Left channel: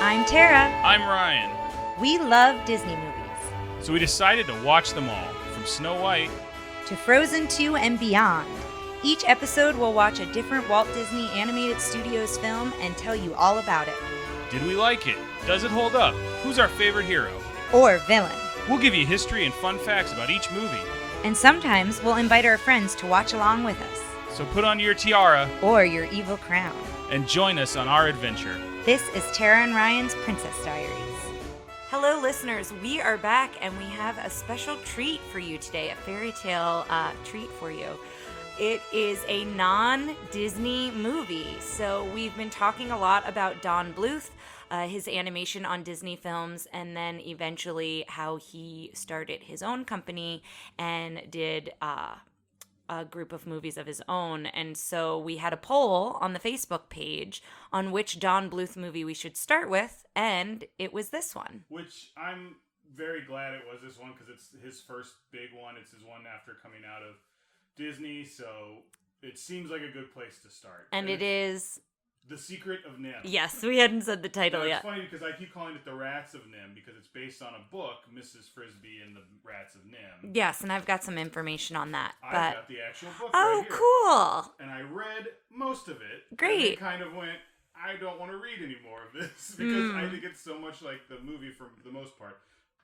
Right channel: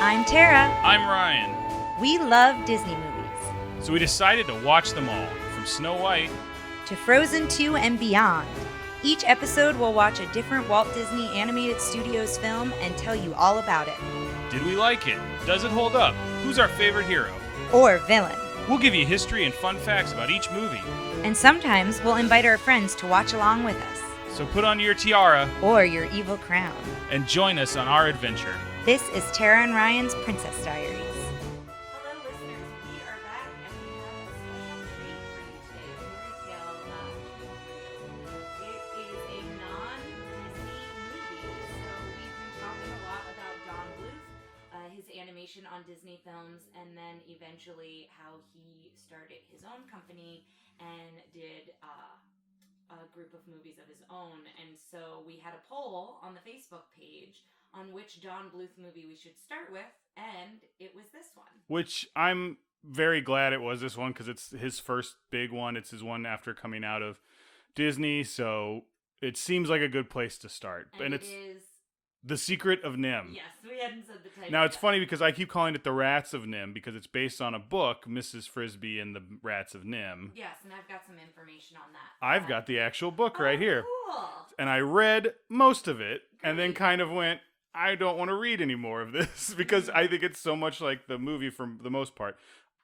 I'm Tara. I'm Ryan. We love Disney movies. So we decided to watch them all, from Snow White to Frozen 2 and beyond. Each episode will watch a different Walt Disney Animated Studios film and tell you all about it. Did we like it? Does it hold up? Who's our favorite hero? Or villain. We'll give you history and fun facts about each movie. And sometimes we'll invite our friends to watch along with us. So put on your tiara or your evil crown and join us on our adventure. This is Tara and Ryan's Princess Diaries. Hello, listeners. We are back, and we have a special treat for you today, a fairy tale treat for you. It is a non-Disney movie. So we've been talking a lot about Don Bluth, his animation on Disney films, and then eventually how he started his own company and did a group of movies of his own. And so we had a poll on the Facebook page on which Don Bluth movie we should start with, and it was this one. Which I'm very glad it was this one, because it's his first big one. It's his one after coming out of Disney, so it seems like a good place to start. And it is The Secret of NIMH. Yes, we hadn't said the title yet. yet. Now, it's funny because I keep calling it The Rats of NIMH because it's based on a book, Mrs. Frisbee and the Rats of NIMH. Yes, and I've got some information on that. I've got the actual book right here. Oh, cool. And I read most of it. Great. And then kind of went, I don't want to read any more of this because I think it's so much like the movie for the most part.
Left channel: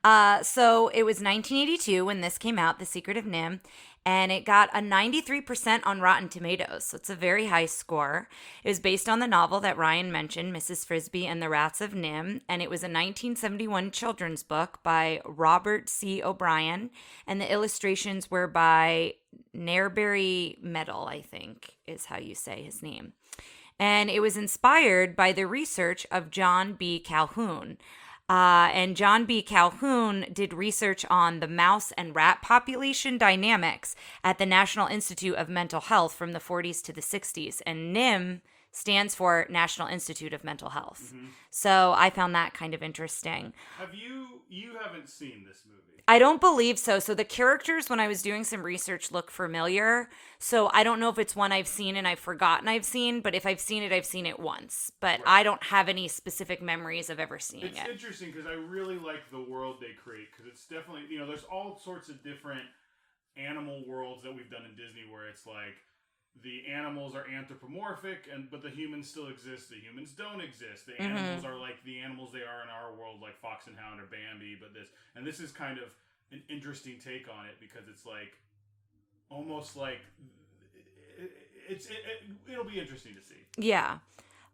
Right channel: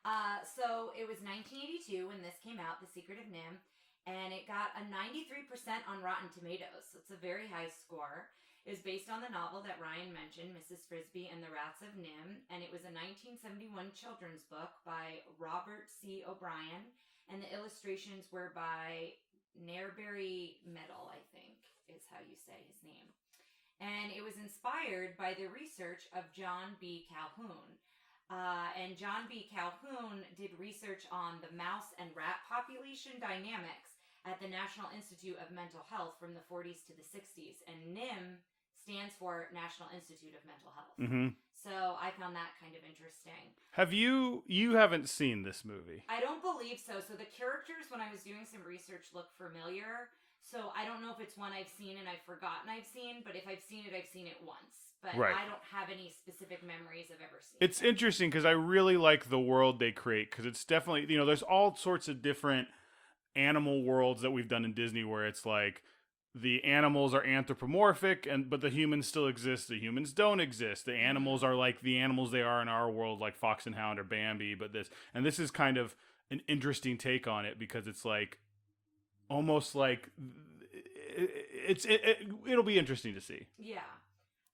So it was 1982 when this came out, The Secret of NIMH. And it got a 93% on Rotten Tomatoes, so it's a very high score. It was based on the novel that Ryan mentioned, Mrs. Frisbee and the Rats of NIMH, and it was a 1971 children's book by Robert C. O'Brien, and the illustrations were by Nairberry Metal, I think is how you say his name. And it was inspired by the research of John B. Calhoun. And John B. Calhoun did research on the mouse and rat population dynamics at the National Institute of Mental Health from the 40s to the 60s. And NIMH stands for National Institute of Mental Health. Mm-hmm. So I found that kind of interesting. You haven't seen this movie? I don't believe so. So the characters, when I was doing some research, look familiar. So I don't know if it's one I've seen and I've forgotten I've seen, but if I've seen it once. But right. I don't have any specific memories of ever seeing it. It's interesting because I really like the world they create, because it's definitely, there's all sorts of different animal worlds that we've done in Disney where it's like, the animals are anthropomorphic, but the humans still exist. The humans don't exist. The animals are like the animals they are in our world, like Fox and Hound or Bambi. But this is kind of an interesting take on it, because it's like almost like it'll be interesting to see. Yeah.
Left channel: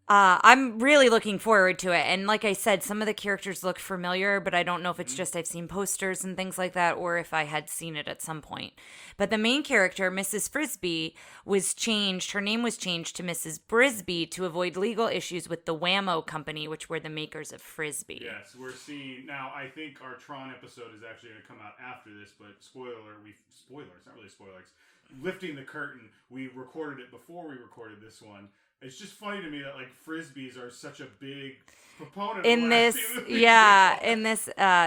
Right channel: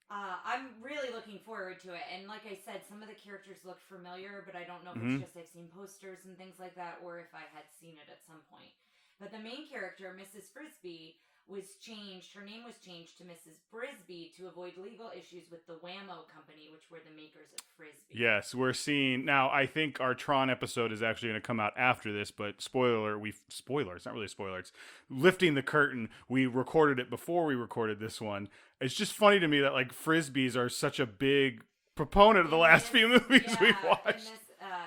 I'm really looking forward to it. And like I said, some of the characters look familiar, but I don't know if it's just I've seen posters and things like that, or if I had seen it at some point. But the main character, Mrs. Frisbee, was changed. Her name was changed to Mrs. Brisbee to avoid legal issues with the Wham-O company, which were the makers of Frisbee. Yes, we're seeing now. I think our Tron episode is actually going to come out after this, but spoiler, it's not really spoiler. It's lifting the curtain. We recorded it before we recorded this one. It's just funny to me that like Frisbees are such a big proponent of the last few movies. Yeah, in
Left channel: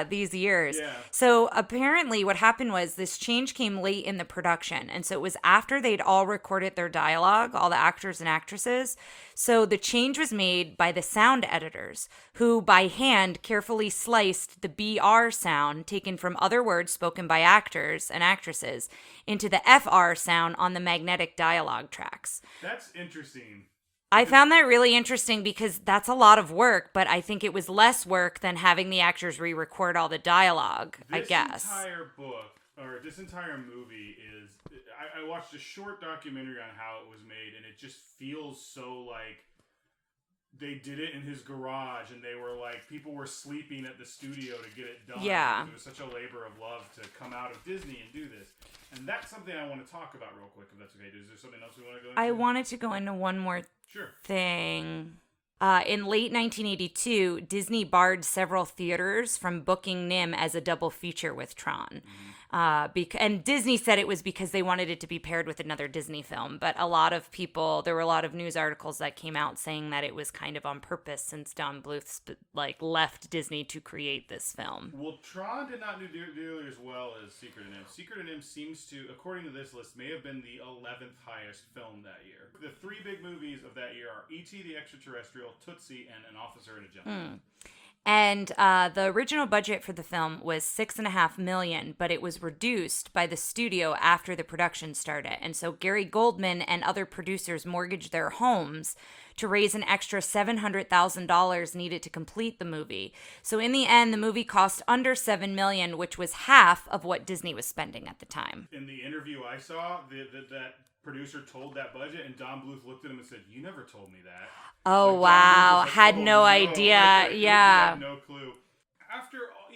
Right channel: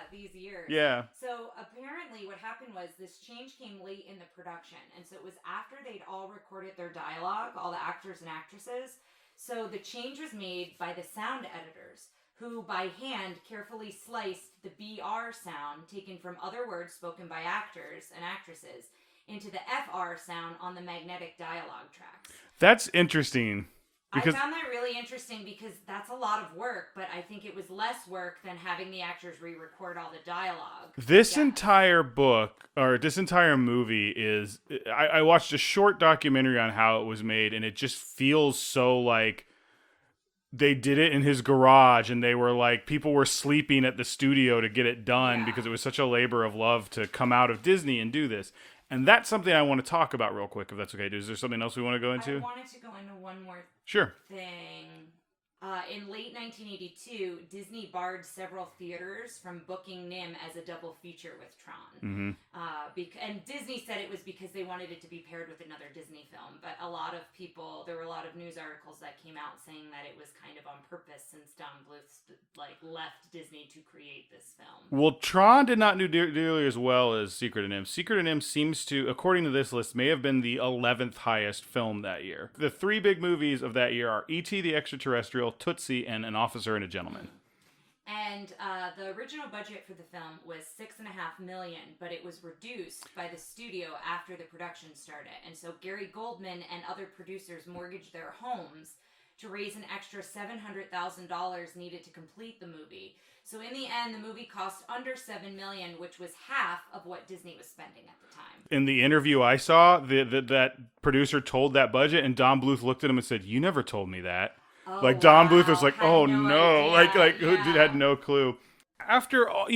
these years. Yeah. So apparently what happened was this change came late in the production. And so it was after they'd all recorded their dialogue, all the actors and actresses. So the change was made by the sound editors, who by hand carefully sliced the BR sound taken from other words spoken by actors and actresses into the FR sound on the magnetic dialogue tracks. That's interesting. I found that really interesting because that's a lot of work, but I think it was less work than having the actors re-record all the dialogue. This entire book, or this entire movie is... I watched a short documentary on how it was made, and it just feels so like they did it in his garage, and they were like... People were sleeping at the studio to get it done because it was such a labor of love to come out of Disney and do this. And that's something I want to talk about real quick, if that's okay. Is there something else we want to go into? I wanted to go into one more thing. In late 1982, Disney barred several theaters from booking NIMH as a double feature with Tron. And Disney said it was because they wanted it to be paired with another Disney film. But there were a lot of news articles that came out saying that it was kind of on purpose since Don Bluth left Disney to create this film. Well, Tron did not do nearly as well as Secret of NIMH. Secret of NIMH seems to, according to this list, may have been the 11th highest film that year. The three big movies of that year are E.T. the Extraterrestrial, Tootsie, and An Officer and a Gentleman. And the original budget for the film was $6.5 million, but it was reduced by the studio after the production started. And so Gary Goldman and other producers mortgaged their homes to raise an extra $700,000 needed to complete the movie. So in the end, the movie cost under $7 million, which was half of what Disney was spending at the time. In the interview I saw, that producer told that budget, and Don Bluth looked at him and said, "You never told me that." Oh, Don wow. Bluth was like, Had "Oh, no idea. Yeah. Had no clue." After all,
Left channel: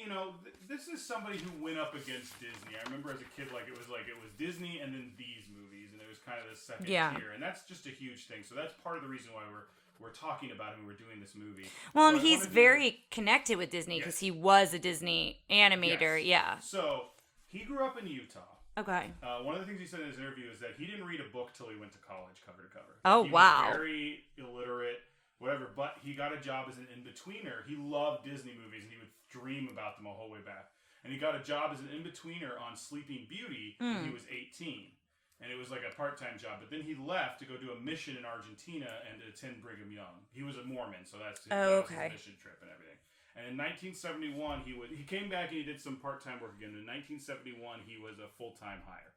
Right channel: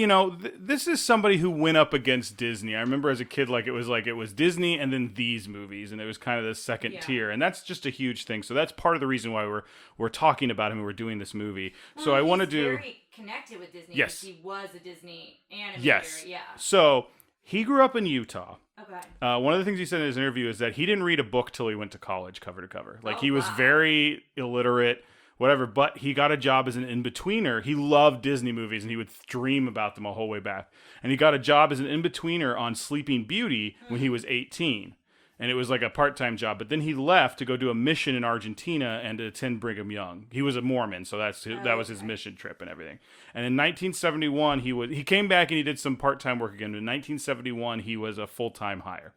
this is somebody who went up against Disney. I remember as a kid, it was Disney and then these movies, and it was kind of the second tier, and that's just a huge thing. So that's part of the reason why we're talking about him and we're doing this movie. Well, so he's very connected with Disney because he was a Disney animator. Yes. Yeah. So he grew up in Utah. Okay. One of the things he said in his interview is that he didn't read a book till he went to college, cover to cover. He wow. was very illiterate. Whatever, but he got a job as an in-betweener. He loved Disney movies, and he would dream about them a whole way back. And he got a job as an in-betweener on Sleeping Beauty when he was 18. And it was like a part-time job. But then he left to go do a mission in Argentina and to attend Brigham Young. He was a Mormon, so that was his mission trip and everything. And in 1971, he came back and he did some part-time work again. In 1971, he was a full-time hire.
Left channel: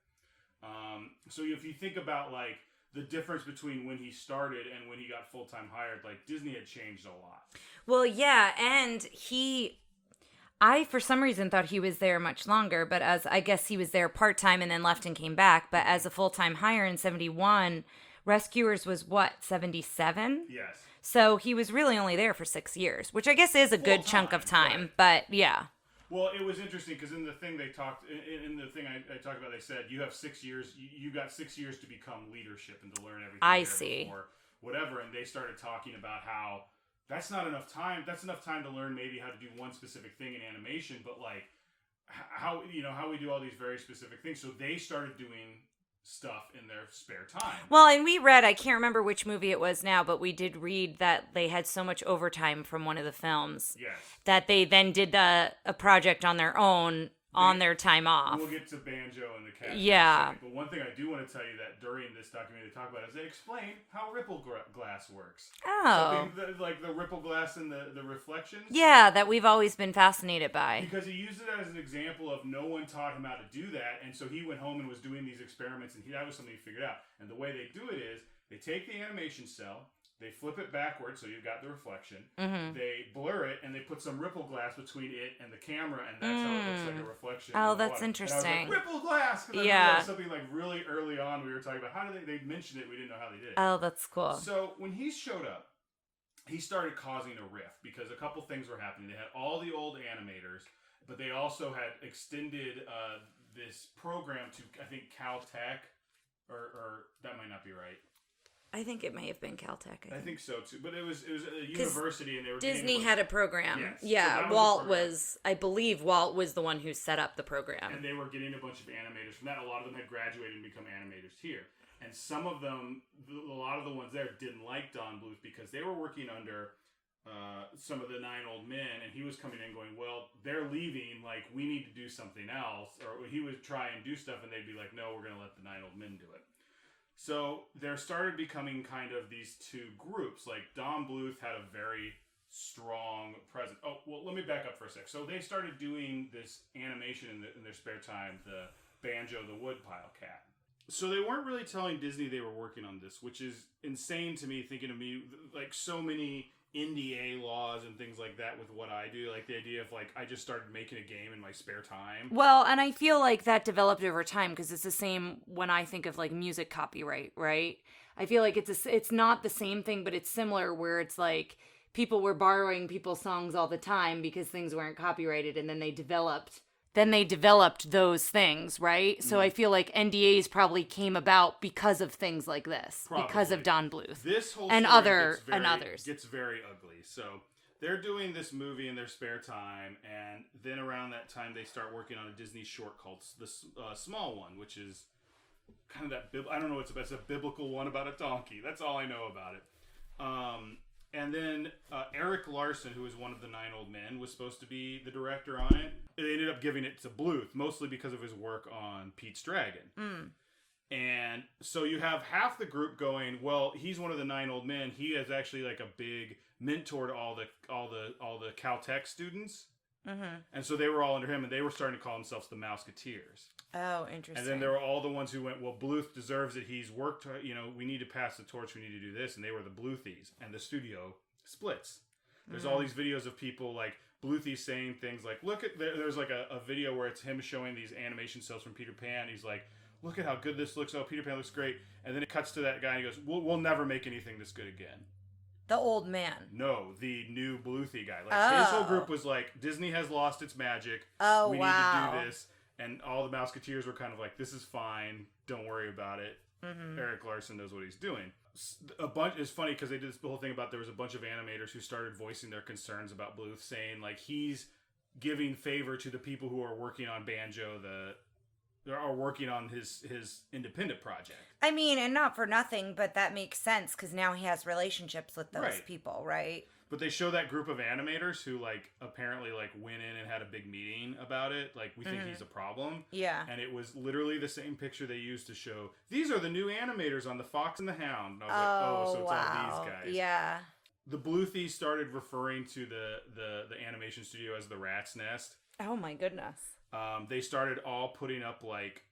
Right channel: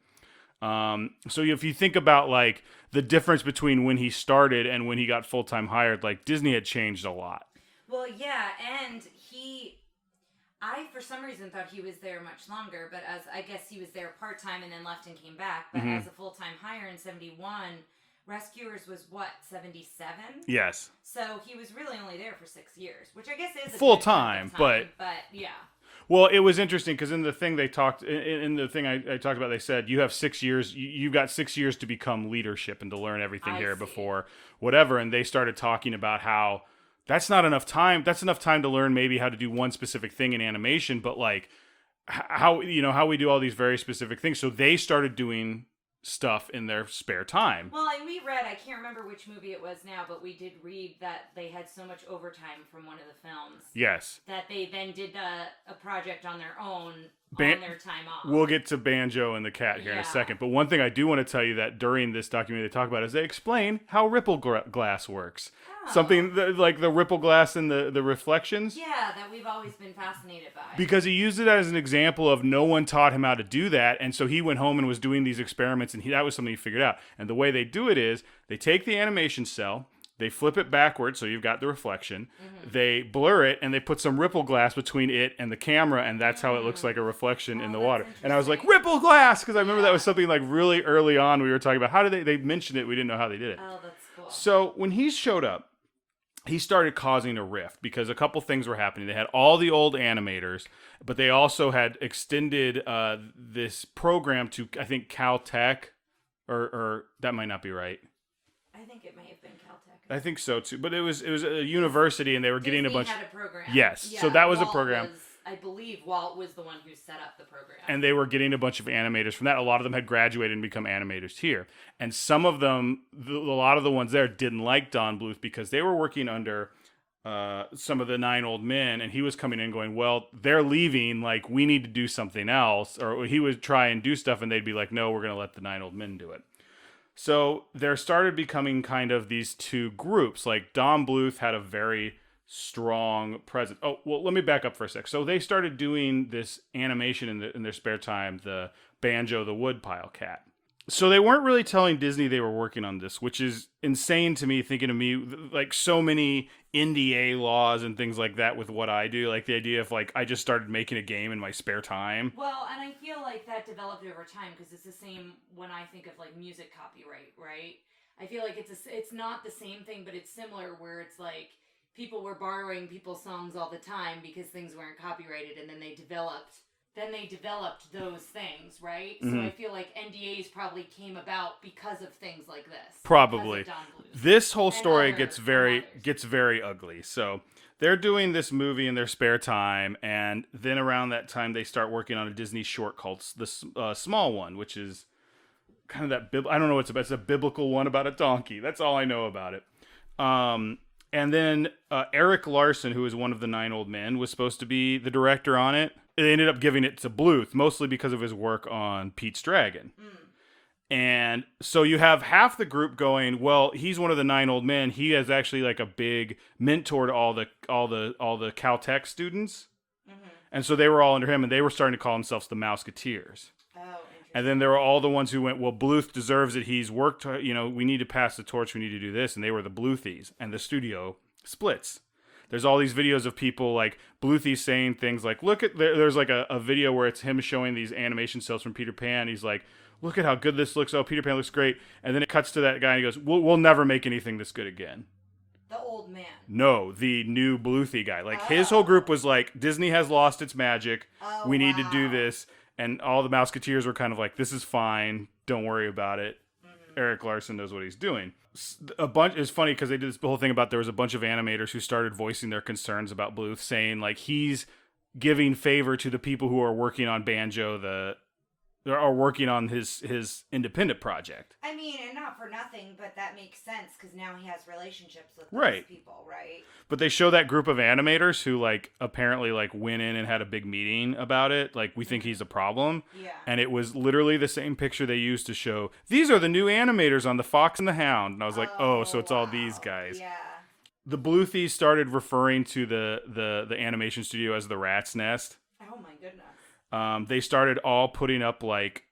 So if you think about the difference between when he started and when he got full-time hired, Disney had changed a lot. Well, yeah, and I for some reason thought he was there much longer, but I guess he was there part-time and then left and came back, but as a full-time hire in 71, Rescuers was what, 77? Yes. So he was really only there for 6 years, which I guess is a good chunk of time, but yeah. Well, it was interesting because in the thing I talked about, they said you have 6 years. You've got 6 years to become leadership and to learn everything before whatever. And they started talking about how that's not enough time. That's enough time to learn maybe how to do one specific thing in animation, but how we do all these very specific things. So they started doing stuff in their spare time. Well, and we read, I can't remember which movie it was now, but we did read that they had so much overtime from one of the films. Yes. That they then did a project on their own on their time off. We'll get to Banjo and the Cat here in a second. But one thing I do want to tell you that during this documentary they talk about is they explain how ripple glass works. Oh. Something like the ripple glass and the reflections. Yeah, that we've always been fascinated by. Because he used it as an example of no one taught him how to do that. And so he went home and was doing these experiments, and that was something he figured out. And the way they do it is they take the animation cell, they flip it backwards so you've got the reflection. Mm-hmm. They blur it, and they put some ripple glass between it and the camera, and that's how it looks like a reflection in the water. And I was like, ripple glass! Because I remember that was something really early on we were talking about. How did they mentioned it, we didn't know how they did it. Oh, that's cool. So when he showed up, he started causing a rift because a couple things were happening. They had all the old animators, but they also had extended this program to, I think, Caltech, or that might not be right. I think it may have been Caltech. I think so too, but it was a university, and they were getting a bunch. Disney had a program. Yes, yeah, so that was Walt a program. I believe Walt was the one who set up the program, and they were getting a bunch of animators from that. A lot of them had graduated and become animators here, and some of them, a lot of the ones there, didn't like Don Bluth because they were working under some of the 9 old men, and he was coming in going, well, they're leaving, we need to do something else, or he would try and do stuff, and they'd be like, no, we're going to let the 9 old men do it. So there started becoming kind of these two groups. Don Bluth had a very strong presence. Oh, well, let me back up for a sec. So they started doing this animation in their spare time, the Banjo the Woodpile Cat. So they weren't really telling Disney they were working on this, which is insane to me, thinking of me, so many NDA laws and things like that with what I do. The idea of, I just started making a game in my spare time. Well, and I feel like that developed over time because it's the same when I think of, music copyright, right? I feel like it's not the same thing, but it's similar where it's people were borrowing people's songs all the time because things weren't copyrighted, and then they developed then they developed those things, right? So I feel like NDAs probably came about because of things like this. Probably. Because of Don Bluth. This whole And story others. gets very ugly. So they're doing this movie in their spare time, and then around that time they start working on a Disney short called The Small One, which is kind of that I don't know what it's about. It's a biblical one about a donkey. That's all I know about it. And then Eric Larson, who is one of the 9 old men, was supposed to be the director on it. They ended up giving it to Bluth, mostly because of his work on Pete's Dragon. And so you have half the group going, well, he's one of the 9 old men. He is actually like a big mentor to all the Caltech students. And so they were all under him, and they were starting to call themselves the Mouseketeers. Oh, interesting. And then there were all the ones who went, well, Bluth deserves it. He's worked, we need to pass the torch. We need to do this. And they were the Bluthies. And the studio splits. There's all these videos of people like Bluthy saying things like, look at, there's like a video where it's him showing these animation cells from Peter Pan. He's like, look at how good this looks. Oh, Peter Pan looks great. And then it cuts to that guy and he goes, we'll never make anything this good again. The old man. No, the new Bluthy guy. Like his whole group was like, Disney has lost its magic. We need to do this. And all the Mouseketeers were kind of like, this is fine. Don't worry about it. Eric Larson knows what he's doing. It's funny because they did this whole thing about there was a bunch of animators who started voicing their concerns about Bluth, saying like he's giving favor to the people who are working on Banjo, are working on his independent project. I mean, and not for nothing, but that makes sense because now he has relationships with those people, right? But they show that group of animators who like apparently like went in and had a big meeting about it. Like, we think he's a problem. Yeah. And it was literally the same picture they used to show, these are the new animators on The Fox and the Hound. And I was like, so it's all these guys. Yeah. The Bluthies started referring to the animation studio as the Rat's Nest. Oh my goodness. They started all putting up like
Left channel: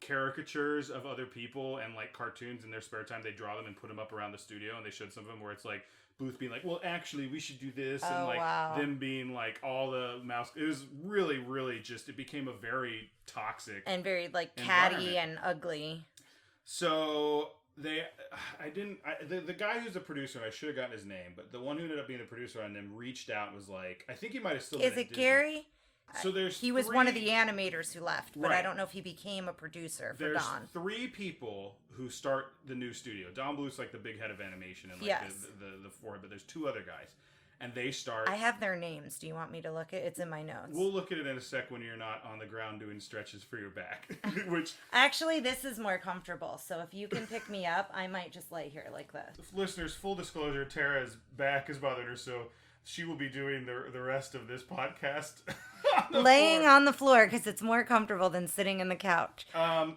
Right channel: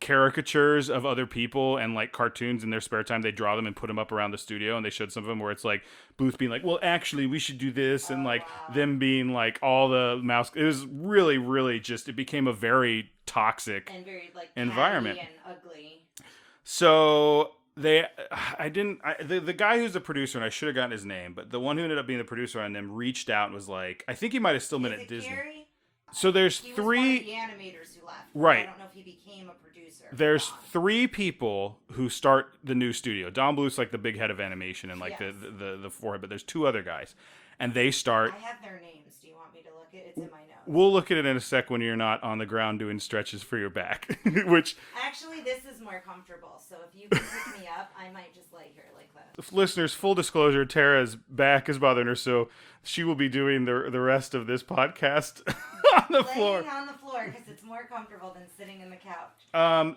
caricatures of other people and like cartoons in their spare time. They draw them and put them up around the studio, and they showed some of them where it's like Bluth being like, well, actually we should do this, and like them being like all the mouse. It was really, really just, it became a very toxic and very like environment catty and ugly. So the guy who's the producer, and I should have gotten his name, but the one who ended up being the producer on them reached out and was like, I think he might have still been at Disney. Gary? So he was one of the animators who left. But right. I don't know if he became a producer. There's 3 people who start the new studio. Don Bluth's like the big head of animation and like the forehead, but there's 2 other guys. And they start... I have their names. Do you want me to look at it? It's in my notes. We'll look at it in a sec when you're not on the ground doing stretches for your back. Which... Actually, this is more comfortable. So if you can pick me up, I might just lay here like this. Listeners, full disclosure, Tara's back is bothering her, so she will be doing the rest of this podcast laying on the floor because it's more comfortable than sitting in the couch. I'm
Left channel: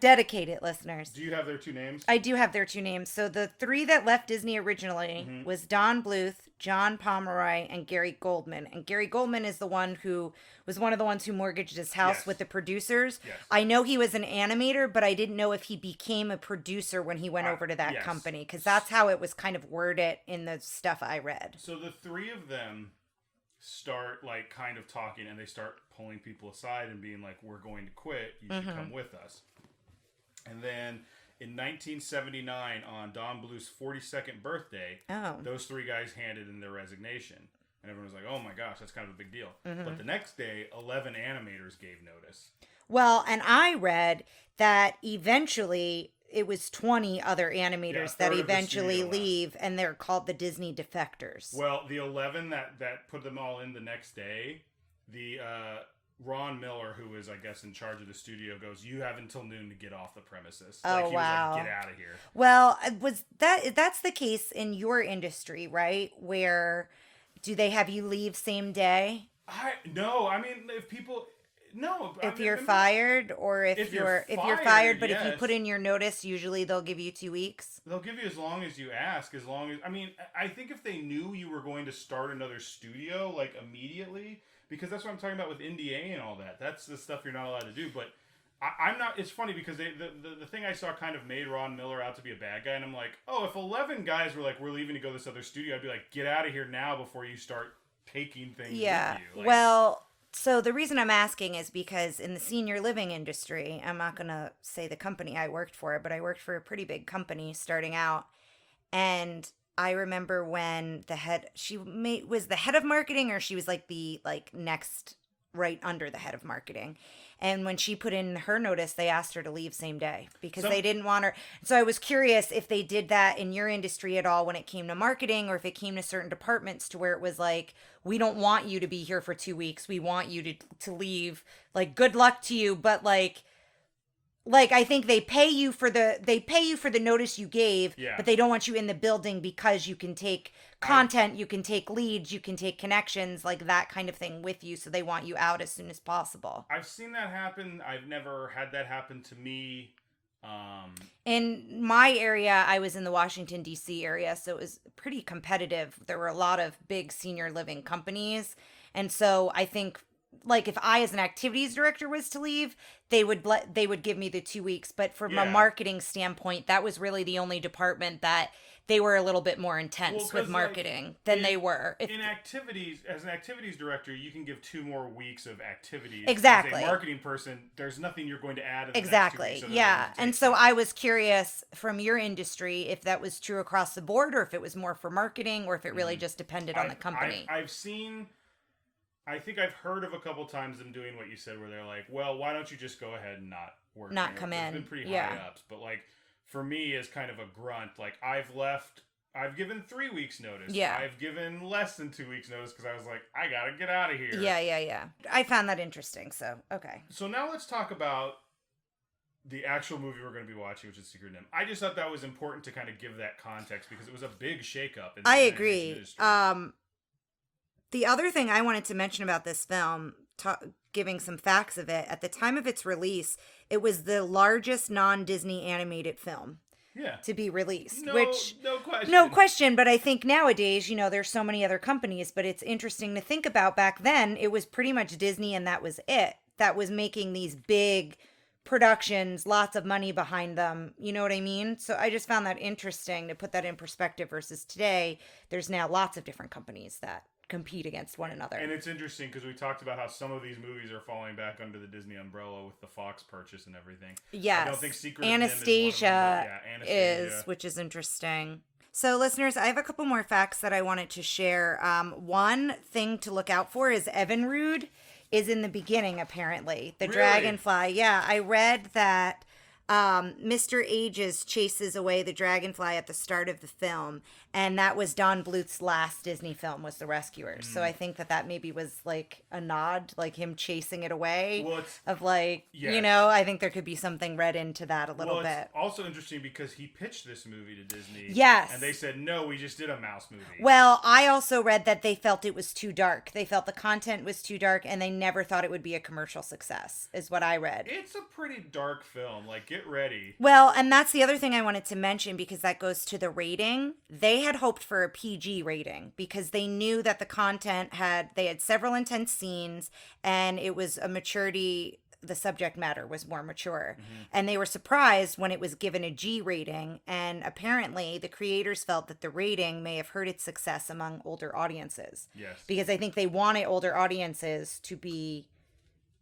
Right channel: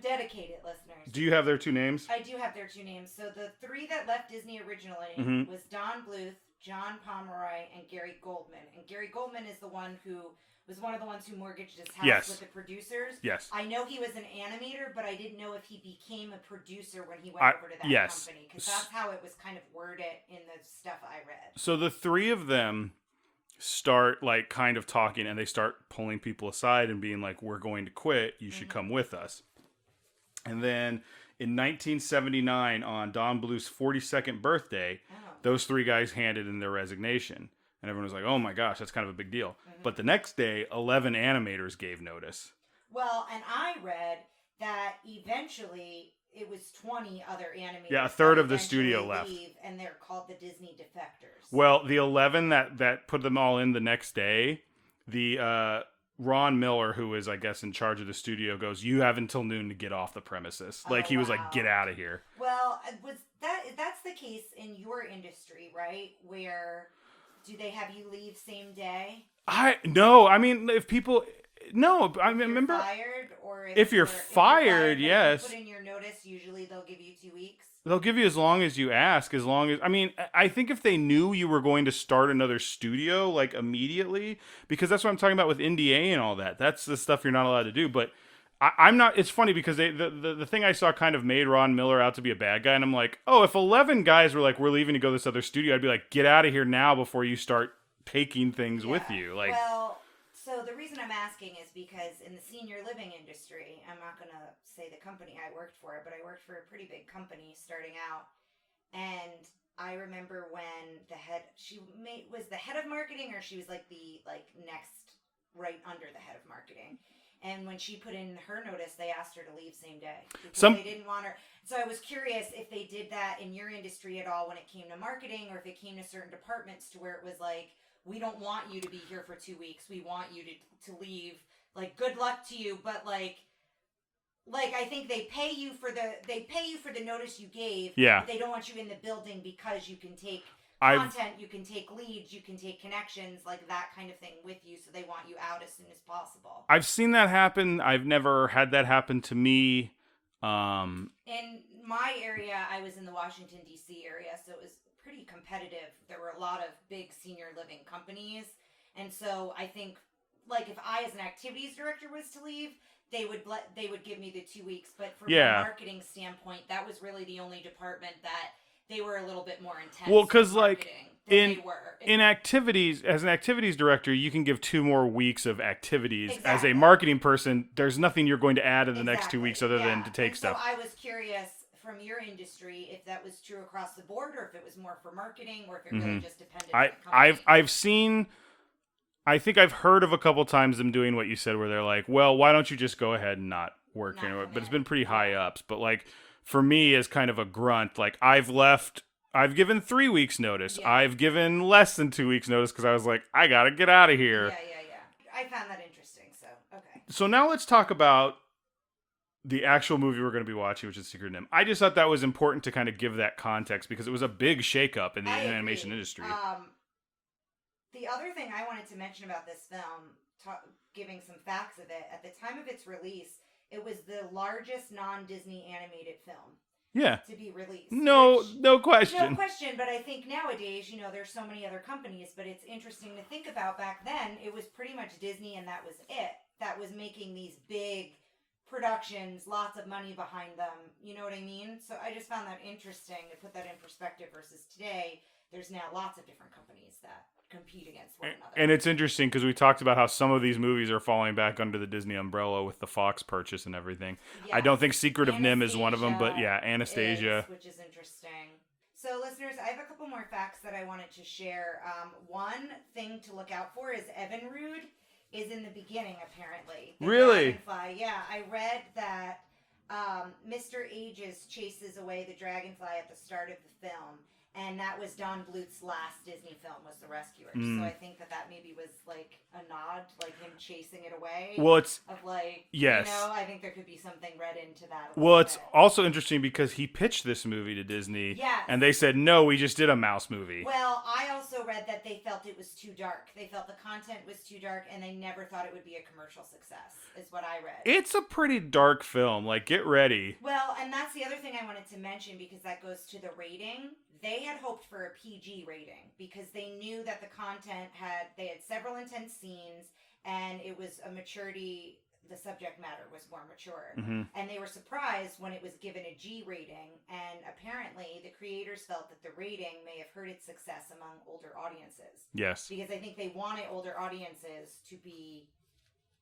dedicated, listeners. Do you have their 2 names? I do have their 2 names. So the 3 that left Disney originally was Don Bluth, John Pomeroy, and Gary Goldman. And Gary Goldman is the one who was one of the ones who mortgaged his house with the producers. Yes. I know he was an animator, but I didn't know if he became a producer when he went over to that company, because that's how it was kind of worded in the stuff I read. So the 3 of them start like kind of talking, and they start pulling people aside and being like, we're going to quit. You should come with us. And then... in 1979, on Don Bluth's 42nd birthday, those 3 guys handed in their resignation. And everyone was like, oh my gosh, that's kind of a big deal. But the next day, 11 animators gave notice. Well, and I read that eventually it was 20 other animators that eventually leave, and they're called the Disney defectors. Well, the 11 that put them all in the next day, the... Ron Miller, who is, I guess, in charge of the studio, goes, you have until noon to get off the premises. He was like, get out of here. Well, that's the case in your industry, right? Where do they have you leave same day? No. I mean, if people... No, if you're fired, or if you're fired, but yes. if you put in your notice, usually they'll give you 2 weeks. They'll give you as long as you ask, as long as... I mean, I think if they knew you were going to start another studio, like, immediately, because that's what I'm talking about with NDA and all that. That's the stuff you're not allowed to do, but I'm not... It's funny, because the thing I saw kind of made Ron Miller out to be a bad guy, and I'm like, oh, if 11 guys were like, we're leaving to go to this other studio, I'd be like, get out of here now before you start taking things with you. Like, well... So the reason I'm asking is because in the senior living industry, I'm not going to say the company I worked for, but I worked for a pretty big company starting out. And I remember when was the head of marketing, or she was like the next right under the head of marketing. And when she put in her notice, they asked her to leave same day because they didn't want her. So I was curious if they did that in your industry at all when it came to marketing, or if it came to certain departments to where it was like, we don't want you to be here for 2 weeks. We want you to leave. Like, good luck to you. But like I think they pay you for the notice you gave, but they don't want you in the building because you can take content, you can take leads, you can take connections, like that kind of thing with you. So they want you out as soon as possible. I've seen that happen. I've never had that happen to me. In my area, I was in the Washington, D.C. area, so it was pretty competitive. There were a lot of big senior living companies. And so I think, like, if I as an activities director was to leave, they would give me the 2 weeks. But from a marketing standpoint, that was really the only department that they were a little bit more intense with marketing than they were. In activities, as an activities director, you can give 2 more weeks of activities. Exactly. As a marketing person, there's nothing you're going to add in the next 2 weeks other than to take And stuff. so I was curious from your industry if that was true across the board, or if it was more for marketing, or if it really just depended on the company. I've seen... I think I've heard of a couple times them doing what you said, where they're like, well, why don't you just go ahead and not work anymore? But it's been pretty high ups. But like, for me as kind of a grunt, like I've given 3 weeks notice. Yeah. I've given less than 2 weeks notice because I was like, I got to get out of here. Yeah. I found that interesting. So, okay. So now let's talk about the actual movie we're going to be watching, which is Secret of NIMH. I just thought that was important to kind of give that context because it was a big shakeup in the animation industry. The other thing I wanted to mention about this film, giving some facts of it, at the time of its release, it was the largest non-Disney animated film to be released. No question. No question, but I think nowadays, there's so many other companies, but it's interesting to think about. Back then, it was pretty much Disney and that was it. That was making these big productions, lots of money behind them. You know what I mean? So I just found that interesting to put that in perspective versus today. There's now lots of different companies that compete against one another. And it's interesting because we talked about how some of these movies are falling back under the Disney umbrella with the Fox purchase and everything. Yes. I don't think Secret of NIMH is one of them, but Anastasia. Which is interesting. So listeners, I have a couple more facts that I wanted to share. One thing to look out for is Evinrude is in the beginning, apparently. The dragonfly. Yeah, I read that Mr. Ages chases away the dragonfly at the start of the film, and that was Don Bluth's last Disney film, was The Rescuers. So I think that maybe was like a nod, like him chasing it away. Well, it's of like, yes. I think there could be something read into that a little bit. Well, it's also interesting because he pitched this movie to Disney. Yes. And they said, no, we just did a mouse movie. Well, I also read that they felt it was too dark. They felt the content was too dark, and they never thought it would be a commercial success, is what I read. It's a pretty dark film. Like, get ready. Well, and that's the other thing I wanted to mention, because that goes to the rating. They had hoped for a PG rating because they knew that the content had several intense scenes, and it was a maturity. The subject matter was more mature. Mm-hmm. And they were surprised when it was given a G rating. And apparently the creators felt that the rating may have hurt its success among older audiences. Yes. Because I think they wanted older audiences to be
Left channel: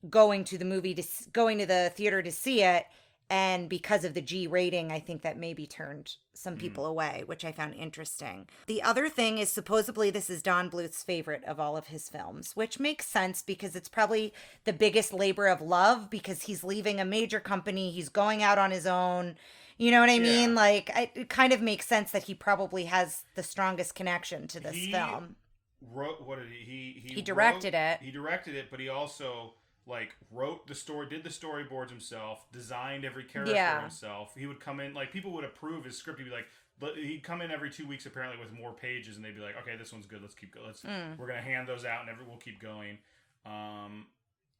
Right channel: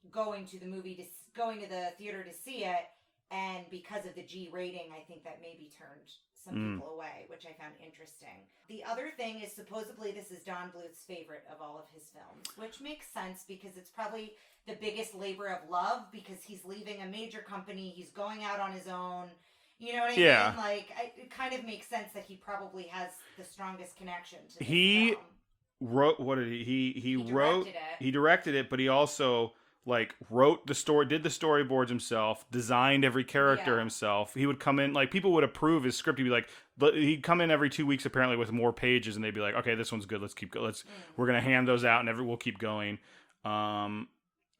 going to the theater to see it. And because of the G rating, I think that maybe turned some people away, which I found interesting. The other thing is, supposedly this is Don Bluth's favorite of all of his films, which makes sense because it's probably the biggest labor of love, because he's leaving a major company. He's going out on his own. You know what I mean? Like, it kind of makes sense that he probably has the strongest connection to this film. He directed it. He directed it, but he also wrote the story, did the storyboards himself, designed every character himself. He would come in, people would approve his script. He'd be like, he'd come in every 2 weeks apparently with more pages, and they'd be like, okay, this one's good. Let's keep going. We're gonna hand those out, and we'll keep going.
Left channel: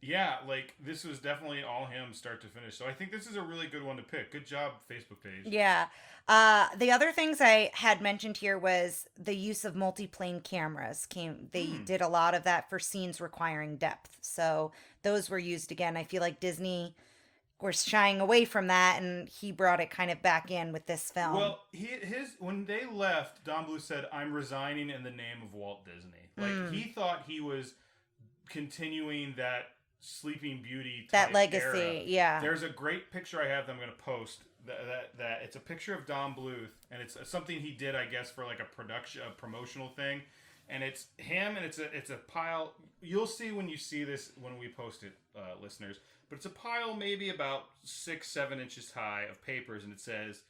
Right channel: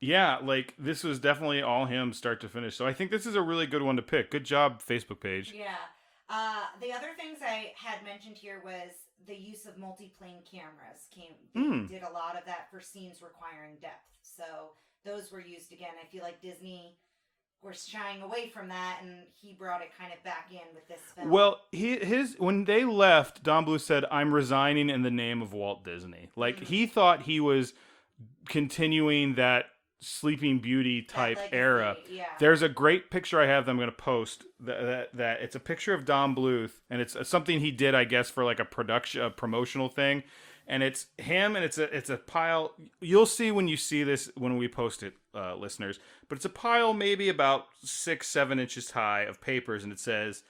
This was definitely all him, start to finish. So I think this is a really good one to pick. Good job, Facebook page. Yeah. The other things I had mentioned here was the use of multi-plane cameras. They did a lot of that for scenes requiring depth. So those were used again. I feel like Disney were shying away from that, and he brought it kind of back in with this film. Well, when they left, Don Bluth said, "I'm resigning in the name of Walt Disney." He thought he was continuing that Sleeping Beauty type legacy, era. Yeah. There's a great picture I have that I'm going to post that it's a picture of Don Bluth, and it's something he did, I guess, for a promotional thing. and it's him, and it's a pile. You'll see when you see this when we post it, listeners. But it's a pile maybe about 6-7 inches high of papers, and it says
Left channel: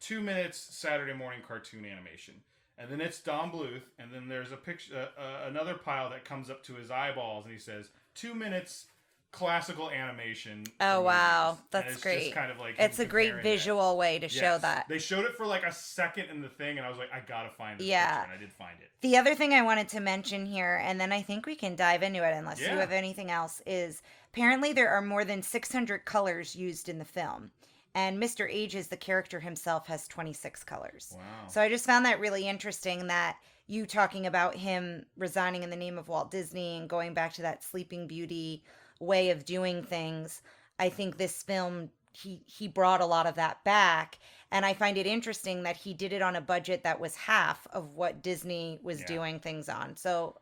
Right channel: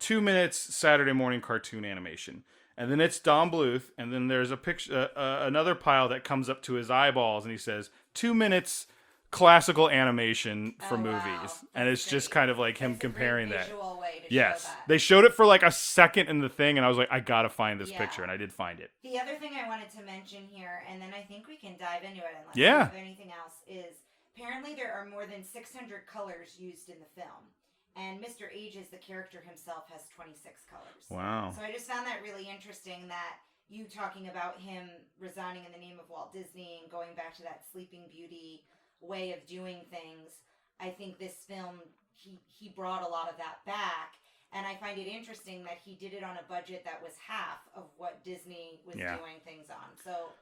2 minutes Saturday morning cartoon animation. And then it's Don Bluth, and then there's a picture, another pile that comes up to his eyeballs, and he says 2 minutes classical animation for movies. Wow, that's and it's great. just kind of like him comparing that. It's a great visual way to show that. They showed it for like a second in the thing, and I was like, I gotta find this picture, and I did find it. The other thing I wanted to mention here, and then I think we can dive into it unless you have anything else, is apparently there are more than 600 colors used in the film. And Mr. Ages, the character himself, has 26 colors. Wow. So I just found that really interesting, that you talking about him resigning in the name of Walt Disney and going back to that Sleeping Beauty way of doing things. I think this film, he brought a lot of that back. And I find it interesting that he did it on a budget that was half of what Disney was doing things on. So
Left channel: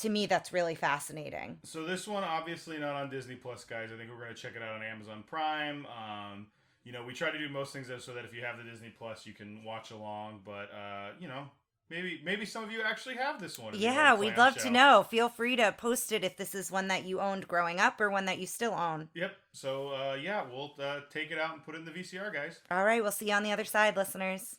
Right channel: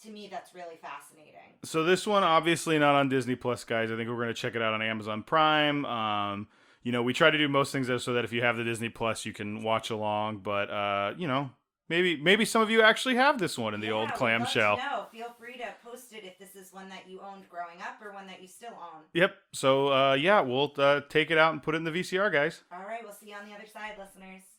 to me, that's really fascinating. So this one, obviously not on Disney Plus, guys. I think we're going to check it out on Amazon Prime. You know, we try to do most things so that if you have the Disney Plus, you can watch along. But, you know, maybe some of you actually have this one in the old clamshell. Yeah, we'd love to know. Feel free to post it if this is one that you owned growing up or one that you still own. Yep. So, we'll take it out and put it in the VCR, guys. All right. We'll see you on the other side, listeners.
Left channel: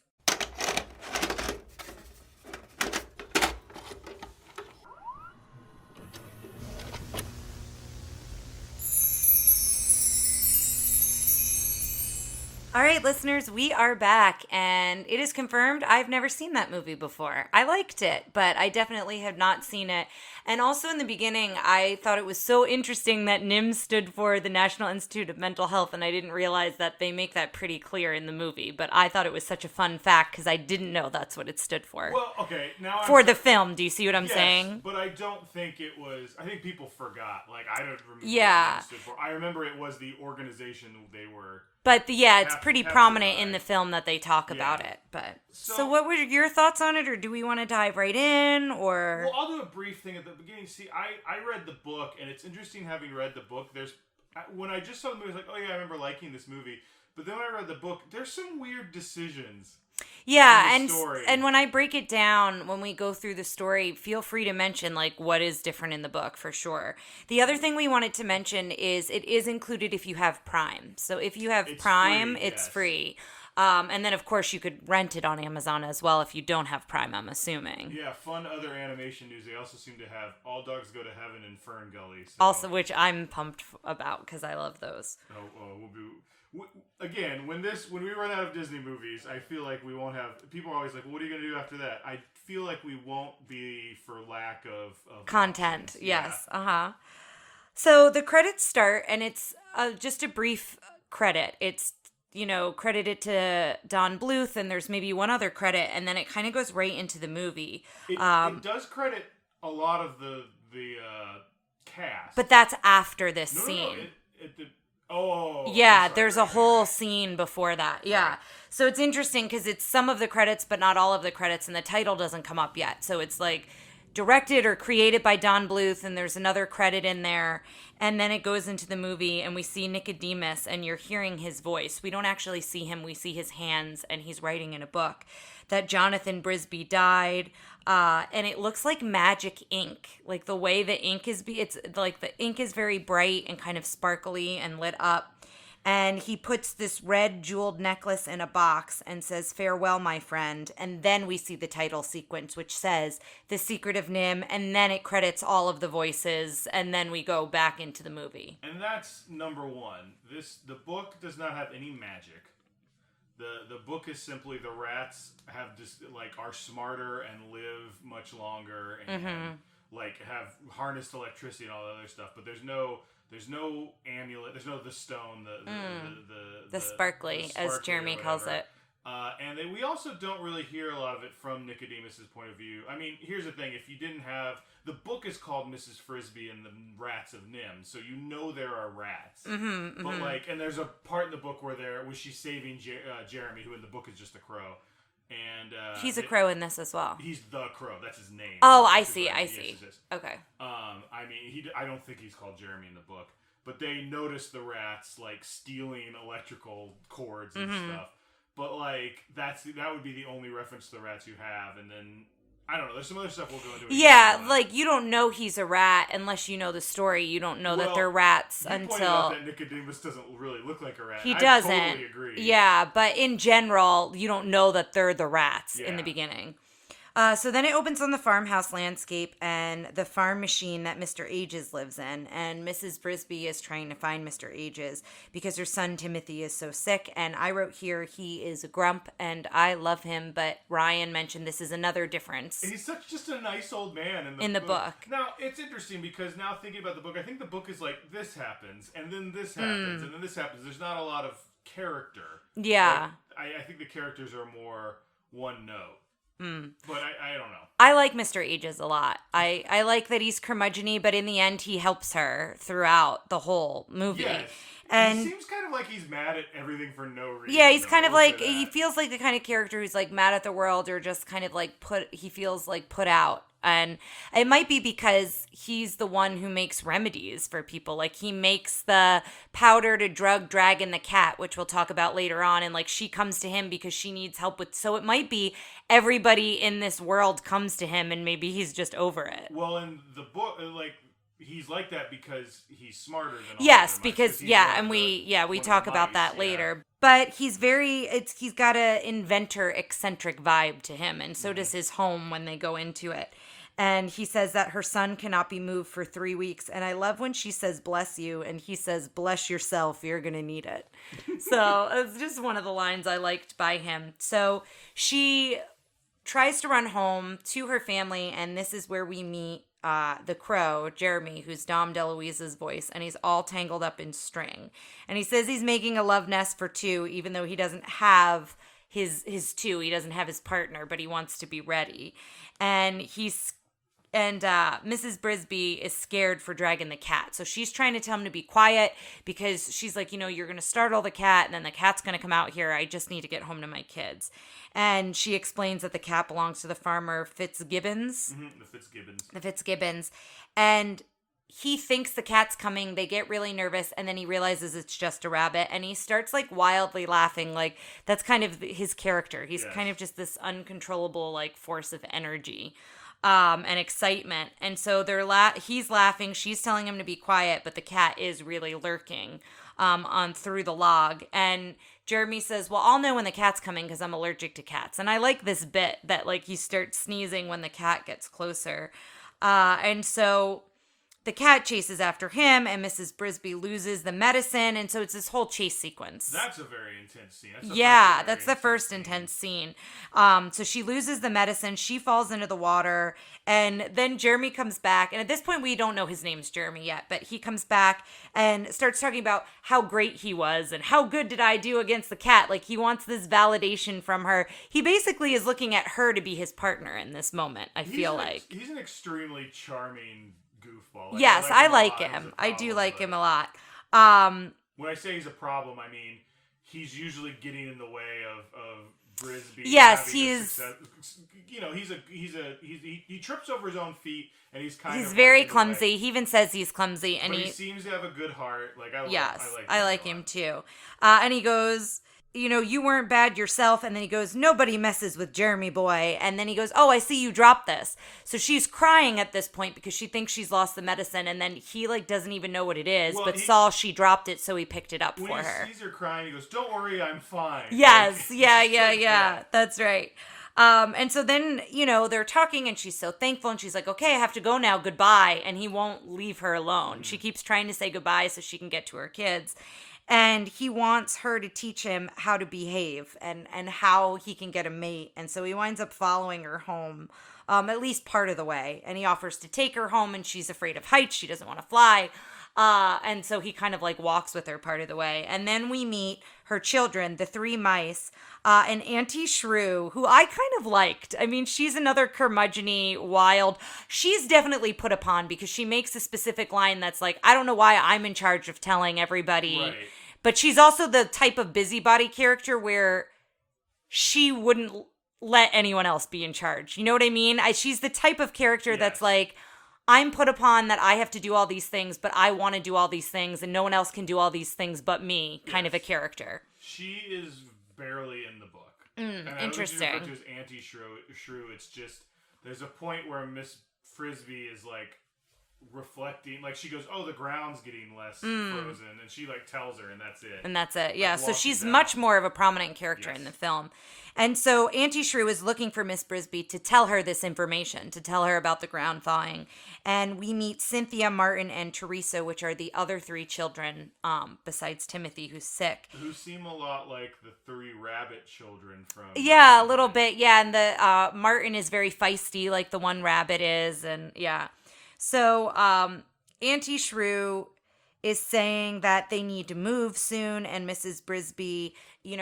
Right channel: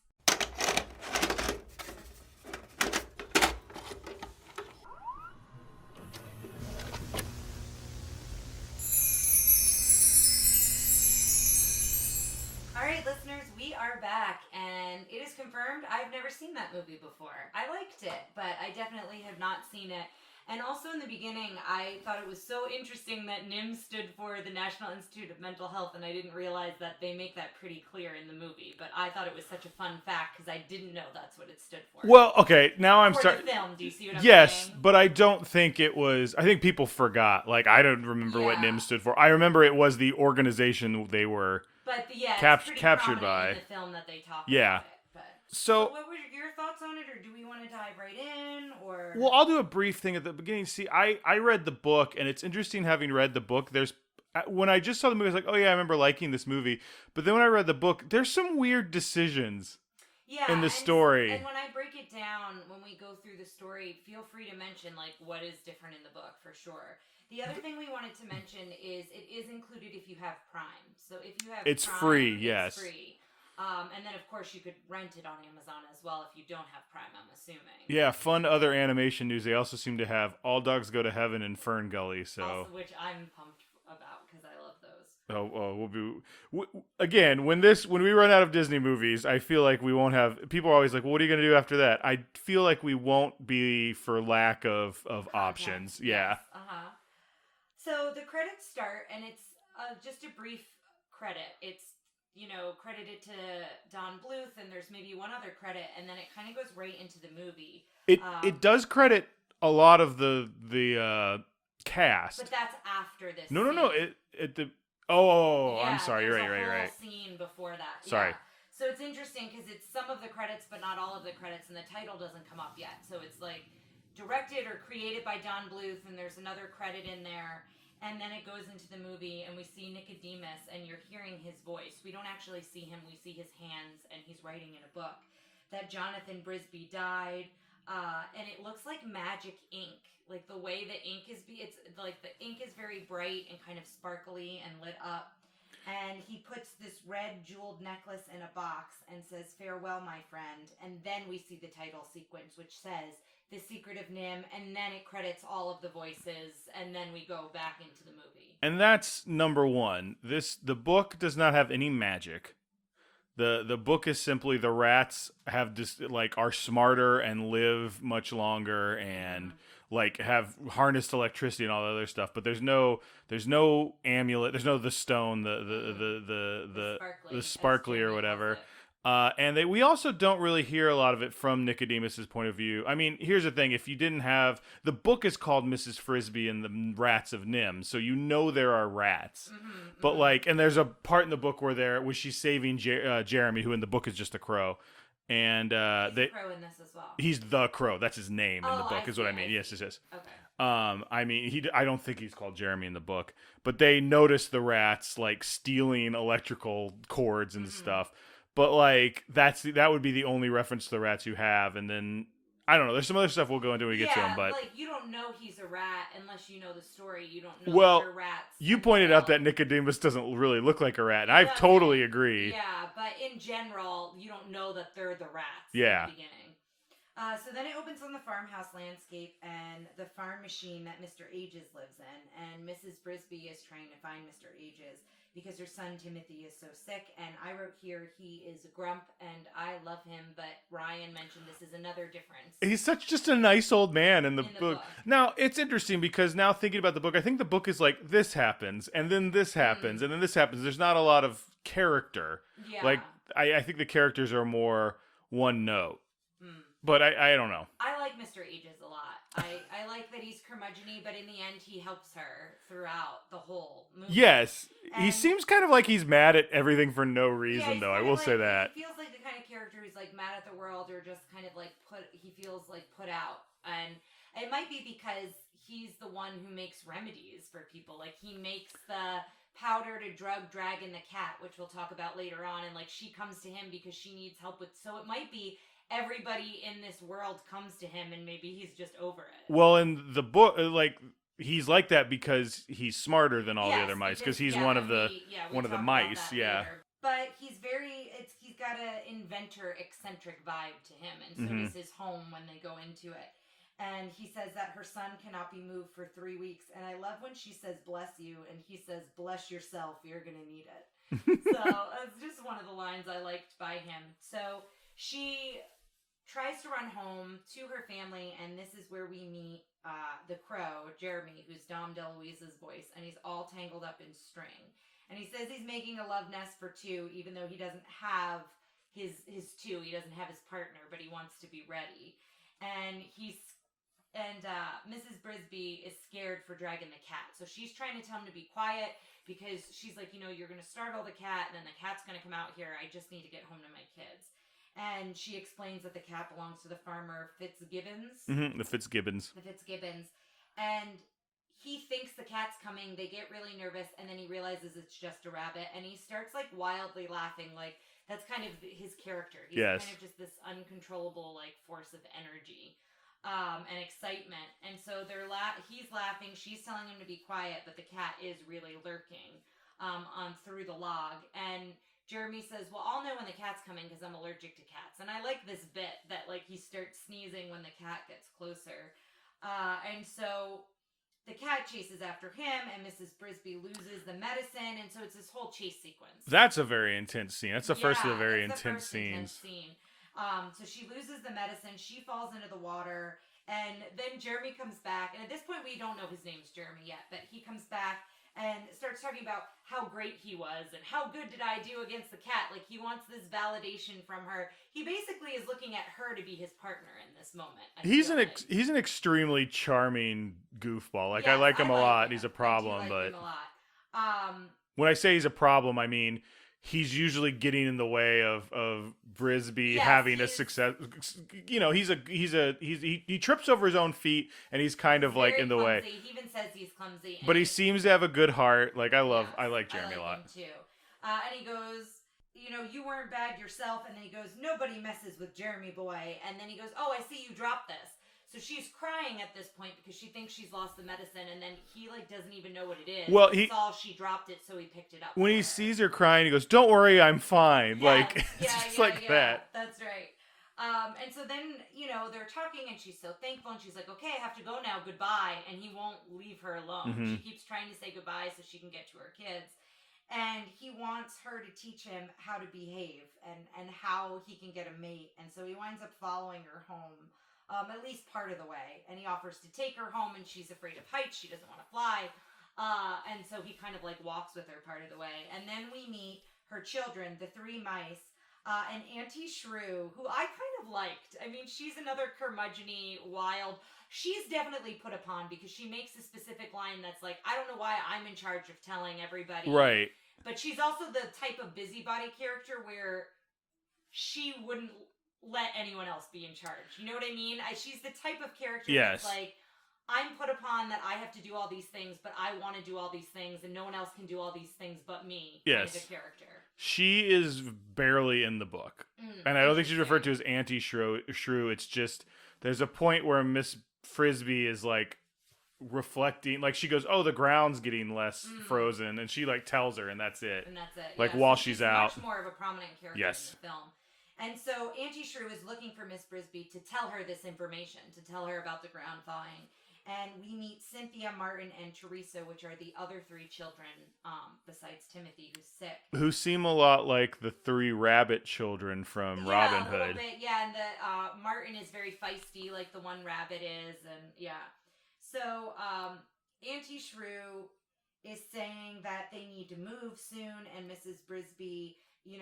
All right, listeners, we are back, and it is confirmed I've never seen that movie before. I liked it, but I definitely have not seen it. And also in the beginning, I thought it was so interesting that NIMH stood for the National Institute of Mental Health, and I didn't realize that they make that pretty clear in the movie. But I thought it was such a fun fact because I didn't know that's what it stood for. Well, okay, now I'm... For the film, do you see what I'm saying? Yes, but I don't think it was... I think people forgot. Like, I don't remember what NIMH stood for. I remember it was the organization they were... But it's pretty prominent in the film that they talk about it. But so what were your thoughts on it, or do we want to dive right in, or? Well, I'll do a brief thing at the beginning. See, I read the book, and it's interesting having read the book. When I just saw the movie, I was like, oh yeah, I remember liking this movie. But then when I read the book, there's some weird decisions. Yeah, in the story. And when I break it down, when we go through the story, feel free to mention like what is different in the book for sure. The other thing we wanted to mention is it is included if you have Prime. So if you have Prime, it's free. And then, of course, you could rent it on Amazon as well if you don't have Prime, I'm assuming. Yeah, fun other animation news. They also seem to have All Dogs Go to Heaven and Fern Gully. So. Also, which I'm pumped about because I love those. Again, when we run out of Disney movies, I feel like we won't have... People are always like, well, what are you going to do after that? I feel like we won't be for lack of content. Options. Yes, So the credits start, and it's just a brief credit. It's credited to Don Bluth, and there's maybe one other credit, and then it kind of goes right into the movie. It does credit a lot of the cast, but that's after this. No. There's a whole scene before that. Sorry. Yeah, so it's interesting because it's some of the credits, but not all of the credits, and the title doesn't come up yet. So it's like directed or created by Don Bluth, and there's another credit in there. And then it goes into the movie, and we see Nicodemus, and you're hearing his voice. We don't actually see him. We see his hands, and he's writing in a book that Jonathan Brisby died. And it looks like magic ink. Like the way the ink it's like the ink is very bright and kind of sparkly and lit up. And he puts this red jeweled necklace in a box and says, "Farewell, my friend." And then we see the title sequence, which says The Secret of NIMH. And then it credits all of the voices. And then we go back into the movie. And that's number one. The book does not have any magic. The book is simply the rats have are smarter and live much longer and have harnessed electricity and all the other stuff. But there's no amulet. There's no the stone, the sparkly as Jeremy or whatever. Calls it. And we also don't really hear a lot of it from Nicodemus's point of view. I mean, here's the thing: if you didn't have the book is called Mrs. Frisbee and the Rats of NIMH, so there are rats. But and there's a part in the book where she's saving Jeremy, who in the book is just a crow. And he's a crow in this as well. He's the crow. That's his name. Oh, I see. Yes. Okay. I don't think he's called Jeremy in the book, but they notice the rats stealing electrical cords and stuff. But that would be the only reference to the rats you have, and then I don't know. There's some other stuff we'll go into. Like you don't know he's a rat unless you know the story. You don't know that they're rats. You pointed out that Nicodemus doesn't really look like a rat. He and doesn't. I totally agree. Yeah, but in general, you don't know that they're the rats in the beginning. So then it opens on the farmhouse landscape and the farm machine that Mr. Ages lives in. And Mrs. Brisby is trying to find Mr. Ages because her son Timothy is so sick. And I wrote here, he is a grump and I love him. But Ryan mentioned this is another difference. He's just a nice old man in the book. book. Now, it's interesting because now thinking about the book, I think the book is like, this happens and then this happens and then this happens. There's not a lot of character. Yeah. Like, I think the characters are more one note. But I don't know. I like Mr. Ages a lot. I like that he's curmudgeon-y, but in the end he helps her throughout the whole movie. Yes. And he seems kind of like he's mad at everything for no reason. Yeah, he's kind of like, he feels like the kind of character who's like mad at the world or just kind of like he feels like put out. And it might be because he's the one who makes remedies for people. Like he makes the powder to drug Dragon the cat, which we'll talk about later on. And like she comes to him because she needs help with. So it might be everybody in this world comes to him and maybe he's just over it. Well, in the book, like he's like that because he's smarter than all the other mice. Because he's we talk about that later. But he's he's got a inventor eccentric vibe to him, and so does his home when they go into it. And he says that her son cannot be moved for 3 weeks. And I love when she says, bless you. And he says, bless yourself. You're going to need it. So it's just one of the lines I liked by him. So she tries to run home to her family. And this is where we meet the crow, Jeremy, who's Dom DeLuise's voice. And he's all tangled up in string. And he says he's making a love nest for 2, even though he doesn't have his 2. He doesn't have his partner, but he wants to be ready. And Mrs. Brisby is scared for Dragon the cat. So she's trying to tell him to be quiet because she's like, you're going to startle the cat and then the cat's going to come out here. I just need to get home to my kids. And she explains that the cat belongs to the farmer Fitzgibbons. Mm-hmm, the Fitzgibbons. And he thinks the cat's coming. They get really nervous and then he realizes it's just a rabbit and he starts like wildly laughing. Like that's kind of his character. He's kind of just this uncontrollable like force of energy. And excitement. And so he's laughing, she's telling him to be quiet, but the cat is really lurking on through the log. And Jeremy says, well, I'll know when the cat's coming because I'm allergic to cats. And I like this bit that like he starts sneezing when the cat gets closer. And so the cat chases after him and Mrs. Brisby loses the medicine. And so it's this whole chase sequence. That's a very intense scene. That's the first intense scene. So she loses the medicine. She falls into the water. And then Jeremy comes back. And at this point, we don't know his name's Jeremy yet. But he comes back and starts talking about how great he was. And how good did I do against the cat? Like, he wants this validation from her. He basically is looking at her to be his partner in this moment, He's an extremely charming goofball. Like, yes, I like him. He's a problem, I do like him a lot. When I say he's a problem, I mean he's usually getting in the way of Brisby having a success. He trips over his own feet and he's very clumsy. He even says he's clumsy, but he seems to have a good heart. Like I like him too. And he goes, you weren't bad yourself. And then he goes, nobody messes with Jeremy boy. And then he goes, oh, I see you dropped this. So she's crying at this point because she thinks she's lost the medicine. And then he like doesn't even know what it is. Well, but saw she dropped it. So he picked it up for her. When he sees her crying, he goes, don't worry, I'm fine. Yes. Yeah. That's right. And so then, they're talking and she's so thankful and she's like, okay, I have to go now. Goodbye. And he won't leave her alone. Mm-hmm. She keeps trying to say goodbye so she can get to her kids. And he wants her to teach him how to behave and how he can get a mate. And so he winds up following her home, at least part of the way. And he offers to take her home and she's afraid of heights. She doesn't want to fly. And so he kind of like walks with her part of the way. And then we meet her children, the 3 mice, and Auntie Shrew, who I kind of liked. I mean, she's another curmudgeon-y, wild. She's definitely put upon because she makes a specific line that's like, I don't know why I'm in charge of telling everybody. Right. But she's also the type of busybody character where she wouldn't let anyone else be in charge. You know what I mean? She's the type of character that's like, I'm put upon that I have to do all these things, but I want to do all these things, and no one else can do all these things but me, kind of a character. She is barely in the book. And I don't think she's referred to as Auntie Shrew. It's just there's a point where Miss Frisbee is like reflecting, like she goes, "Oh, the ground's getting less frozen," and she like tells her, and that's it. And that's it. Like, Yeah. So while she's out. much more of a prominent character Yes. in the film. And so Auntie Shrew is looking for Miss Brisby to tell her this information, to tell her about the ground thawing. And we meet Cynthia, Martin, and Teresa, which are the other 3 children, besides Timothy, who's sick. Who seem a lot like the 3 rabbit children from Yeah, Robin a little Hood. bit. Yeah, and the Martin is very feisty, like the one rabbit is, and yeah. So Auntie Shrew is saying that they need to move soon, and Mrs. Brisby,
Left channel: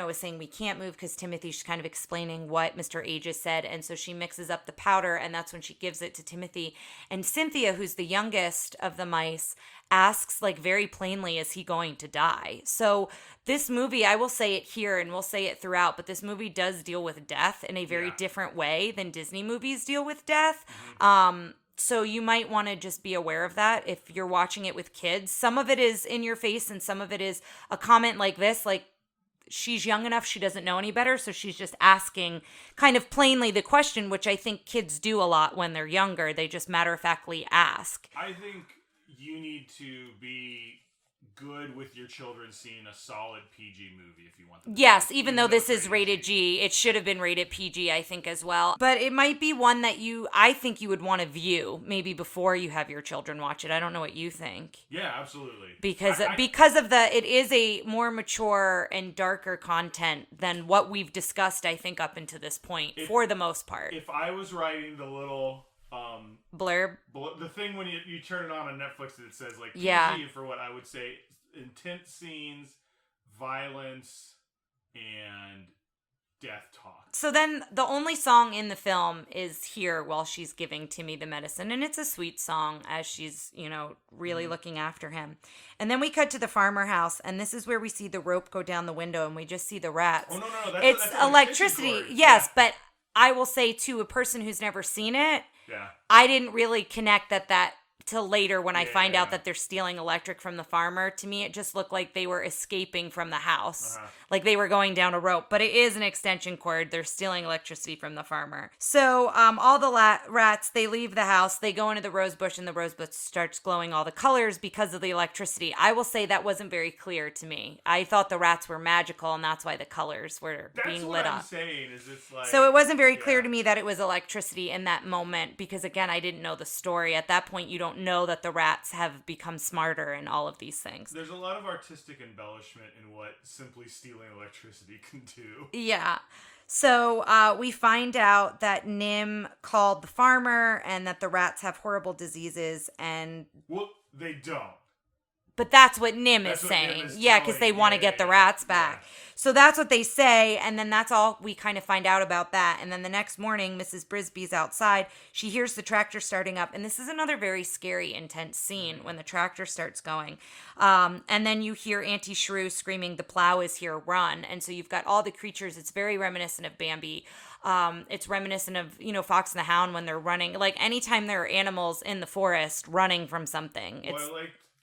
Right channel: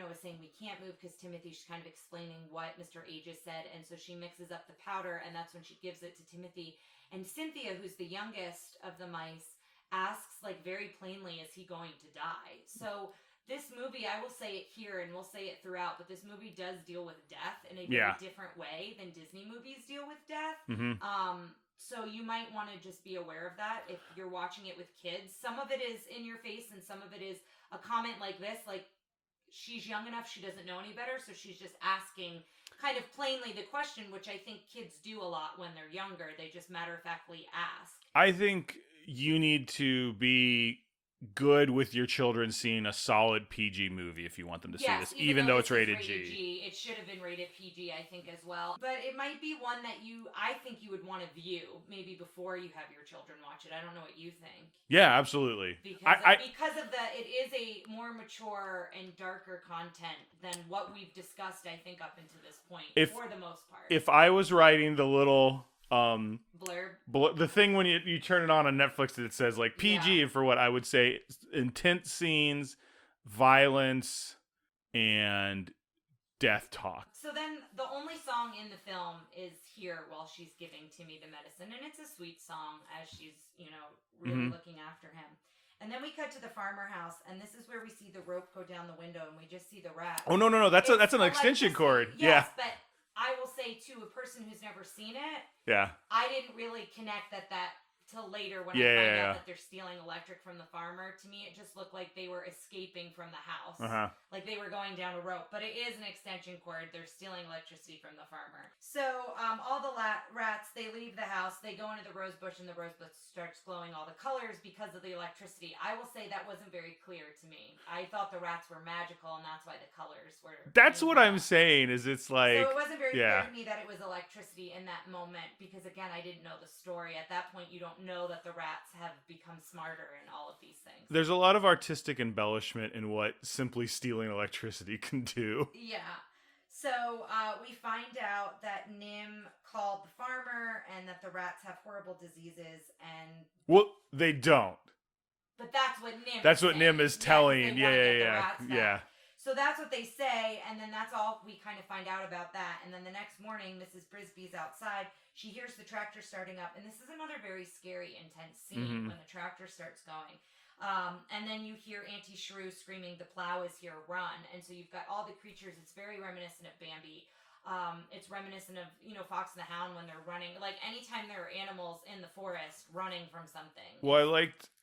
is saying we can't move because Timothy's kind of explaining what Mr. Aegis said, and so she mixes up the powder, and that's when she gives it to Timothy. And Cynthia, who's the youngest of the mice, asks like very plainly, is he going to die? So this movie, I will say it here and we'll say it throughout, but this movie does deal with death in a very different way than Disney movies deal with death. So you might want to just be aware of that if you're watching it with kids. Some of it is in your face and some of it is a comment like this, like she's young enough, she doesn't know any better, so she's just asking kind of plainly the question, which I think kids do a lot when they're younger. They just matter-of-factly ask. I think you need to be good with your children seeing a solid PG movie if you want them to see this. Even though this is it's rated G, it should have been rated PG, I think, as well. But it might be one that I think you would want to view maybe before you have your children watch it. I don't know what you think. Yeah, absolutely. Because it is a more mature and darker content than what we've discussed, I think, up until this point, for the most part. If I was writing the little blurb, the thing when you turn it on Netflix that it says like PG for what I would say intense scenes, violence, and death talk. So then the only song in the film is Here while she's giving Timmy the medicine, and it's a sweet song as she's really looking after him. And then we cut to the farmer house, and this is where we see the rope go down the window, and we just see the rats. Oh no, that's an extension cord. Yes, but I will say to a person who's never seen it, I didn't really connect that till later when I find out that they're stealing electric from the farmer. To me, it just looked like they were escaping from the house. Like they were going down a rope. But it is an extension cord. They're stealing electricity from the farmer. So all the rats, they leave the house. They go into the rose bush, and the rose bush starts glowing all the colors because of the electricity. I will say that wasn't very clear to me. I thought the rats were magical, and that's why the colors were That's being what lit I'm up. saying, is it's like... So it wasn't very clear to me that it was electricity in that moment because, again, I didn't know the story. At that point, you don't know that the rats have become smarter and all of these things. There's a lot of artistic embellishment in what simply stealing electricity can do. Yeah. So we find out that NIMH called the farmer and that the rats have horrible diseases and... Well, they don't. But that's what NIMH is saying. That's what NIMH is telling. Yeah, because they want to get the rats back. Yeah. So that's what they say, and then that's all we kind of find out about that. And then the next morning, Mrs. Brisby's outside. She hears the tractor starting up, and this is another very scary, intense scene when the tractor starts going. And then you hear Auntie Shrew screaming, "The plow is here, run!" And so you've got all the creatures. It's very reminiscent of Bambi. It's reminiscent of, Fox and the Hound when they're running. Like, anytime there are animals in the forest running from something. Well,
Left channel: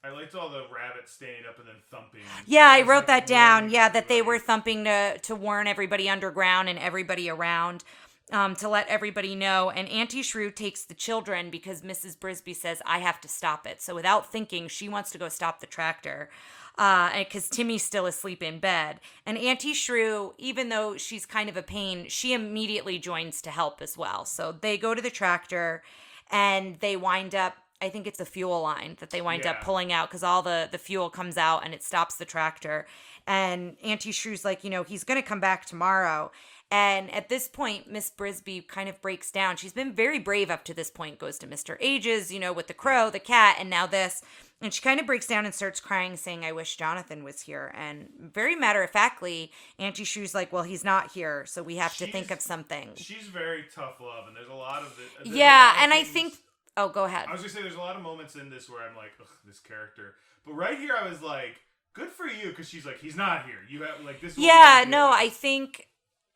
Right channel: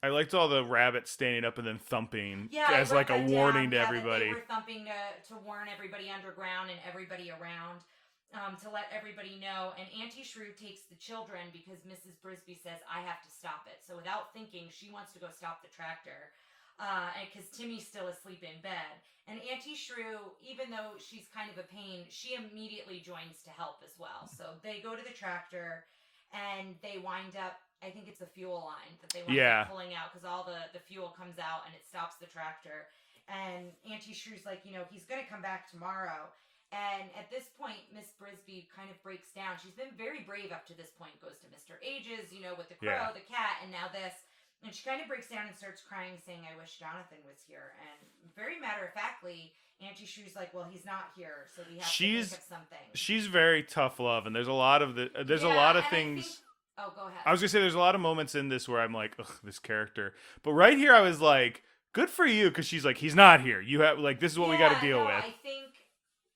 I liked all the rabbits standing up and then thumping. Yeah, I wrote that down. Yeah, that they were thumping to warn everybody underground and everybody around, to let everybody know. And Auntie Shrew takes the children because Mrs. Brisby says, "I have to stop it." So without thinking, she wants to go stop the tractor. Because Timmy's still asleep in bed. And Auntie Shrew, even though she's kind of a pain, she immediately joins to help as well. So they go to the tractor and they wind up, I think it's a fuel line that they wind up pulling out because all the fuel comes out and it stops the tractor. And Auntie Shrew's like, he's going to come back tomorrow. And at this point, Miss Brisby kind of breaks down. She's been very brave up to this point, goes to Mr. Aegis, with the crow, the cat, and now this. And she kind of breaks down and starts crying, saying, "I wish Jonathan was here." And very matter-of-factly, Auntie Shrew's like, "Well, he's not here, so we have to think of something." She's very tough love, and there's a lot of the... and I think... Oh, go ahead. I was going to say, there's a lot of moments in this where I'm like, ugh, this character. But right here, I was like, good for you, because she's like, he's not here. You have, like, this is what we gotta deal with.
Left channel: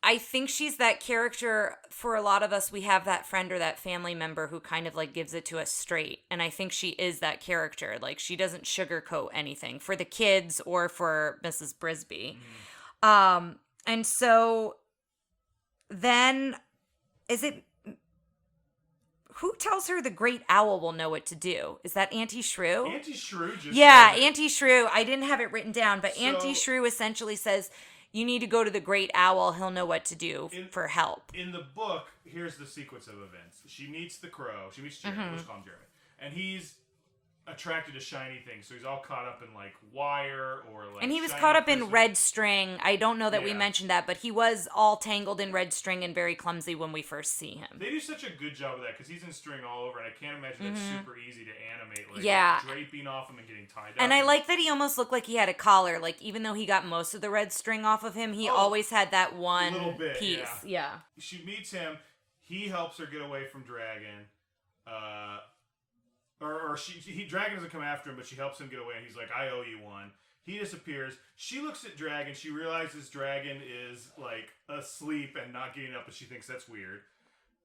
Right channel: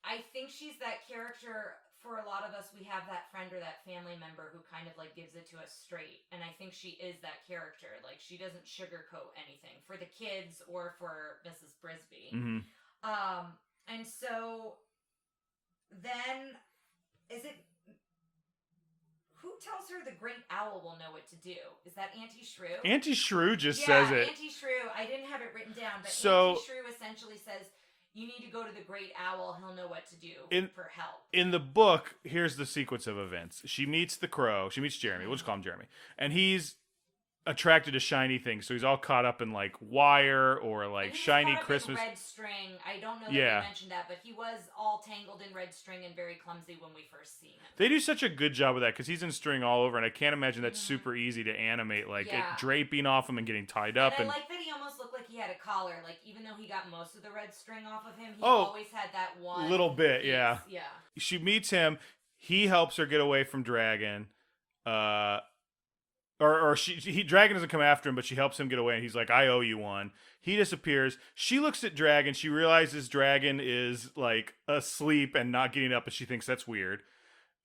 I think she's that character. For a lot of us, we have that friend or that family member who kind of like gives it to us straight. And I think she is that character. Like, she doesn't sugarcoat anything for the kids or for Mrs. Brisby. And so then, is it who tells her the great owl will know what to do? Is that Auntie Shrew? Auntie Shrew just yeah, says it. Auntie Shrew. I didn't have it written down, but Auntie Shrew essentially says, you need to go to the great owl. He'll know what to do for help. In the book, here's the sequence of events. She meets the crow. She meets Jeremy. We'll just call him Jeremy. And he's attracted to shiny things, so he's all caught up in like wire or like and he was shiny caught up Christmas. in red string. I don't know that we mentioned that, but he was all tangled in red string and very clumsy when we first see him. They do such a good job with that because he's in string all over, and I can't imagine that's super easy to animate, like draping off him and getting tied up. And I like that he almost looked like he had a collar. Like, even though he got most of the red string off of him, he always had that one little bit piece. Yeah. She meets him. He helps her get away from Dragon. Dragon doesn't come after him, but she helps him get away, and he's like, I owe you one. He disappears. She looks at Dragon. She realizes Dragon is, like, asleep and not getting up, and she thinks that's weird.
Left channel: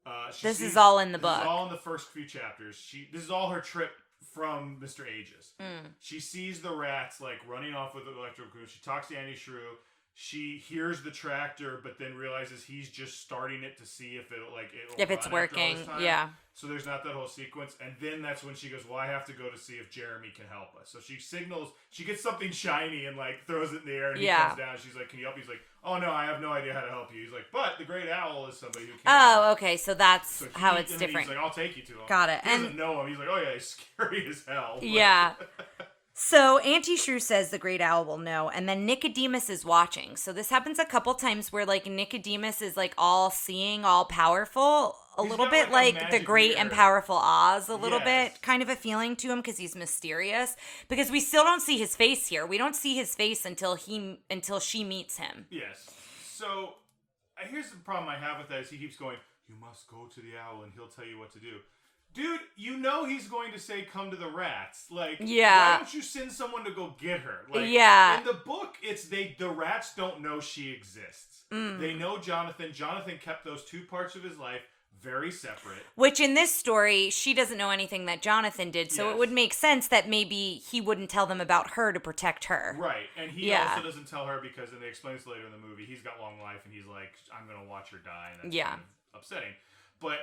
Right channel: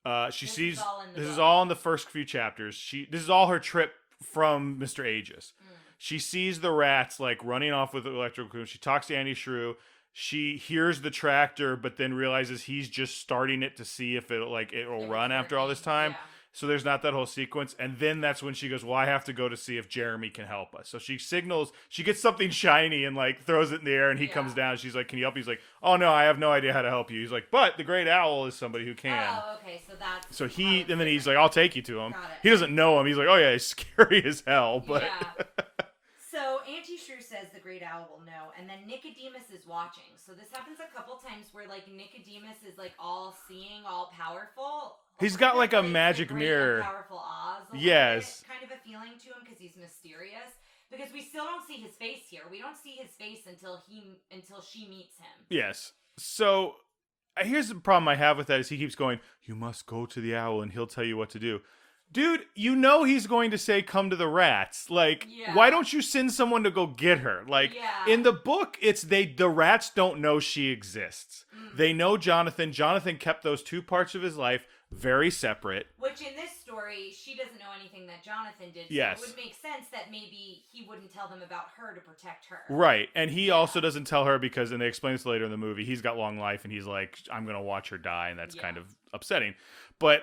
This is all in the book. This is all in the first few chapters. This is all her trip from Mr. Aegis. She sees the rats, like, running off with the electrical cocoon. She talks to Auntie Shrew. She hears the tractor, but then realizes he's just starting it to see if it'll run after all this time. Yeah. So there's not that whole sequence. And then that's when she goes, well, I have to go to see if Jeremy can help us. So she signals, she gets something shiny and like throws it in the air, and he comes down. She's like, can you help me? He's like, oh no, I have no idea how to help you. He's like, but the great owl is somebody who can. Oh, okay. So that's how it's and then different. he's like, I'll take you to him. Got it. He doesn't know him. He's like, oh yeah, he's scary as hell. But. Yeah. So Auntie Shrew says the great owl will know, and then Nicodemus is watching. So this happens a couple times where like Nicodemus is like all seeing, all powerful. He's little got bit like a magic the great mirror. and powerful Oz, a little bit, kind of a feeling to him because he's mysterious. Because we still don't see his face here. We don't see his face until she meets him. Yes. So here's the problem I have with that is he keeps going, you must go to the owl and he'll tell you what to do. Dude, you know he's going to say, come to the rats. Like, why don't you send someone to go get her? Like, in the book, the rats don't know she exists. They know Jonathan. Jonathan kept those two parts of his life very separate. Which in this story, she doesn't know anything that Jonathan did. So it would make sense that maybe he wouldn't tell them about her to protect her. Right. And he also doesn't tell her because, and they explain this later in the movie, he's got long life and he's like, I'm going to watch her die. And that's kind of upsetting. But,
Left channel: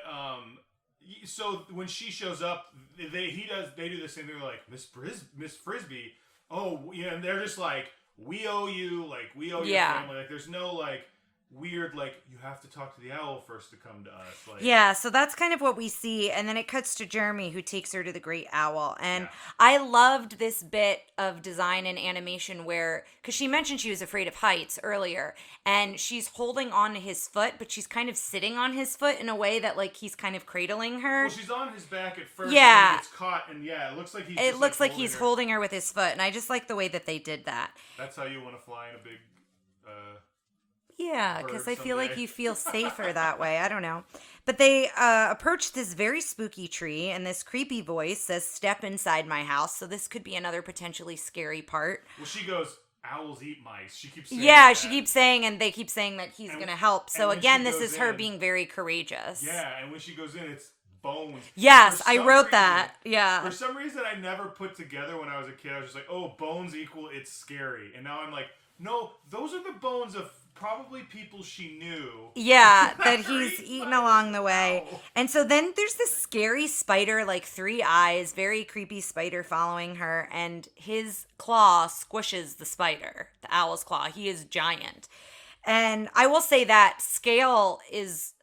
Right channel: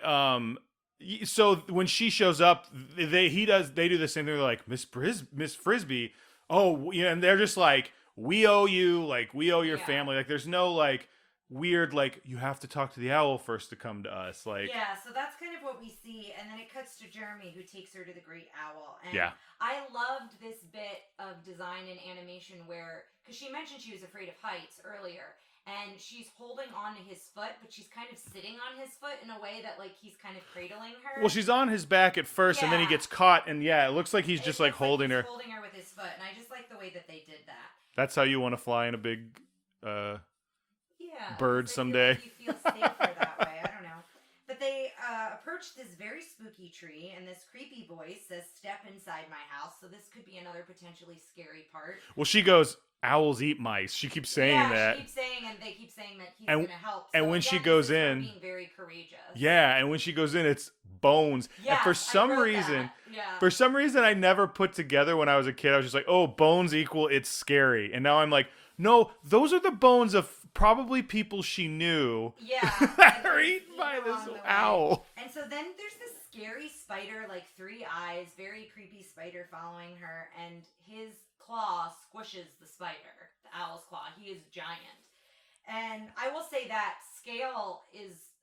so when she shows up, they do the same thing. They're like, Miss Frisbee, and they're just like, we owe you, like, we owe your family. Like, there's no, like, weird, like, you have to talk to the owl first to come to us. Like, so that's kind of what we see. And then it cuts to Jeremy, who takes her to the great owl. And I loved this bit of design and animation where, because she mentioned she was afraid of heights earlier, and she's holding on to his foot, but she's kind of sitting on his foot in a way that, like, he's kind of cradling her. Well, she's on his back at first, and then he gets caught, and it looks like he's just like holding her. It looks like he's holding her with his foot, and I just like the way that they did that. That's how you want to fly in a big because I someday. feel like you feel safer that way. I don't know. But they approach this very spooky tree, and this creepy voice says, step inside my house. So this could be another potentially scary part. Well, she goes, owls eat mice. She keeps saying that. Yeah, she keeps saying, and they keep saying that he's going to help. So again, this is her being very courageous. Yeah, and when she goes in, it's bones. Yes, I wrote that. Yeah. For some reason, I never put together when I was a kid. I was just like, oh, bones equal it's scary. And now I'm like, no, those are the bones of probably people she knew. Yeah, that he's eaten along the way. Owl. And so then there's this scary spider, like 3 eyes, very creepy spider following her, and his claw squishes the spider, the owl's claw. He is giant. And I will say that scale is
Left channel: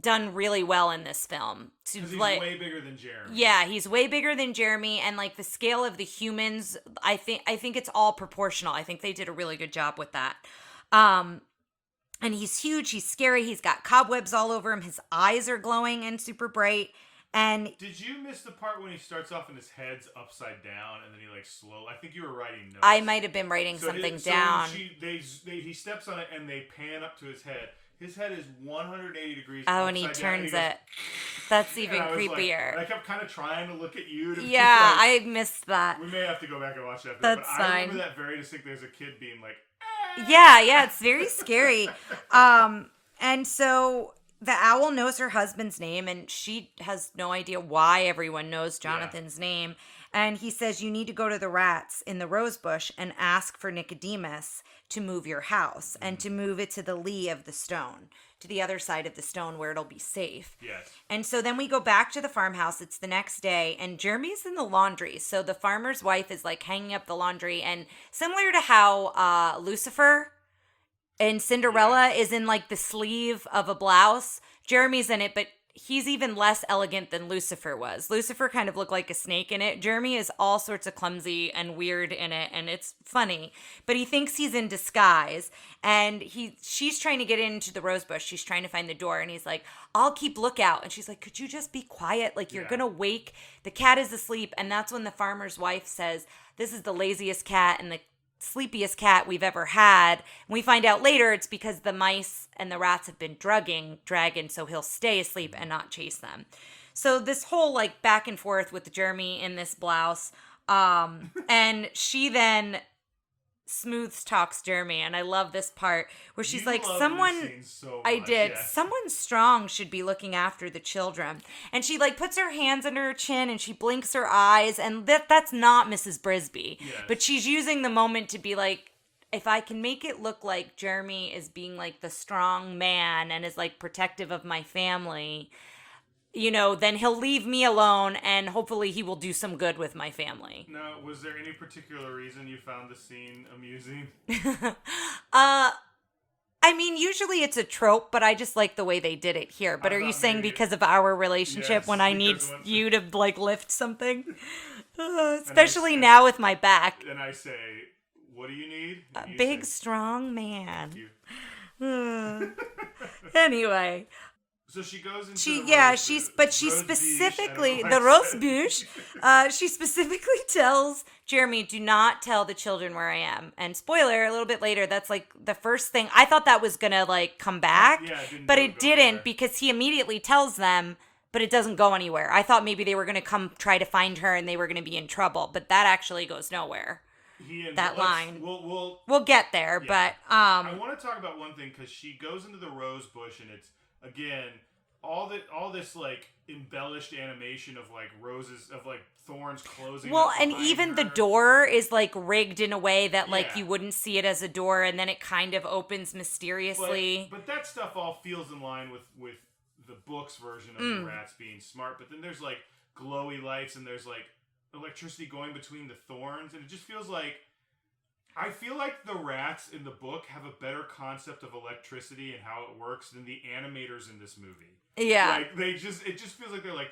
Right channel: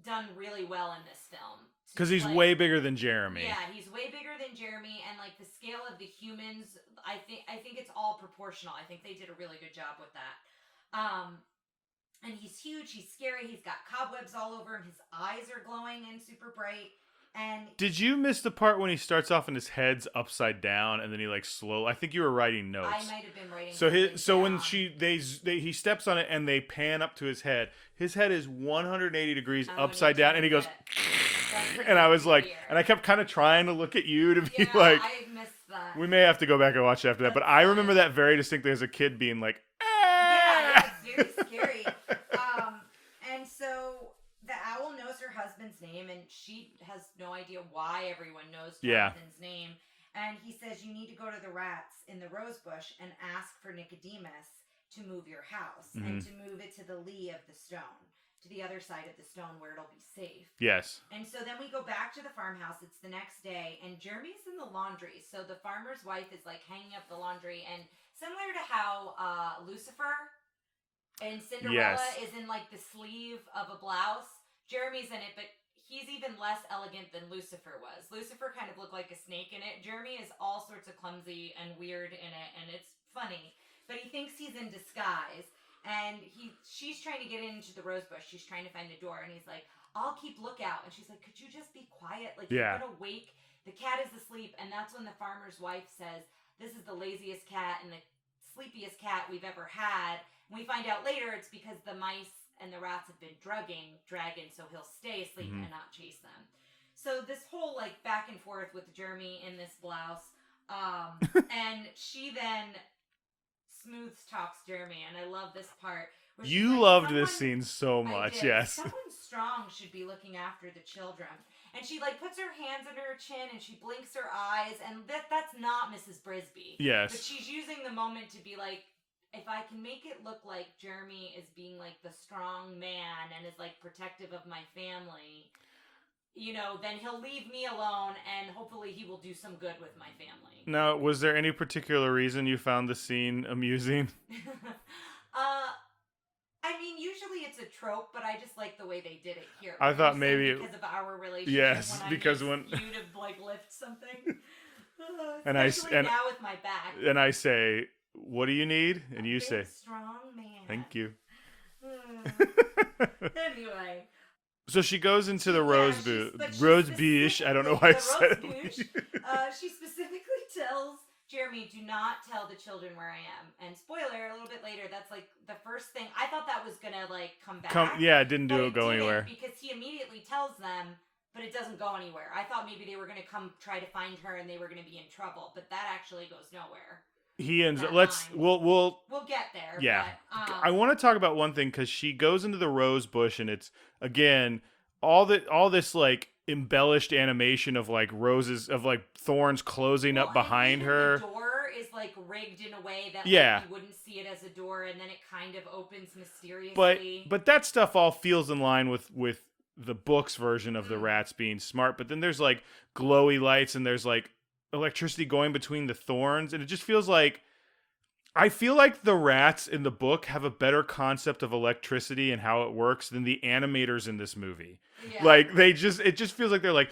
done really well in this film. Because he's way bigger than Jeremy. Yeah, he's way bigger than Jeremy, and like the scale of the humans, I think it's all proportional. I think they did a really good job with that. And he's huge, he's scary, he's got cobwebs all over him, his eyes are glowing and super bright. And did you miss the part when he starts off and his head's upside down and then he like I think you were writing notes. I might have been writing something down. So when he steps on it and they pan up to his head is 180 degrees upside down, and he goes. That's even and I was creepier. Like, and I kept kind of trying to look at you to be like. Yeah, I missed that. We may have to go back and watch it after that, but That's I remember that very distinctly as a kid being like. Yeah, it's very scary. And so the owl knows her husband's name, and she has no idea why everyone knows Jonathan's name. And he says, you need to go to the rats in the rose bush and ask for Nicodemus to move your house and to move it to the lee of the stone. to the other side of the stone where it'll be safe. Yes. And so then we go back to the farmhouse. It's the next day, and Jeremy's in the laundry. So the farmer's wife is like hanging up the laundry, and similar to how Lucifer in Cinderella is in like the sleeve of a blouse, Jeremy's in it, but he's even less elegant than Lucifer was. Lucifer kind of looked like a snake in it. Jeremy is all sorts of clumsy and weird in it, and it's funny. But he thinks he's in disguise, and she's trying to get into the rose bush. She's trying to find the door, and he's like, I'll keep lookout. And she's like, could you just be quiet? Like, you're going to wake. The cat is asleep. And that's when the farmer's wife says, this is the laziest cat and the sleepiest cat we've ever had. And we find out later it's because the mice and the rats have been drugging Dragon, so he'll stay asleep and not chase them. So this whole like back and forth with Jeremy in this blouse, and she then smooth talks Jeremy, and I love this part where she's like, "Someone." This scene so much. I did. Yes. Someone strong should be looking after the children, and she like puts her hands under her chin and she blinks her eyes, and that's not Mrs. Brisby. Yes. But she's using the moment to be like, if I can make it look like Jeremy is being like the strong man and is like protective of my family, you know, then he'll leave me alone and hopefully he will do some good with my family. Now, was there any particular reason you found the scene amusing? I mean, usually it's a trope, but I just like the way they did it here. But are you saying because of our relationship, yes, when I need you to like lift something? Especially now with my back. And I say, what do you need? And you big, say, strong man. Thank you. Anyway. So she goes into the rose bush. But she specifically, the rose bush, she specifically tells Jeremy, do not tell the children where I am. And spoiler, a little bit later, that's like the first thing. I thought that was going to like come back. It didn't But go it didn't anywhere. because he immediately tells them, but it doesn't go anywhere. I thought maybe they were going to come try to find her and they were going to be in trouble. But that actually goes nowhere. He ends that let's line. we'll get there, yeah. but I want to talk about one thing because she goes into the rose bush and it's again all this like embellished animation of like roses of like thorns closing up behind her. And even the door is like rigged in a way that like you wouldn't see it as a door, and then it kind of opens mysteriously. But that stuff all feels in line with the book's version of the rats being smart. But then there's like glowy lights and there's like electricity going between the thorns, and it just feels like I feel like the rats in the book have a better concept of electricity and how it works than the animators in this movie. Yeah, like it just feels like they're like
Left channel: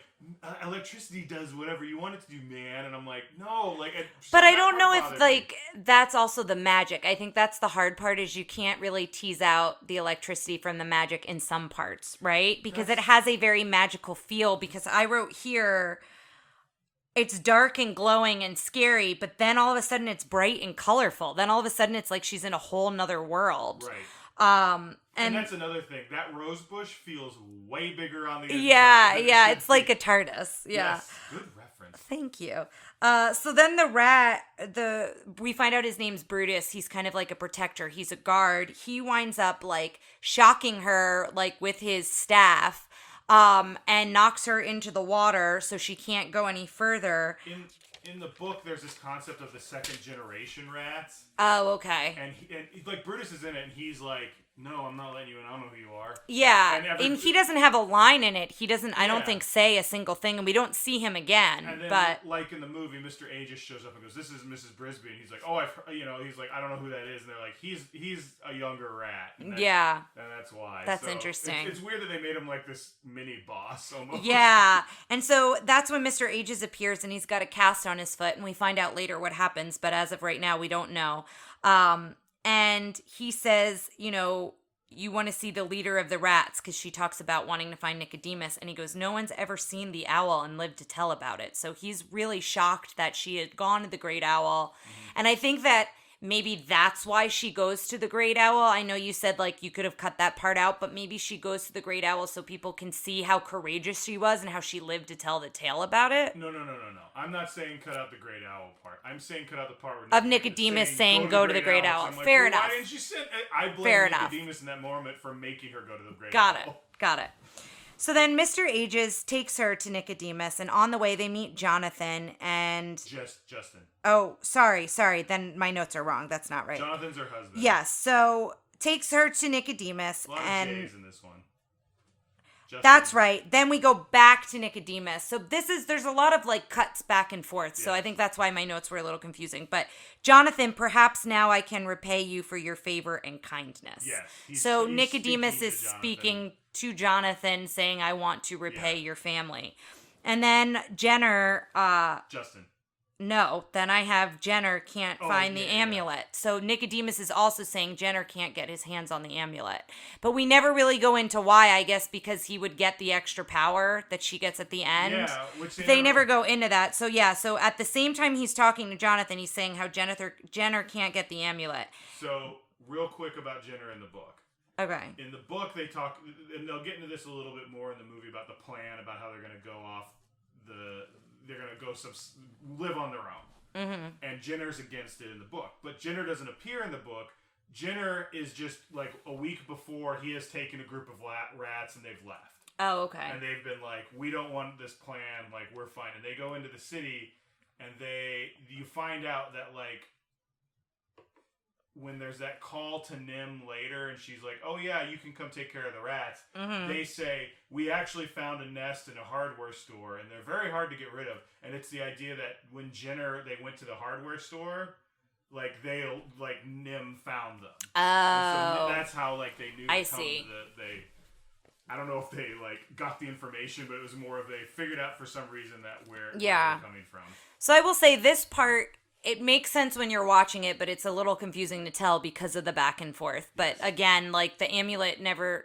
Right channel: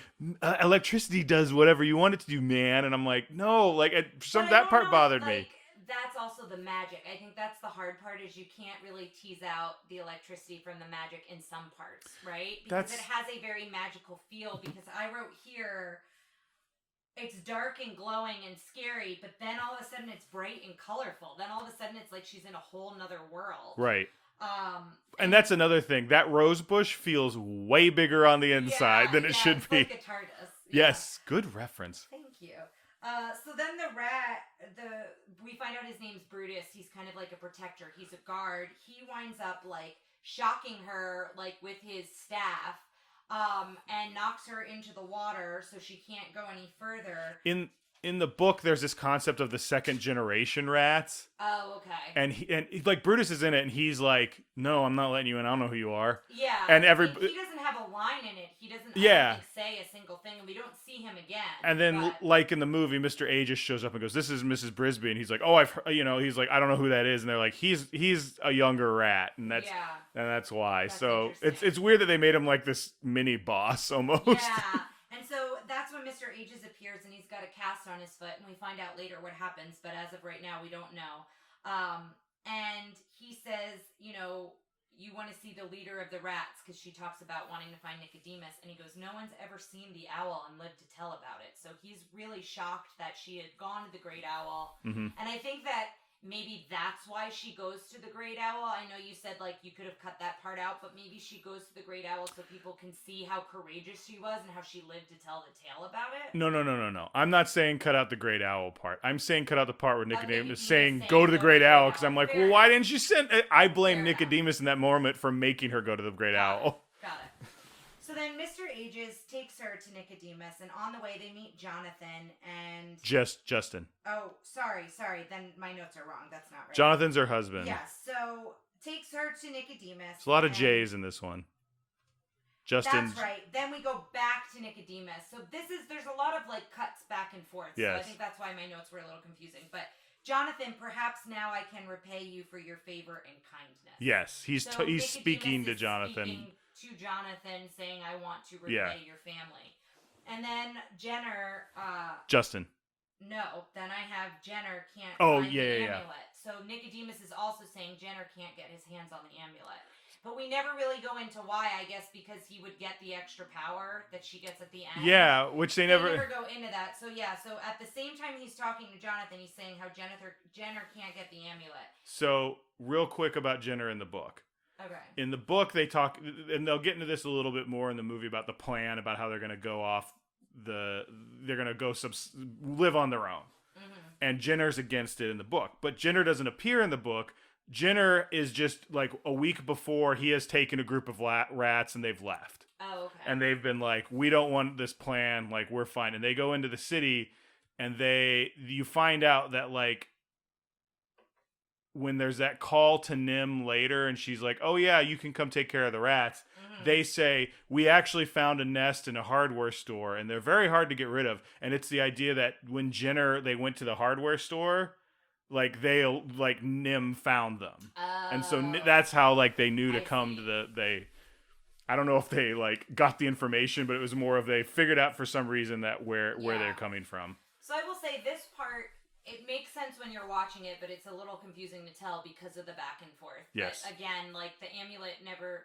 electricity does whatever you want it to do, man. And I'm like, no, like but I don't know if like that's also the magic. I think that's the hard part is you can't really tease out the electricity from the magic in some parts, right? Because it has a very magical feel. Because I wrote here, it's dark and glowing and scary, but then all of a sudden it's bright and colorful. Then all of a sudden it's like she's in a whole nother world. Right. And that's another thing. That rose bush feels way bigger on the inside than it should be. It's like a TARDIS. Yeah. Yes, good reference. Thank you. So then we find out his name's Brutus. He's kind of like a protector. He's a guard. He winds up like shocking her like with his staff. And knocks her into the water so she can't go any further. In the book, there's this concept of the second generation rats. Oh, okay. And like Brutus is in it, and he's like, "No, I'm not letting you in. I don't know who you are." Yeah, and he doesn't have a line in it. He doesn't. I don't think say a single thing, and we don't see him again. And then, like in the movie, Mr. A just shows up and goes, "This is Mrs. Brisby," and he's like, "Oh, he's like, I don't know who that is," and they're like, "He's a younger rat," and that's why. That's so interesting. It's weird that they made him like this mini boss almost. Yeah, and so that's when Mr. Ages appears, and he's got a cast on his foot, and we find out later what happens, but as of right now, we don't know. And he says, you want to see the leader of the rats, because she talks about wanting to find Nicodemus, and he goes, no one's ever seen the owl and lived to tell about it. So he's really shocked that she had gone to the Great Owl. Mm-hmm. And I think that maybe that's why she goes to the Great Owl. I know you said like you could have cut that part out, but maybe she goes to the Great Owl so people can see how courageous she was and how she lived to tell the tale about it. No. I'm not saying cut out the Great Owl part. I'm saying cut out the part where Nicodemus saying go to the Great Owl. Because I'm like, Fair enough. Why didn't you send? I blame Nicodemus in that moment for making her go to the Great Owl. Got it. So then Mr. Ages takes her to Nicodemus, and on the way they meet Jonathan and... Justin. Oh, sorry. Then my notes are wrong. That's not right. Jonathan's her husband. Yes. So takes her to Nicodemus. It's a lot of J's in this one. That's right. Then we go back to Nicodemus. So there's a lot of like cuts back and forth. Yes. So I think that's why my notes were a little confusing. But Jonathan, perhaps now I can repay you for your favor and kindness. Yes. He's Nicodemus is speaking to Jonathan saying, I want to repay your family. And then Jenner... Justin. No, then I have Jenner can't find the amulet. Yeah. So Nicodemus is also saying Jenner can't get his hands on the amulet. But we never really go into why, I guess, because he would get the extra power that she gets at the end. Yeah, which they never go into that. So so at the same time he's talking to Jonathan, he's saying how Jenner can't get the amulet. So real quick about Jenner in the book. Okay. In the book, they talk, and they'll get into this a little bit more in the movie about the plan, about how they're going to go off they're going to go live on their own. Mm-hmm. And Jenner's against it in the book. But Jenner doesn't appear in the book. Jenner is just like a week before he has taken a group of rats and they've left. Oh, okay. And they've been like, we don't want this plan. Like, we're fine. And they go into the city and you find out that like, when there's that call to NIMH later and she's like, oh yeah, you can come take care of the rats. Mm-hmm. They say, we actually found a nest in a hardware store and they're very hard to get rid of. And it's the idea that when they went to the hardware store, like NIMH found them. Oh. And so that's how like they knew to come to I don't know if they like got the information, but it was more of they figured out for some reason that where they're coming from. So I will say this part, it makes sense when you're watching it, but it's a little confusing to tell because of the back and forth. Yes. But again, like the amulet never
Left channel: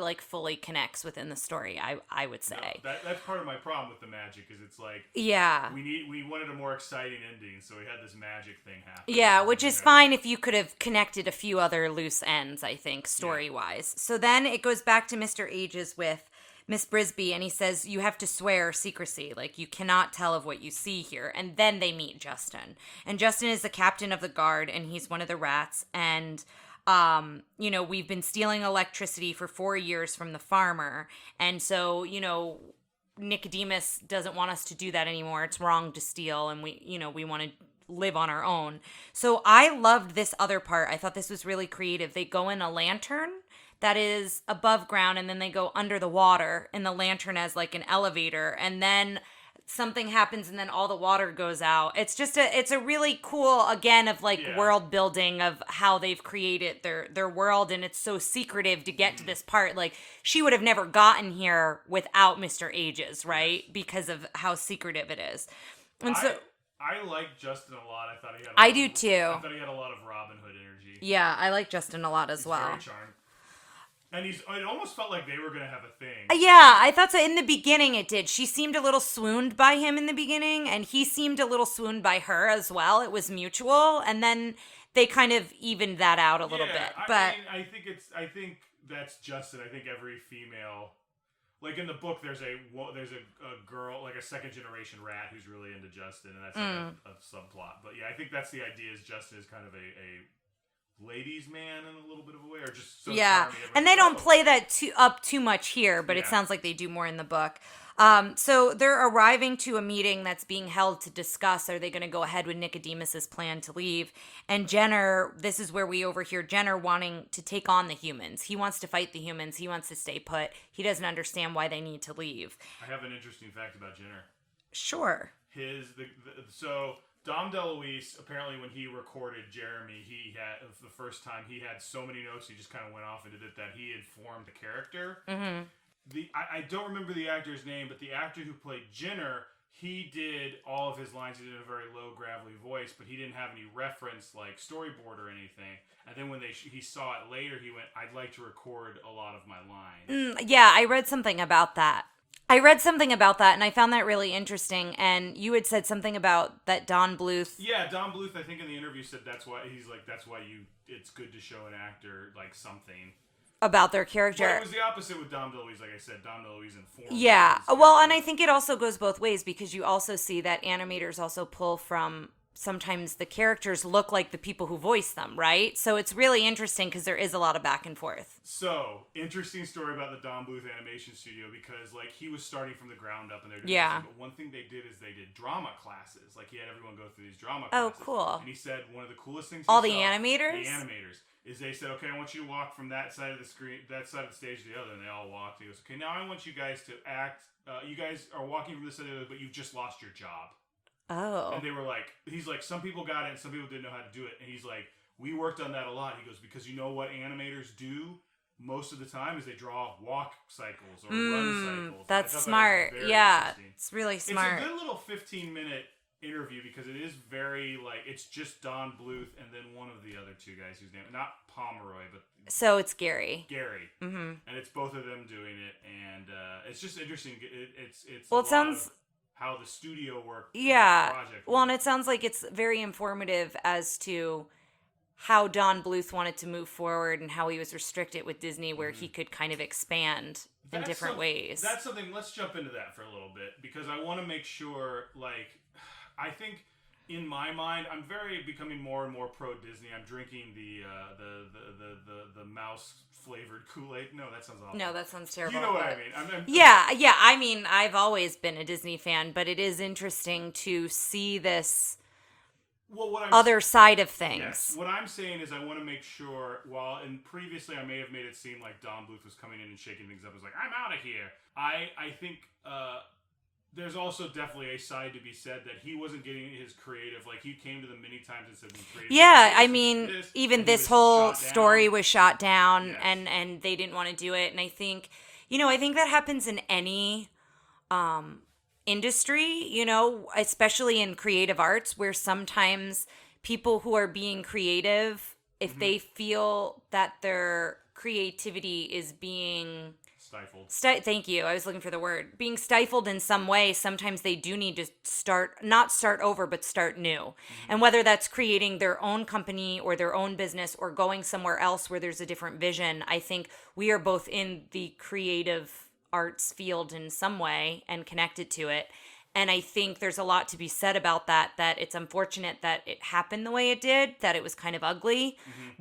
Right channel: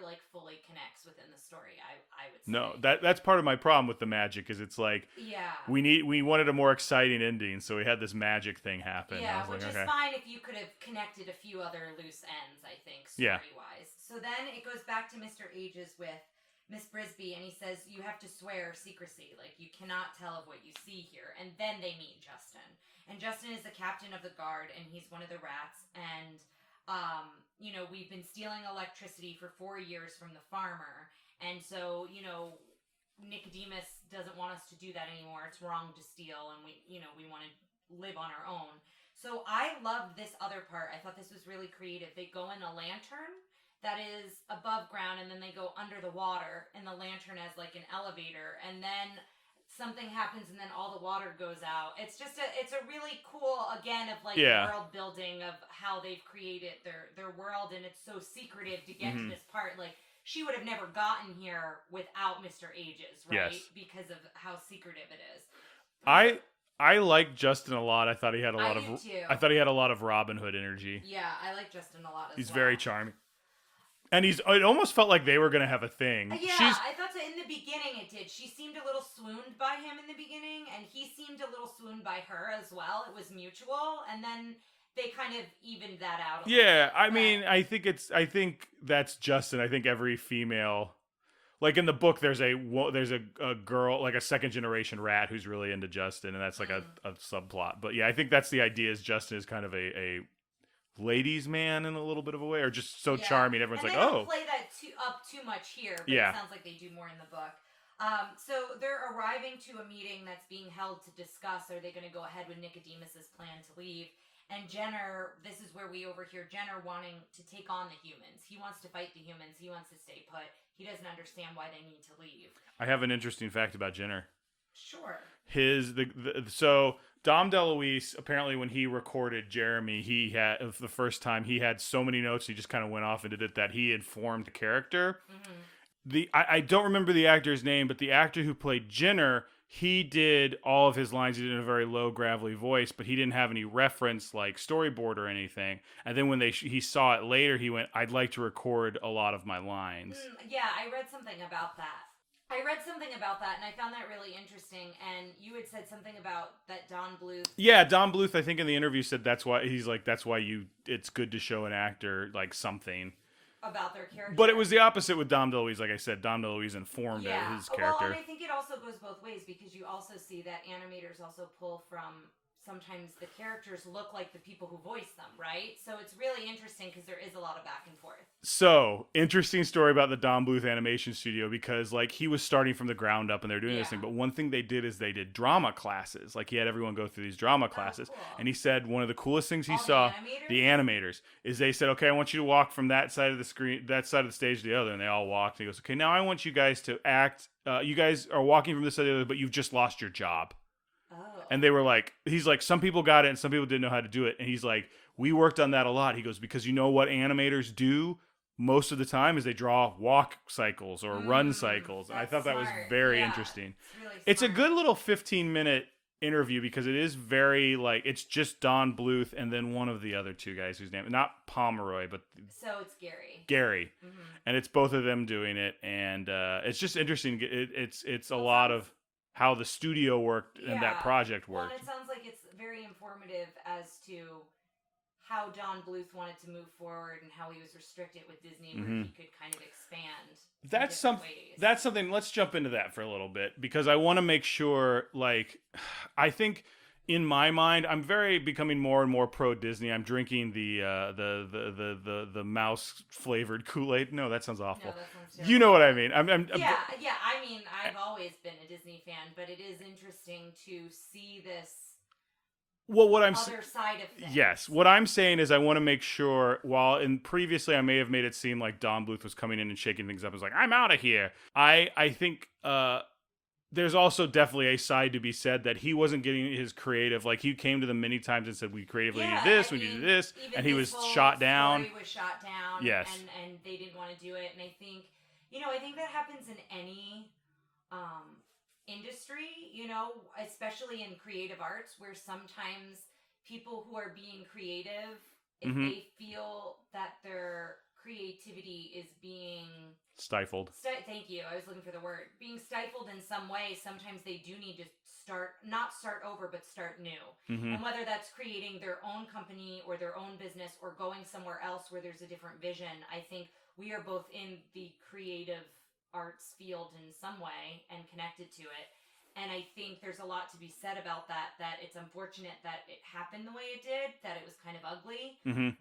like fully connects within the story. I would say. No, that's part of my problem with the magic is it's like we wanted a more exciting ending, so we had this magic thing happen. Yeah, which is fine if you could have connected a few other loose ends. I think story wise. So then it goes back to Mr. Ages with Miss Brisby, and he says, you have to swear secrecy. Like, you cannot tell of what you see here. And then they meet Justin. And Justin is the captain of the guard, and he's one of the rats. And, we've been stealing electricity for 4 years from the farmer. And so, Nicodemus doesn't want us to do that anymore. It's wrong to steal, and we want to live on our own. So I loved this other part. I thought this was really creative. They go in a lantern that is above ground, and then they go under the water in the lantern as like an elevator, and then something happens and then all the water goes out. It's just it's a really cool, again, of like world building of how they've created their world, and it's so secretive to get to this part. Like, she would have never gotten here without Mr. Ages, right? Yes. Because of how secretive it is. I like Justin a lot. I thought he had too. I thought he had a lot of Robin Hood energy. Yeah, I like Justin a lot as well. He's very charming. And it almost felt like they were going to have a thing. Yeah, I thought so. In the beginning, it did. She seemed a little swooned by him in the beginning, and he seemed a little swooned by her as well. It was mutual, and then they kind of evened that out a little bit. Yeah, I think that's Justin. I think every female, like in the book, there's a girl, like a second generation rat who's really into Justin, and that's like a subplot. But yeah, I think that's the idea. Is Justin is kind of a ladies' man in a little bit of a way, or just so charming. Everyone's and they don't play that up too much here, but it sounds like they do more in the book. So they're arriving to a meeting that's being held to discuss, are they going to go ahead with Nicodemus's plan to leave? And Jenner, this is where we overhear Jenner wanting to take on the humans. He wants to fight the humans. He wants to stay put. He doesn't understand why they need to leave. I have an interesting fact about Jenner. Sure. So Dom DeLuise, apparently when he recorded Jeremy, he had, the first time, he had so many notes, he just kind of went off and did it, that he had formed the character. Mm-hmm. I don't remember the actor's name, but the actor who played Jenner, he did all of his lines. He did in a very low, gravelly voice, but he didn't have any reference, like storyboard or anything. And then when he saw it later, he went, I'd like to record a lot of my lines. Yeah, I read something about that. And I found that really interesting. And you had said something about that Don Bluth. Yeah, Don Bluth, I think in the interview said that's why it's good to show an actor like something about their character. But it was the opposite with Dom DeLuise. Like I said, Dom DeLuise informed. Yeah, well, and I think it also goes both ways, because you also see that animators also pull from sometimes the characters look like the people who voice them, right? So it's really interesting because there is a lot of back and forth. So, interesting story about the Don Bluth Animation Studio, because like he was starting from the ground up and they're doing this thing, but one thing they did is they did drama classes. Like he had everyone go through these drama classes. Oh, cool. And he said one of the coolest things he All saw, the animators, is they said, okay, I want you to walk from that side of the screen, that side of the stage to the other, and they all walked. And he goes, okay, now I want you guys to act, you guys are walking from this side to the other, but you've just lost your job. Oh. And they were like, he's like, some people got it and some people didn't know how to do it. And he's like, we worked on that a lot. He goes, because you know what animators do most of the time is they draw walk cycles or run cycles. That's I thought smart. That was very interesting. It's really smart. It's a good little 15-minute interview because it is very like, it's just Don Bluth and then one of the other two guys whose name, not Pomeroy, but so it's Gary. Mm-hmm. And it's both of them doing it. And it's just interesting. It's a lot of how the studio worked in that project worked. Well, and it sounds like it's very informative as to how Don Bluth wanted to move forward and how he was restricted with Disney, where he could kind of expand in different ways. That's something, let's jump into that for a little bit, because I want to make sure, like, I think in my mind, I'm becoming more and more pro Disney. I'm drinking the mouse flavored Kool-Aid. No, that sounds awful. No, that sounds terrible. You know what I mean? Yeah. I mean, I've always been a Disney fan, but it is interesting to see this other side of things. Yes. What I'm saying is I want to make sure, while previously I may have made it seem like Don Bluth was coming in and shaking things up, was like, I'm out of here. I think there's also definitely a side to be said that he wasn't getting his creative. Like, he came to them many times and said, we creatively do this, I mean, even this whole story was shot down, yes. and they didn't want to do it. And I think that happens in any industry, especially in creative arts, where sometimes people who are being creative, if they feel that their creativity is being stifled. Thank you. I was looking for the word. Being stifled in some way, sometimes they do need to not start over, but start new. And whether that's creating their own company or their own business or going somewhere else where there's a different vision, I think we are both in the creative arts field in some way and connected to it. And I think there's a lot to be said about that it's unfortunate that it happened the way it did, that it was kind of ugly.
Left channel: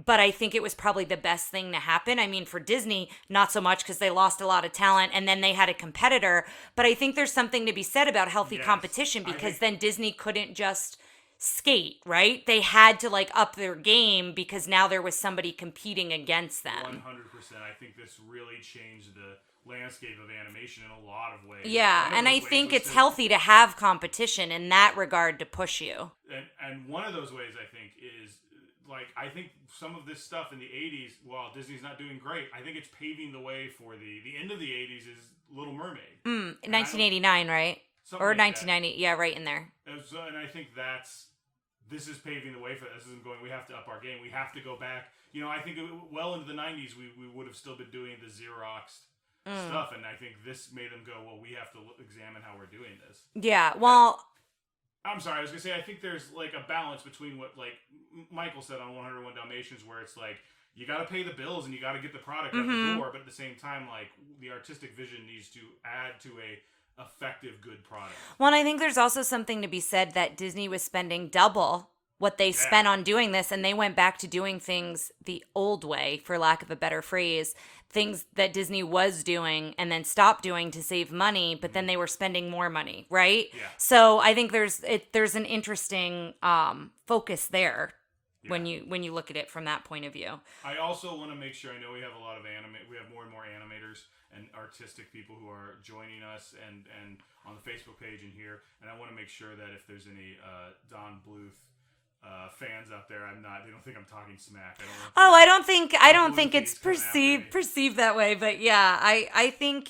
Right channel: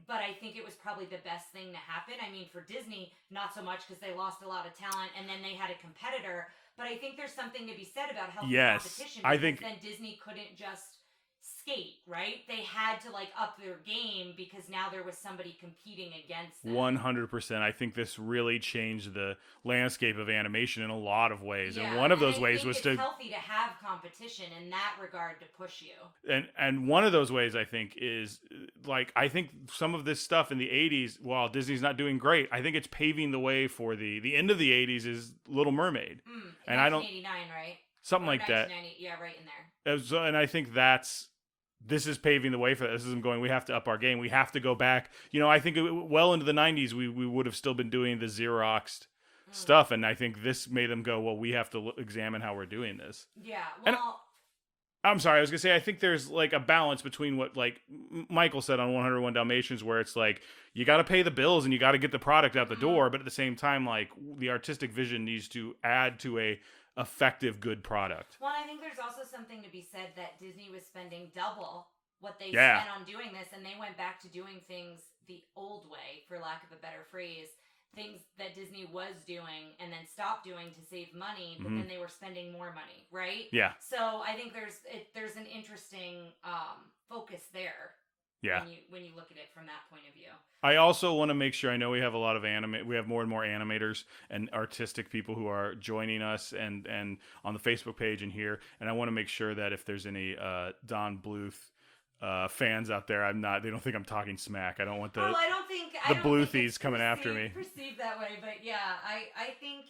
But I think it was probably the best thing to happen. I mean, for Disney, not so much, because they lost a lot of talent and then they had a competitor. But I think there's something to be said about healthy competition, because then Disney couldn't just skate, right? They had to up their game because now there was somebody competing against them. 100%. I think this really changed the landscape of animation in a lot of ways. Yeah, and I think it's healthy to have competition in that regard to push you. And one of those ways, I think, is I think some of this stuff in the 80s, while Disney's not doing great, I think it's paving the way for the end of the 80s is Little Mermaid. 1989, right? Something or like 1990, that. Yeah, right in there. And I think this is paving the way for that. This isn't going, we have to up our game. We have to go back. I think well into the 90s, we would have still been doing the Xeroxed stuff. And I think this made them go, well, we have to examine how we're doing this. Yeah, well... I'm sorry, I was going to say, I think there's a balance between what Michael said on 101 Dalmatians, where it's you got to pay the bills and you got to get the product out the door. But at the same time, the artistic vision needs to add to a effective, good product. Well, and I think there's also something to be said that Disney was spending double what they spent on doing this, and they went back to doing things the old way, for lack of a better phrase, things that Disney was doing and then stopped doing to save money, but then they were spending more money, right? Yeah. So I think there's an interesting focus there. Yeah. When you look at it from that point of view. I also want to make sure, I know we have a lot of we have more and more animators and artistic people who are joining us and on the Facebook page and here, and I want to make sure that if there's any Don Bluth fans out there, they don't think I'm talking smack. I don't want I don't think it's perceived that way, but yeah, I think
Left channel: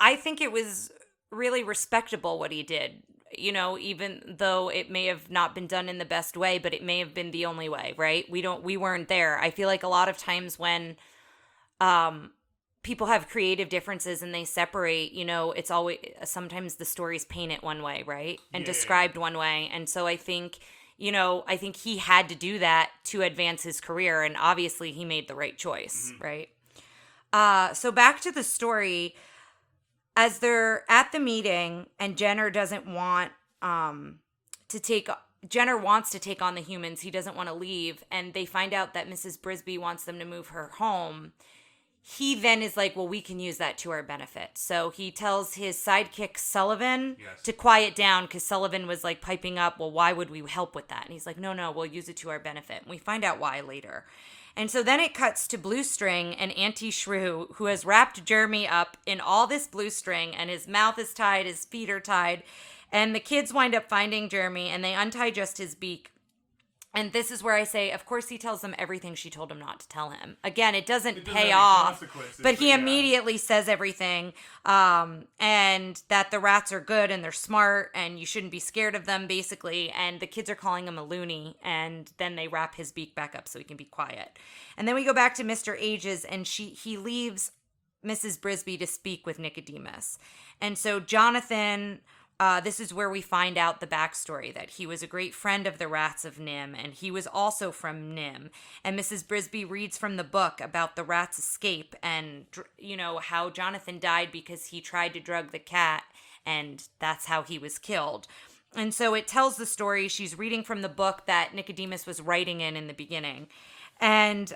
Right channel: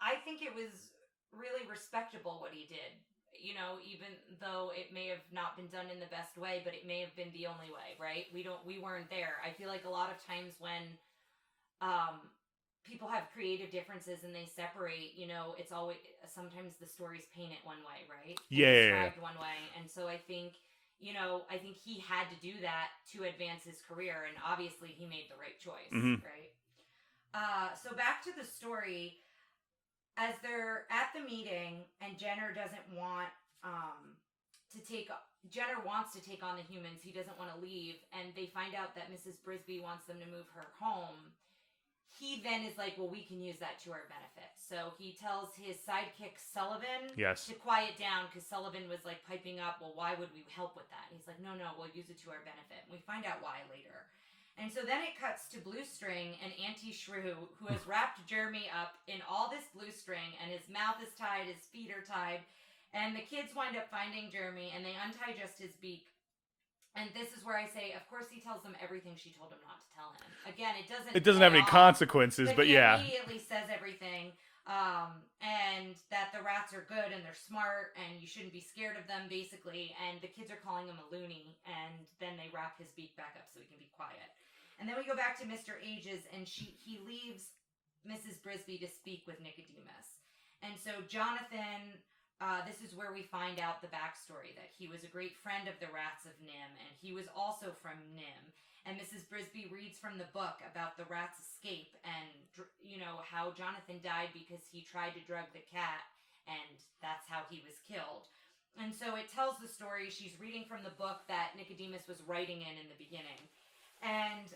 it was really respectable what he did. Even though it may have not been done in the best way, but it may have been the only way, right? We weren't there. I feel like a lot of times when people have creative differences and they separate, it's always, sometimes the story's painted one way, right? And described one way. And so I think he had to do that to advance his career, and obviously he made the right choice, right? So back to the story. As they're at the meeting and Jenner doesn't want to take Jenner wants to take on the humans. He doesn't want to leave. And they find out that Mrs. Brisby wants them to move her home. He then is like, well, we can use that to our benefit. So he tells his sidekick Sullivan to quiet down because Sullivan was like piping up, well, why would we help with that? And he's like, no, we'll use it to our benefit. And we find out why later. And so then it cuts to Blue String and Auntie Shrew, who has wrapped Jeremy up in all this blue string, and his mouth is tied, his feet are tied. And the kids wind up finding Jeremy, and they untie just his beak. And this is where I say, of course, he tells them everything she told him not to tell him. Again, it doesn't have pay any off, consequences. but he immediately says everything, and that the rats are good and they're smart and you shouldn't be scared of them, basically. And the kids are calling him a loony, and then they wrap his beak back up so he can be quiet. And then we go back to Mr. Ages, and he leaves Mrs. Brisby to speak with Nicodemus. And so Jonathan... this is where we find out the backstory, that he was a great friend of the rats of NIMH, and he was also from NIMH. And Mrs. Brisby reads from the book about the rat's escape and, how Jonathan died because he tried to drug the cat, and that's how he was killed. And so it tells the story. She's reading from the book that Nicodemus was writing in the beginning. And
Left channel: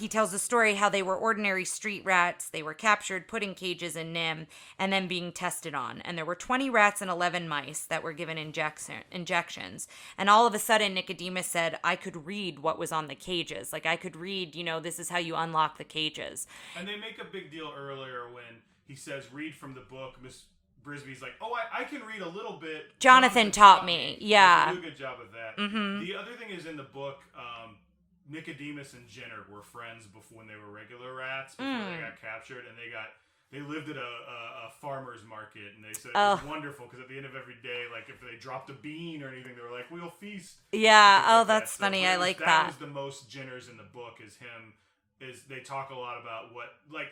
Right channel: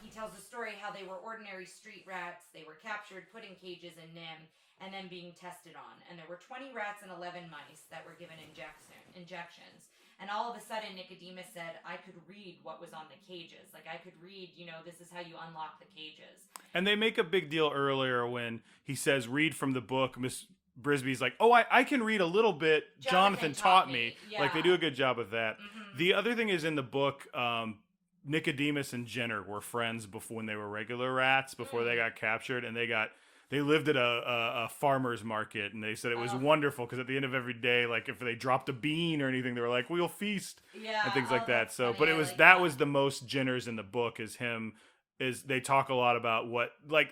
he tells the story how they were ordinary street rats. They were captured, put in cages in NIMH, and then being tested on. And there were 20 rats and 11 mice that were given injections. And all of a sudden, Nicodemus said, I could read what was on the cages. Like, I could read, this is how you unlock the cages. And they make a big deal earlier when he says, read from the book. Miss Brisby's like, oh, I can read a little bit. Jonathan taught me. Yeah. Like, they do a good job of that. Mm-hmm. The other thing is in the book... Nicodemus and Jenner were friends when they were regular rats, before they got captured, and they lived at a farmer's market, and they said it was wonderful because at the end of every day, like if they dropped a bean or anything, they were like, we'll feast. Yeah, that's funny. But I like that. That was the most Jenners in the book, is they talk a lot about what, like,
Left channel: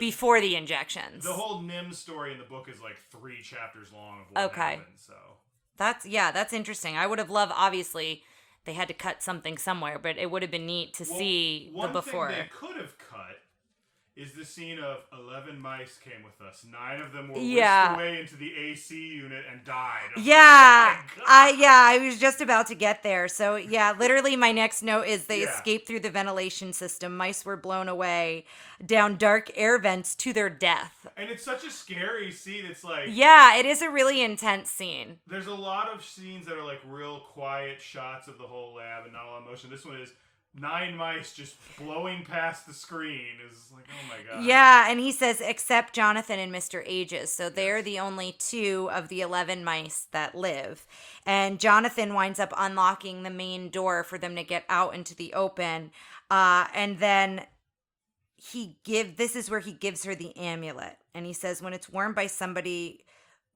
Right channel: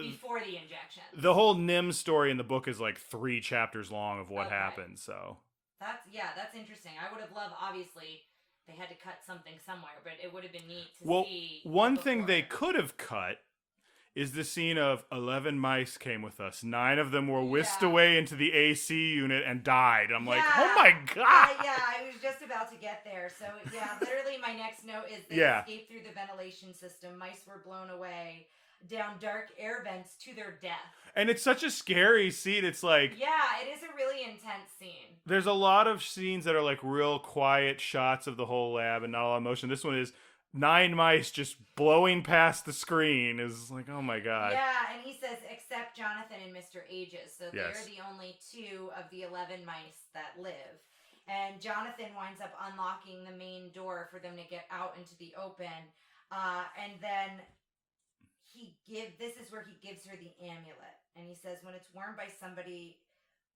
before the injections. The whole NIMH story in the book is like 3 chapters long of what happened, so. That's interesting. I would have loved, obviously... They had to cut something somewhere, but it would have been neat to see one thing they could have cut is the scene of 11 mice came with us. 9 of them were whisked away into the AC unit and died. I'm like, oh my God. I was just about to get there. So, literally my next note is they escaped through the ventilation system. Mice were blown away down dark air vents to their death. And it's such a scary scene. It's like... Yeah, it is a really intense scene. There's a lot of scenes that are like real quiet shots of the whole lab and not a lot of motion. This one is 9 mice just blowing past the screen. Is like, oh my God. Yeah, and he says, except Jonathan and Mr. Ages. So they're the only 2 of the 11 mice that live. And Jonathan winds up unlocking the main door for them to get out into the open. And then... this is where he gives her the amulet, and he says when it's worn by somebody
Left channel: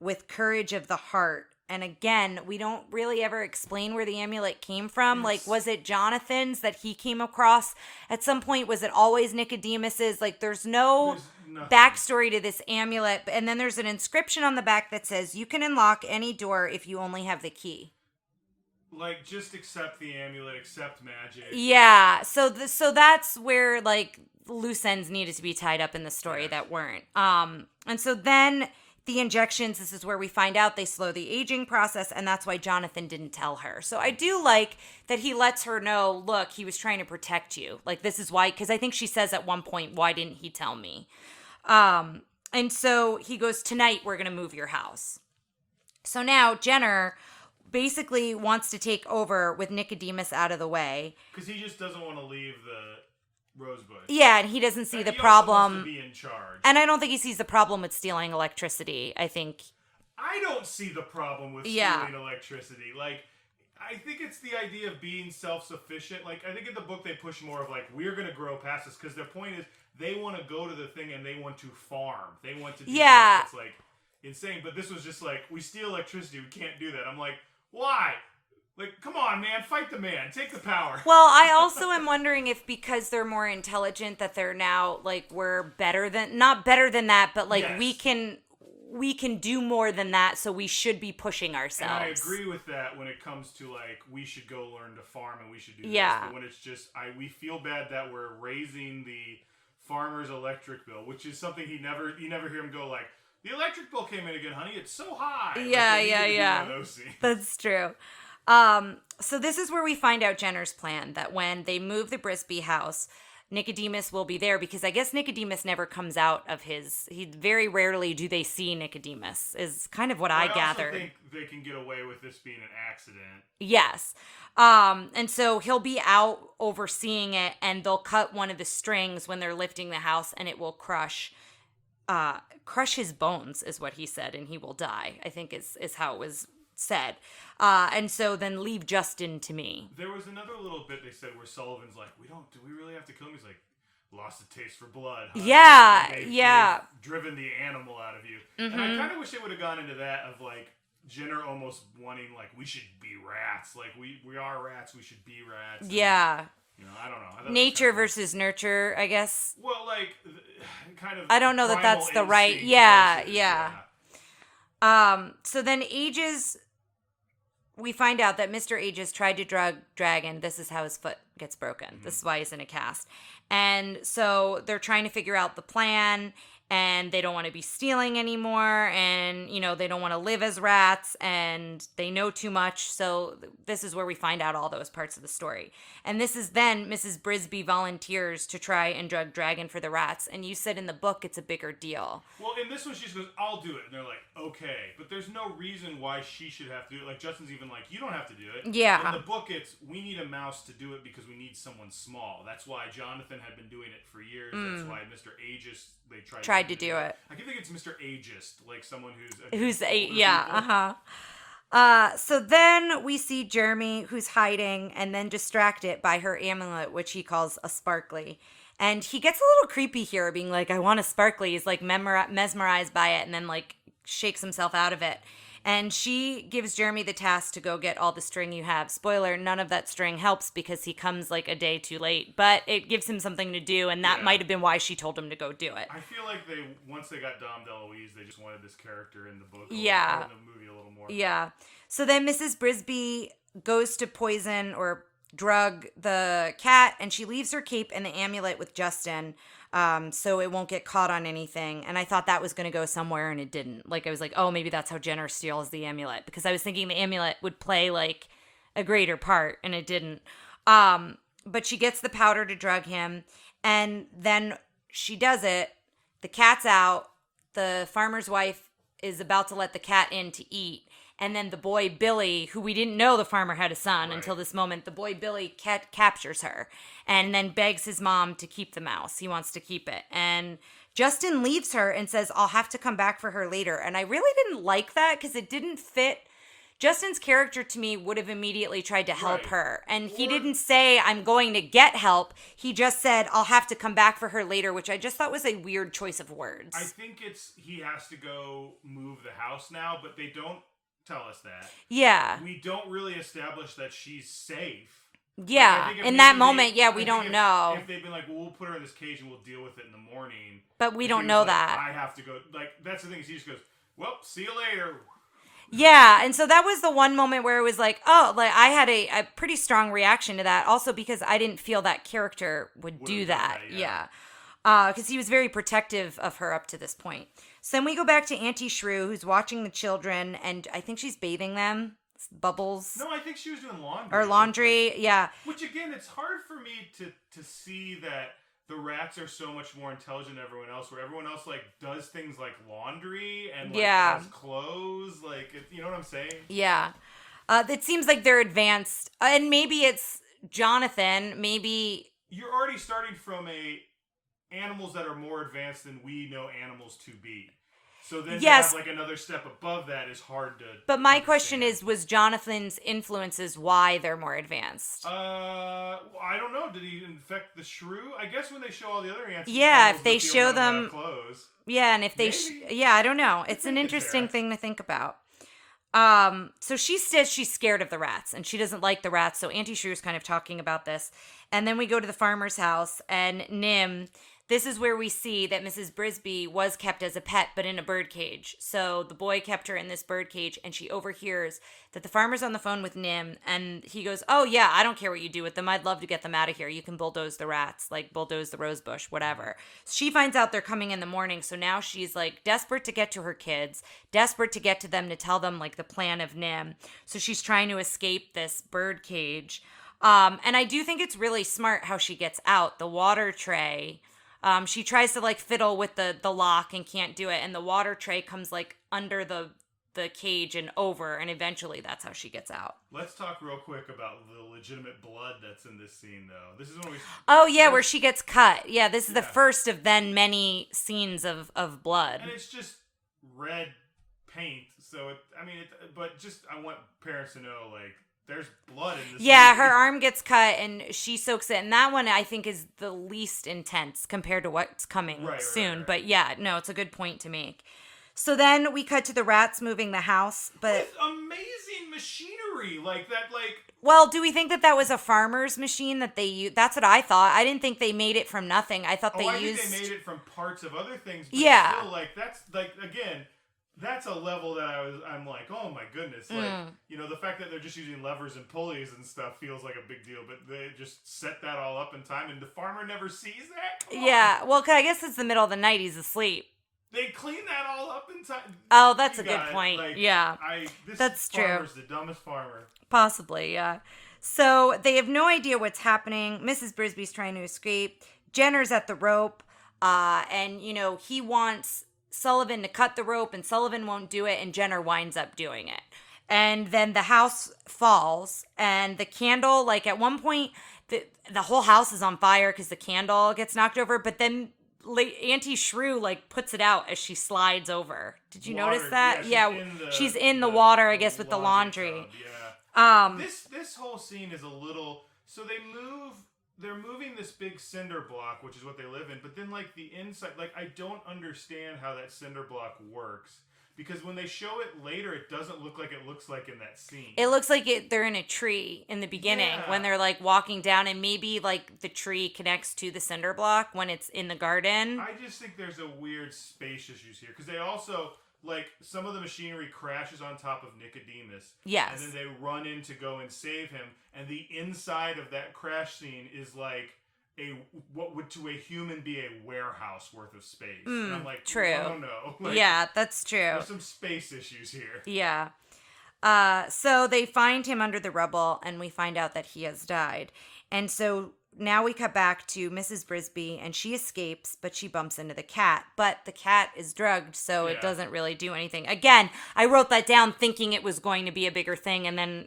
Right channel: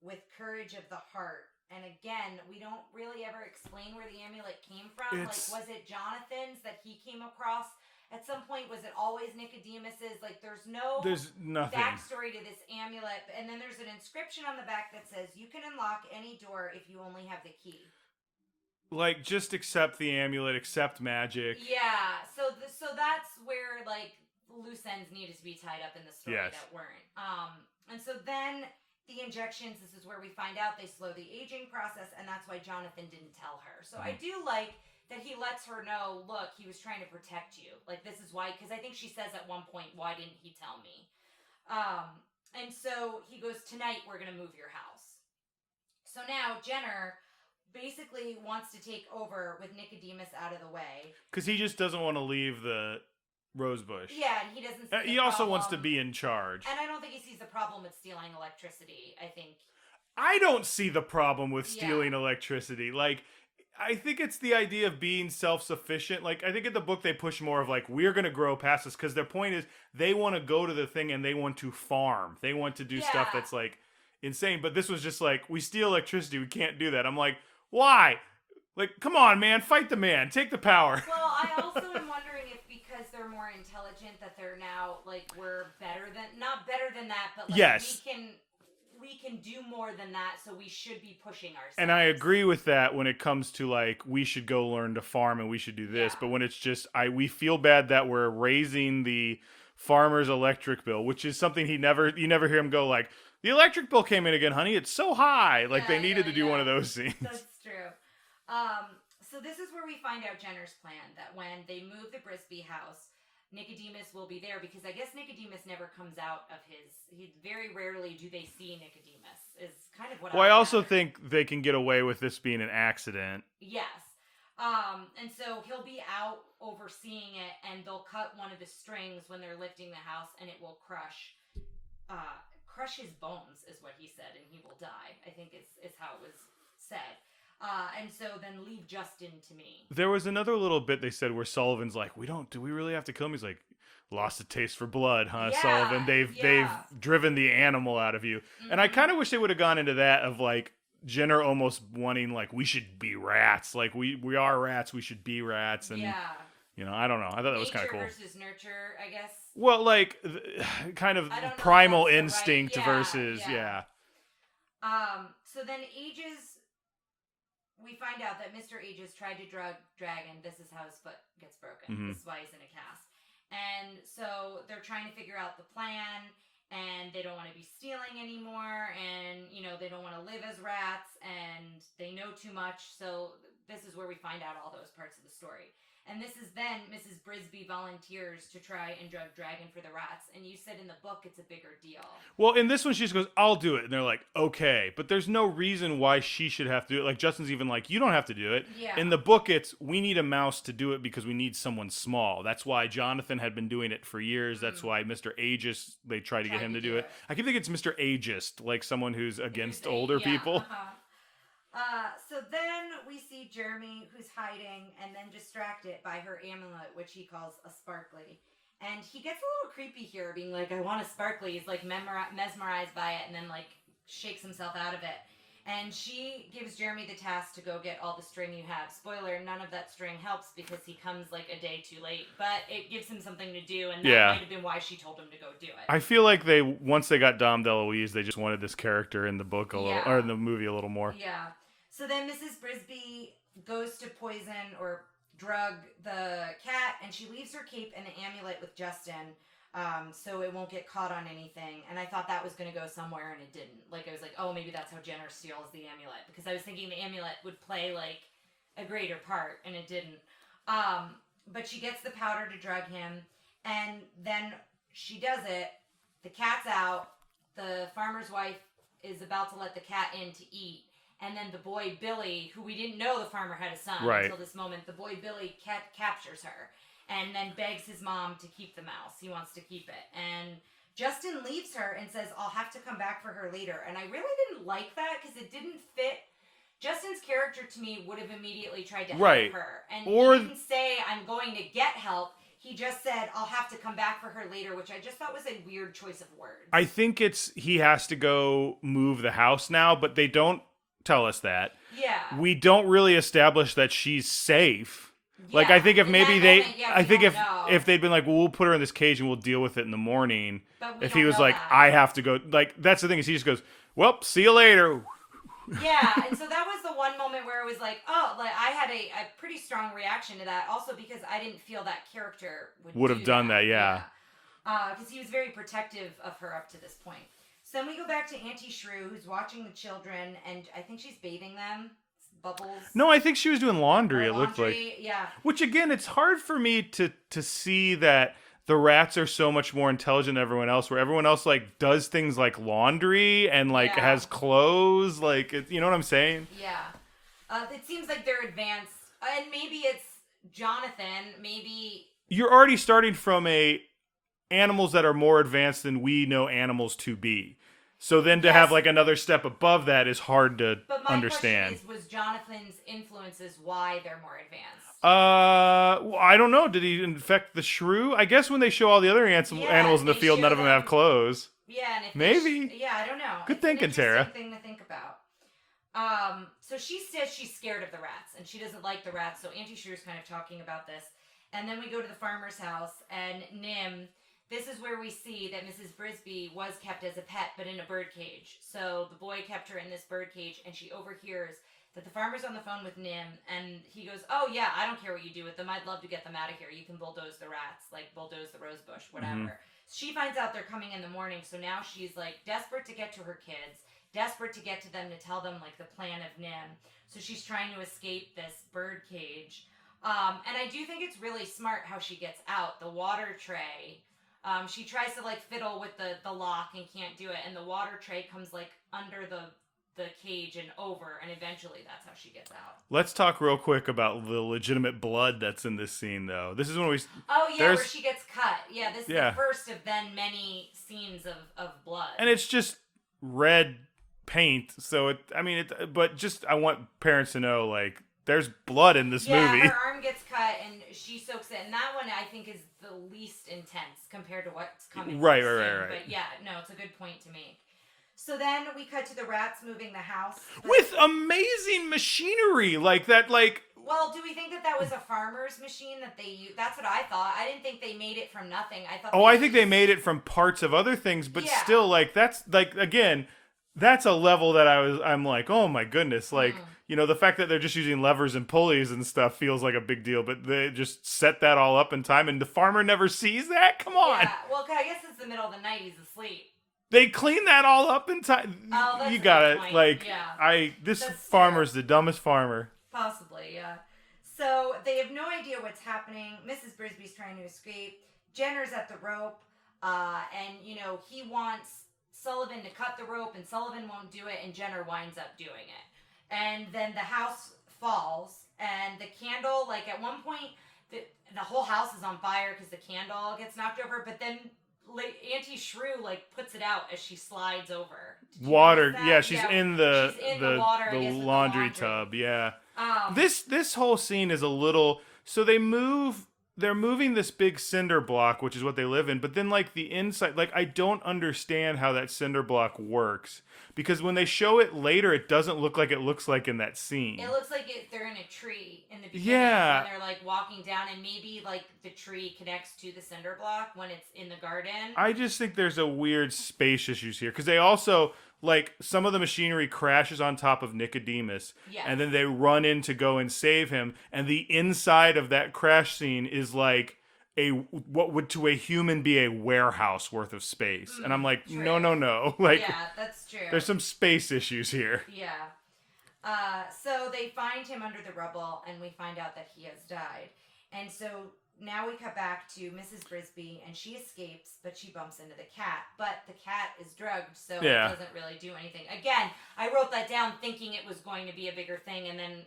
with courage of the heart. And again, we don't really ever explain where the amulet came from. Like, was it Jonathan's that he came across at some point? Was it always Nicodemus's? Like, there's no backstory to this amulet. And then there's an inscription on the back that says, you can unlock any door if you only have the key. Like, just accept the amulet, accept magic. Yeah, so that's where, like, loose ends needed to be tied up in the story that weren't. And so then the injections, this is where we find out they slow the aging process, and that's why Jonathan didn't tell her. So I do like that he lets her know, look, he was trying to protect you. Like, this is why, because I think she says at one point, why didn't he tell me? And so he goes, tonight we're going to move your house. So now Jenner basically wants to take over with Nicodemus out of the way. Because he just doesn't want to leave the Rosebush. Yeah, and he doesn't see the he problem. Also wants to be in charge. And I don't think he sees the problem with stealing electricity. I don't see the problem with stealing electricity. Like, I think it's the idea of being self-sufficient. Like, I think in the book they push more of, like, we're going to grow past this. Because their point is they want to go to the thing and they want to farm. They want to do stuff that's, like, insane. But this was just like, we steal electricity. We can't do that. I'm like, why? Like, come on, man. Fight the man. Take the power. Well, I also am wondering if because they're more intelligent that they're now, like, we're better than... Not better than that, but, like, we can do more than that, so we should be pushing ourselves. And I agree with that when it comes to, like, we should go learn to farm and we should do this. But when it's just... we feel bad that we're raising the farmer's electric bill, which is something you never hear him go, like, the electric bill came in again, honey. It's so high. Like, they needed to do one of those scenes. That's true. So this is where we find out Jenner's plan, that when they move the Brisby house, Nicodemus will be there, because I guess Nicodemus never comes out of very rarely do they see Nicodemus, is kind of what I also gathered. think they can get away with this being an accident. Yes. And so he'll be out overseeing it, and they'll cut one of the strings when they're lifting the house, and it will crush his bones, is what he said, and he will die, I think is how it was said. And so then leave Justin to me. There was another little bit they said where Sullivan's like, do we really have to kill him? He's like, lost a taste for blood, huh? Yeah, Sullivan? They've driven the animal out of you. Mm-hmm. And I kind of wish they would have gone into that of like Jenner almost wanting like, we should be rats. Like we are rats. We should be rats. And, yeah. You know, I don't know. I thought nature cool. versus nurture, I guess. Well, like kind of I don't know primal that that's the right. Yeah. So then we find out that Mr. Aegis tried to drug Dragon. This is how his foot gets broken. Mm-hmm. This is why he's in a cast. And so they're trying to figure out the plan, and they don't want to be stealing anymore, and, you know, they don't want to live as rats, and they know too much. So this is where we find out all those parts of the story. And this is then Mrs. Brisby volunteers to try and drug Dragon for the rats. And you said in the book it's a bigger deal. Well, in this one, she just goes, I'll do it. And they're like, okay. But there's no reason why she should have to do it. Like, Justin's even like, you don't have to do it. Yeah. In the book, it's, we need a mouse to do it because we need someone small. That's why Jonathan had been doing it for years. That's why Mr. Aegis, they tried to get him to do it. I keep thinking it's Mr. Ageist, like someone who's against older people. So then we see Jeremy, who's hiding and then distracted by her amulet, which he calls a sparkly. And he gets a little creepy here, being like, I want a sparkly. He's like mesmerized by it, and then like shakes himself out of it. And she gives Jeremy the task to go get all the string you have. Spoiler, none of that string helps because he comes like a day too late. But it gives him something to do, and that might have been why she told him to go do it. I feel like once they got Dom DeLuise, they just wanted this character in the book or in the movie a little more. Yeah. So then Mrs. Brisby goes to poison or drug the cat, and she leaves her cape and the amulet with Justin, so it won't get caught on anything. And I thought that was going to go somewhere, and it didn't. Like, I was like, oh, maybe that's how Jenner steals the amulet, because I was thinking the amulet would play like a greater part, and it didn't. But she gets the powder to drug him, and then she does it. The cat's out. The farmer's wife is about to let the cat in to eat. And then the boy Billy, who we didn't know the farmer had a son until this moment, the boy Billy captures her and then begs his mom to keep the mouse. He wants to keep it. And Justin leaves her and says, I'll have to come back for her later. And I really didn't like that because it didn't fit. Justin's character to me would have immediately tried to help her. And he didn't say, I'm going to get help. He just said, I'll have to come back for her later, which I just thought was a weird choice of words. I think he has to go move the house now, but they don't tell us that. Yeah. We don't really establish that she's safe. Yeah. Like, I think if in maybe that moment, we don't know. If they'd been like, well, we'll put her in this cage and we'll deal with it in the morning. But we if don't he was know like, that. I have to go. Like, that's the thing is he just goes, well, see you later. Yeah. And so that was the one moment where it was like, oh, like I had a pretty strong reaction to that. Also because I didn't feel that character would have done that. Yeah. Because he was very protective of her up to this point. So then we go back to Auntie Shrew, who's watching the children, and I think she's bathing them. Bubbles. No, I think she was doing laundry. Or laundry, yeah. Which, again, it's hard for me to see that the rats are so much more intelligent than everyone else, where everyone else, like, does things like laundry and, like, has clothes. Like, you know what I'm saying? Yeah. It seems like they're advanced. And maybe it's Jonathan. Maybe... You're already starting from animals that are more advanced than we know animals to be. So then to have like another step above that is hard to But my understand. question is, was Jonathan's influences why they're more advanced? Well, I don't know. Did he infect the shrew? I guess when they show all the other animals in the field, none of them have clothes. Yeah, and if they... I don't know. It's an interesting thing to think about. So she says she's scared of the rats, and she doesn't like the rats, so Auntie Shrew is kind of talking about this. And then we go to the farmer's house, and Nim... this is where we see that Mrs. Brisby was kept as a pet, but in a bird cage. So the boy kept her in this bird cage, and she overhears that the farmer's on the phone with Nim, and he goes, oh, yeah, I don't care what you do with them. I'd love to get them out of here. You can bulldoze the rats, like bulldoze the rose bush, whatever. Mm-hmm. She finds out they're coming in the morning, so now she's, like, desperate to get to her kids, desperate to get to them to tell them, like, the plan of Nim. So she's trying to escape this bird cage. And I do think it's really smart how she gets out. The water tray... she tries to like fiddle with the lock and can't do it, and the water tray comes like under the cage and over, and eventually that's how she gets out. Let's talk real quick about the legitimate blood that's in this scene, though. This is when we... where she gets cut. Yeah, this is the first of then many scenes of blood. And it's just red paint, so I want parents to know, like, there's blood in this movie. Yeah, her arm gets cut and she soaks it. And that one, I think, is the least intense compared to what's coming soon. Right. But yeah, no, it's a good point to make. So then we cut to the rats moving the house. But... with amazing machinery like that, like... Well, do we think that was a farmer's machine that they used? That's what I thought. I didn't think they made it from nothing. I thought I think they made it from parts of other things. But still, like, that's, like, again... That's a level that I'm like, oh my goodness. Like, the fact that they're just using levers and pulleys and stuff feels like a big deal, but they just set that all up in time and the farmer never sees that? Come on. Yeah, well, I guess it's the middle of the night. He's asleep. They clean that all up in time. Oh, that's a good point. Like, yeah. This farmer's the dumbest farmer. Possibly, yeah. So they have no idea what's happening. Mrs. Brisby's trying to escape. Jenner's at the rope, and, he wants Sullivan to cut the rope, and Sullivan won't do it, and Jenner winds up doing it. And then the house falls, and the candle, like, at one point, the whole house is on fire because the candle gets knocked over, but then Auntie Shrew, like, puts it out as she slides over. Did you notice that? Yeah, she's in the water, I guess, with the laundry tub, yeah. This whole scene is a little... So they're moving this big cinder block, which is what they live in, but then, like, the inside, like, I don't understand how that cinder block works, because when they show it later, it doesn't look like it looks like in that scene. It looks like they're in a tree in the beginning when they're, like, walking down, and maybe, like, the tree connects to the cinder block when it's in the garden. I just think there's a weird space issues here, because they also... Like, some of the machinery crashes on top of Nicodemus. Yes. And then they run in to go and save him. And the inside of that crash scene is like what would to a human be a warehouse worth of space. And I'm like, true. No. Like, yeah, that's true. There's some space issues here. Yeah. So they find him under the rubble, and we find out that he has died. And so... Now we cut back to Mrs. Brisby, and she escapes, but she bumps into the cat. But the cat is drugged, so it doesn't really do anything. Again, I wrote that down thinking it was going to be a bigger thing, and then,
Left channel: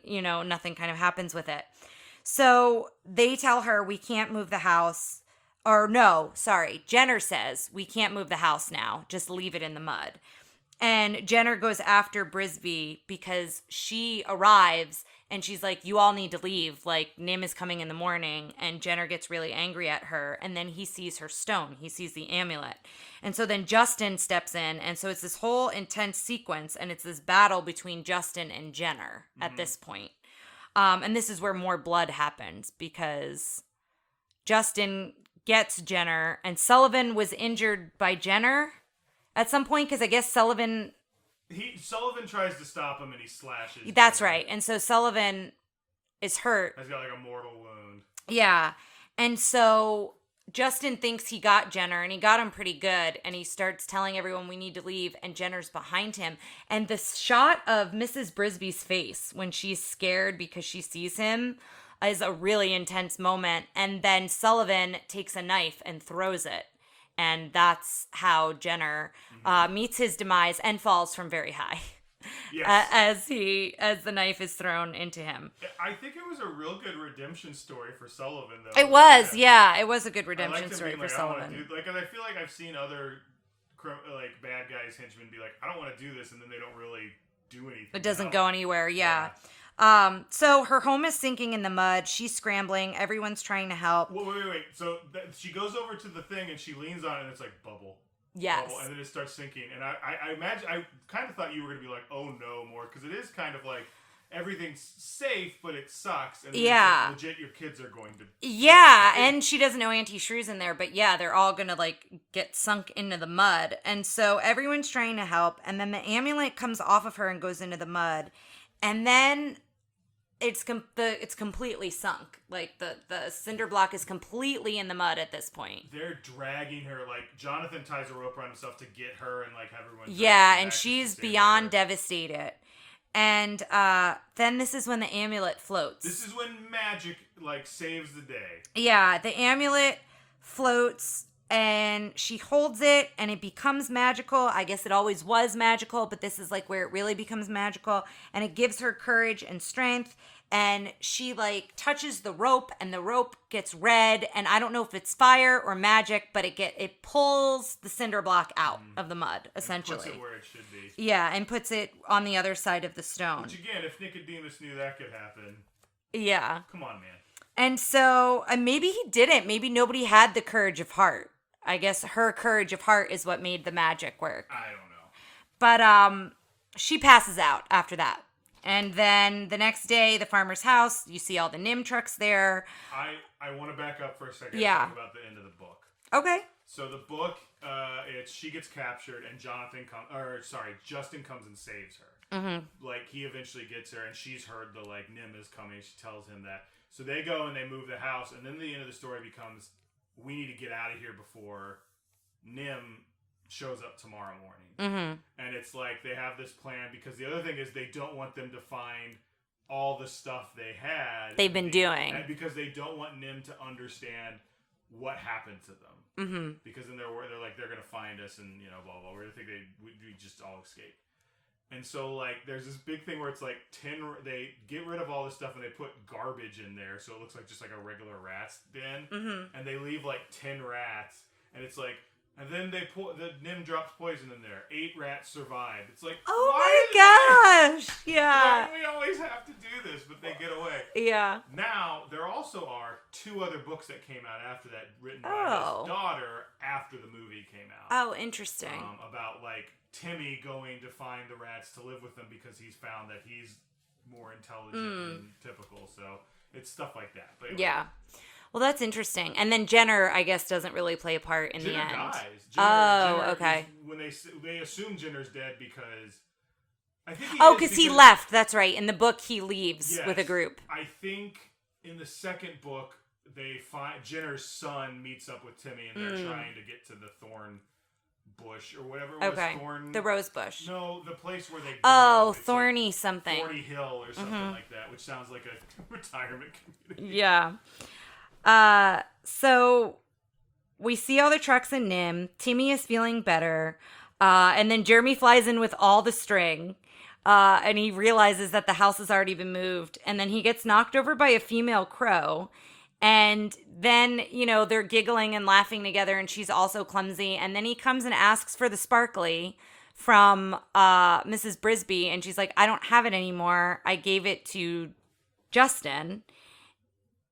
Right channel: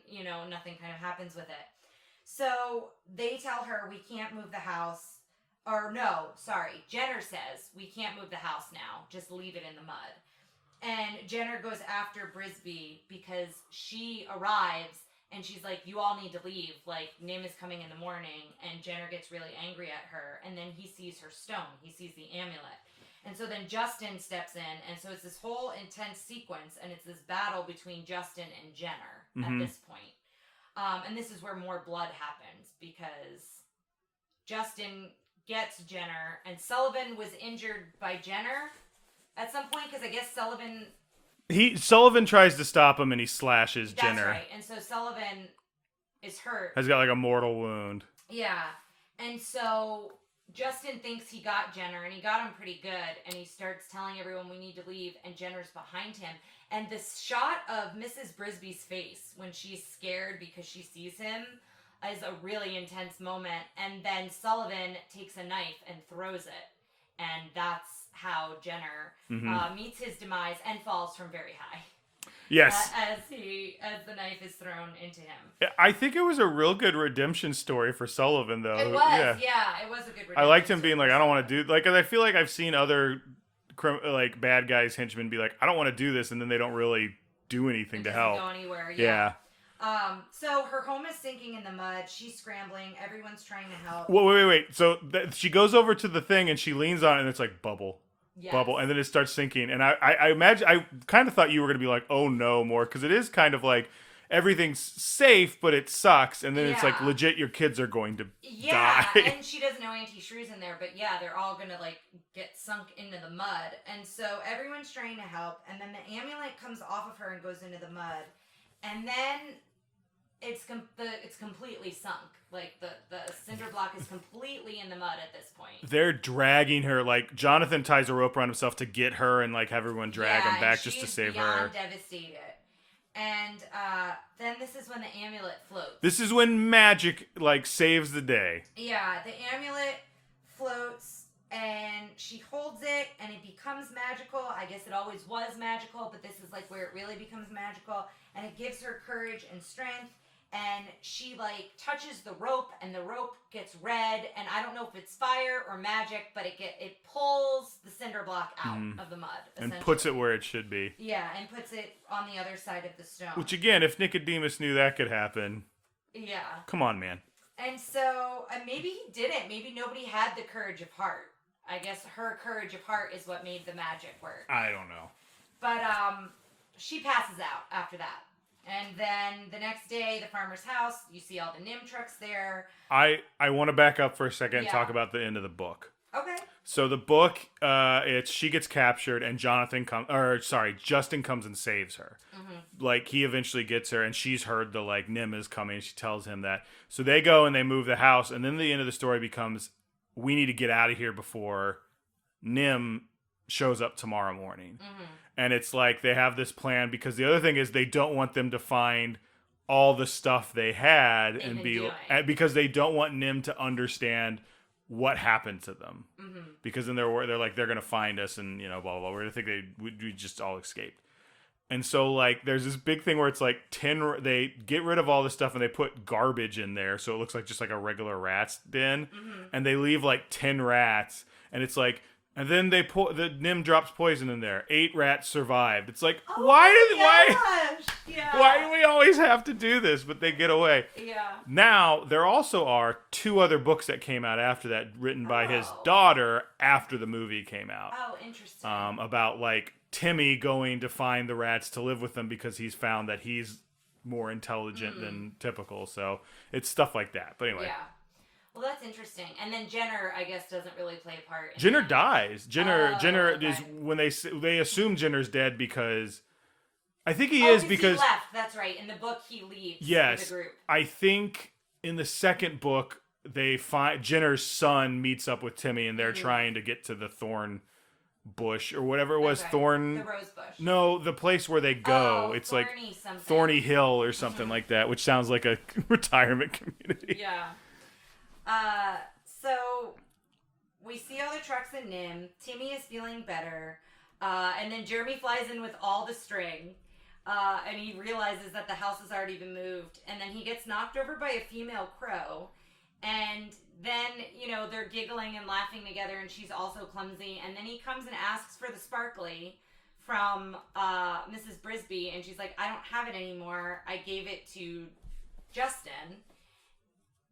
nothing kind of happens with it. So they tell her we can't move the house. Or no, sorry. Jenner says we can't move the house now. Just leave it in the mud. And Jenner goes after Brisby because she arrives. And she's like, you all need to leave. Like, Nim is coming in the morning. And Jenner gets really angry at her. And then he sees her stone. He sees the amulet. And so then Justin steps in. And so it's this whole intense sequence. And it's this battle between Justin and Jenner at this point. And this is where more blood happens. Because Justin gets Jenner. And Sullivan was injured by Jenner at some point. Because I guess Sullivan tries to stop him and he slashes That's Jenner. right. And so Sullivan is hurt. Has got like a mortal wound. Yeah. And so Justin thinks he got Jenner, and he got him pretty good, and he starts telling everyone we need to leave, and Jenner's behind him. And the shot of Mrs. Brisby's face when she's scared because she sees him is a really intense moment. And then Sullivan takes a knife and throws it. And that's how Jenner meets his demise and falls from very high. Yes. As the knife is thrown into him. I think it was a real good redemption story for Sullivan, though. It was, yeah. It was a good redemption story. I liked him being like, I don't want to do... Like, I feel like I've seen other, like, bad guys, henchmen be like, I don't want to do this, and then they don't really do anything. It doesn't go anywhere, yeah. So her home is sinking in the mud. She's scrambling. Everyone's trying to help. Wait. So she goes over to the thing and she leans on it and it's like bubble. Yes. Bubble. And then it starts sinking. And I imagine, I kind of thought you were going to be like, oh no, more. Because it is kind of like, everything's safe, but it sucks. And then it's like, legit, your kids are going to die. And she doesn't know Auntie Shrew's in there, but yeah, they're all gonna like get sunk into the mud. And so everyone's trying to help, and then the amulet comes off of her and goes into the mud. And then it's completely sunk. Like the cinder block is completely in the mud at this point. They're dragging her. Like Jonathan ties a rope around himself to get her and like have everyone drag him back. And she's beyond devastated. And then this is when the amulet floats. This is when magic like saves the day. Yeah, the amulet floats and she holds it and it becomes magical. I guess it always was magical, but this is like where it really becomes magical. And it gives her courage and strength. And she like touches the rope and the rope gets red. And I don't know if it's fire or magic, but it pulls the cinder block out of the mud, essentially. And puts it where it should be. Yeah, and puts it on the other side of the stone. Which again, if Nicodemus knew that could happen. Yeah. Come on, man. And so maybe he didn't. Maybe nobody had the courage of heart. I guess her courage of heart is what made the magic work. I don't know. But she passes out after that. And then the next day, the farmer's house, you see all the NIMH trucks there. I want to back up for a second and talk about the end of the book. Okay. So the book, she gets captured and Justin comes and saves her. Mm-hmm. Like he eventually gets her and she's heard the like NIMH is coming. And she tells him that. So they go and they move the house. And then the end of the story becomes, we need to get out of here before NIMH shows up tomorrow morning. Mm-hmm. And it's like they have this plan because the other thing is they don't want them to find all the stuff they've been doing because they don't want NIMH to understand what happened to them. Mm-hmm. Because then they're like they're gonna find us and blah blah blah. We're gonna think we just all escaped. And so like there's this big thing where it's like they get rid of all this stuff and they put garbage in there so it looks like just like a regular rat's den. Mm-hmm. And they leave like 10 rats and it's like. And then the NIMH drops poison in there. 8 rats survived. It's like, why do we always have to do this? But they get away. Yeah. Now, there also are 2 other books that came out after that, written by his daughter after the movie came out. Oh, interesting. About, like, Timmy going to find the rats to live with them because he's found that he's more intelligent than typical. So, it's stuff like that. But anyway. Yeah. Well, that's interesting. And then Jenner, I guess, doesn't really play a part in Jenner the dies. Jenner is when they assume Jenner's dead because I think he is because he left. That's right. In the book, he leaves with a group. I think in the second book, they find Jenner's son meets up with Timmy, and they're trying to get to the thorn bush or whatever it was. The rose bush. No, the place where they go. Oh, it's Thorny like something. Thorny Hill or something like that, which sounds like a retirement community. Yeah. So we see all the trucks in NIMH. Timmy is feeling better. And then Jeremy flies in with all the string. And he realizes that the house has already been moved. And then he gets knocked over by a female crow. And then, they're giggling and laughing together. And she's also clumsy. And then he comes and asks for the sparkly from, Mrs. Brisby. And she's like, I don't have it anymore. I gave it to Justin.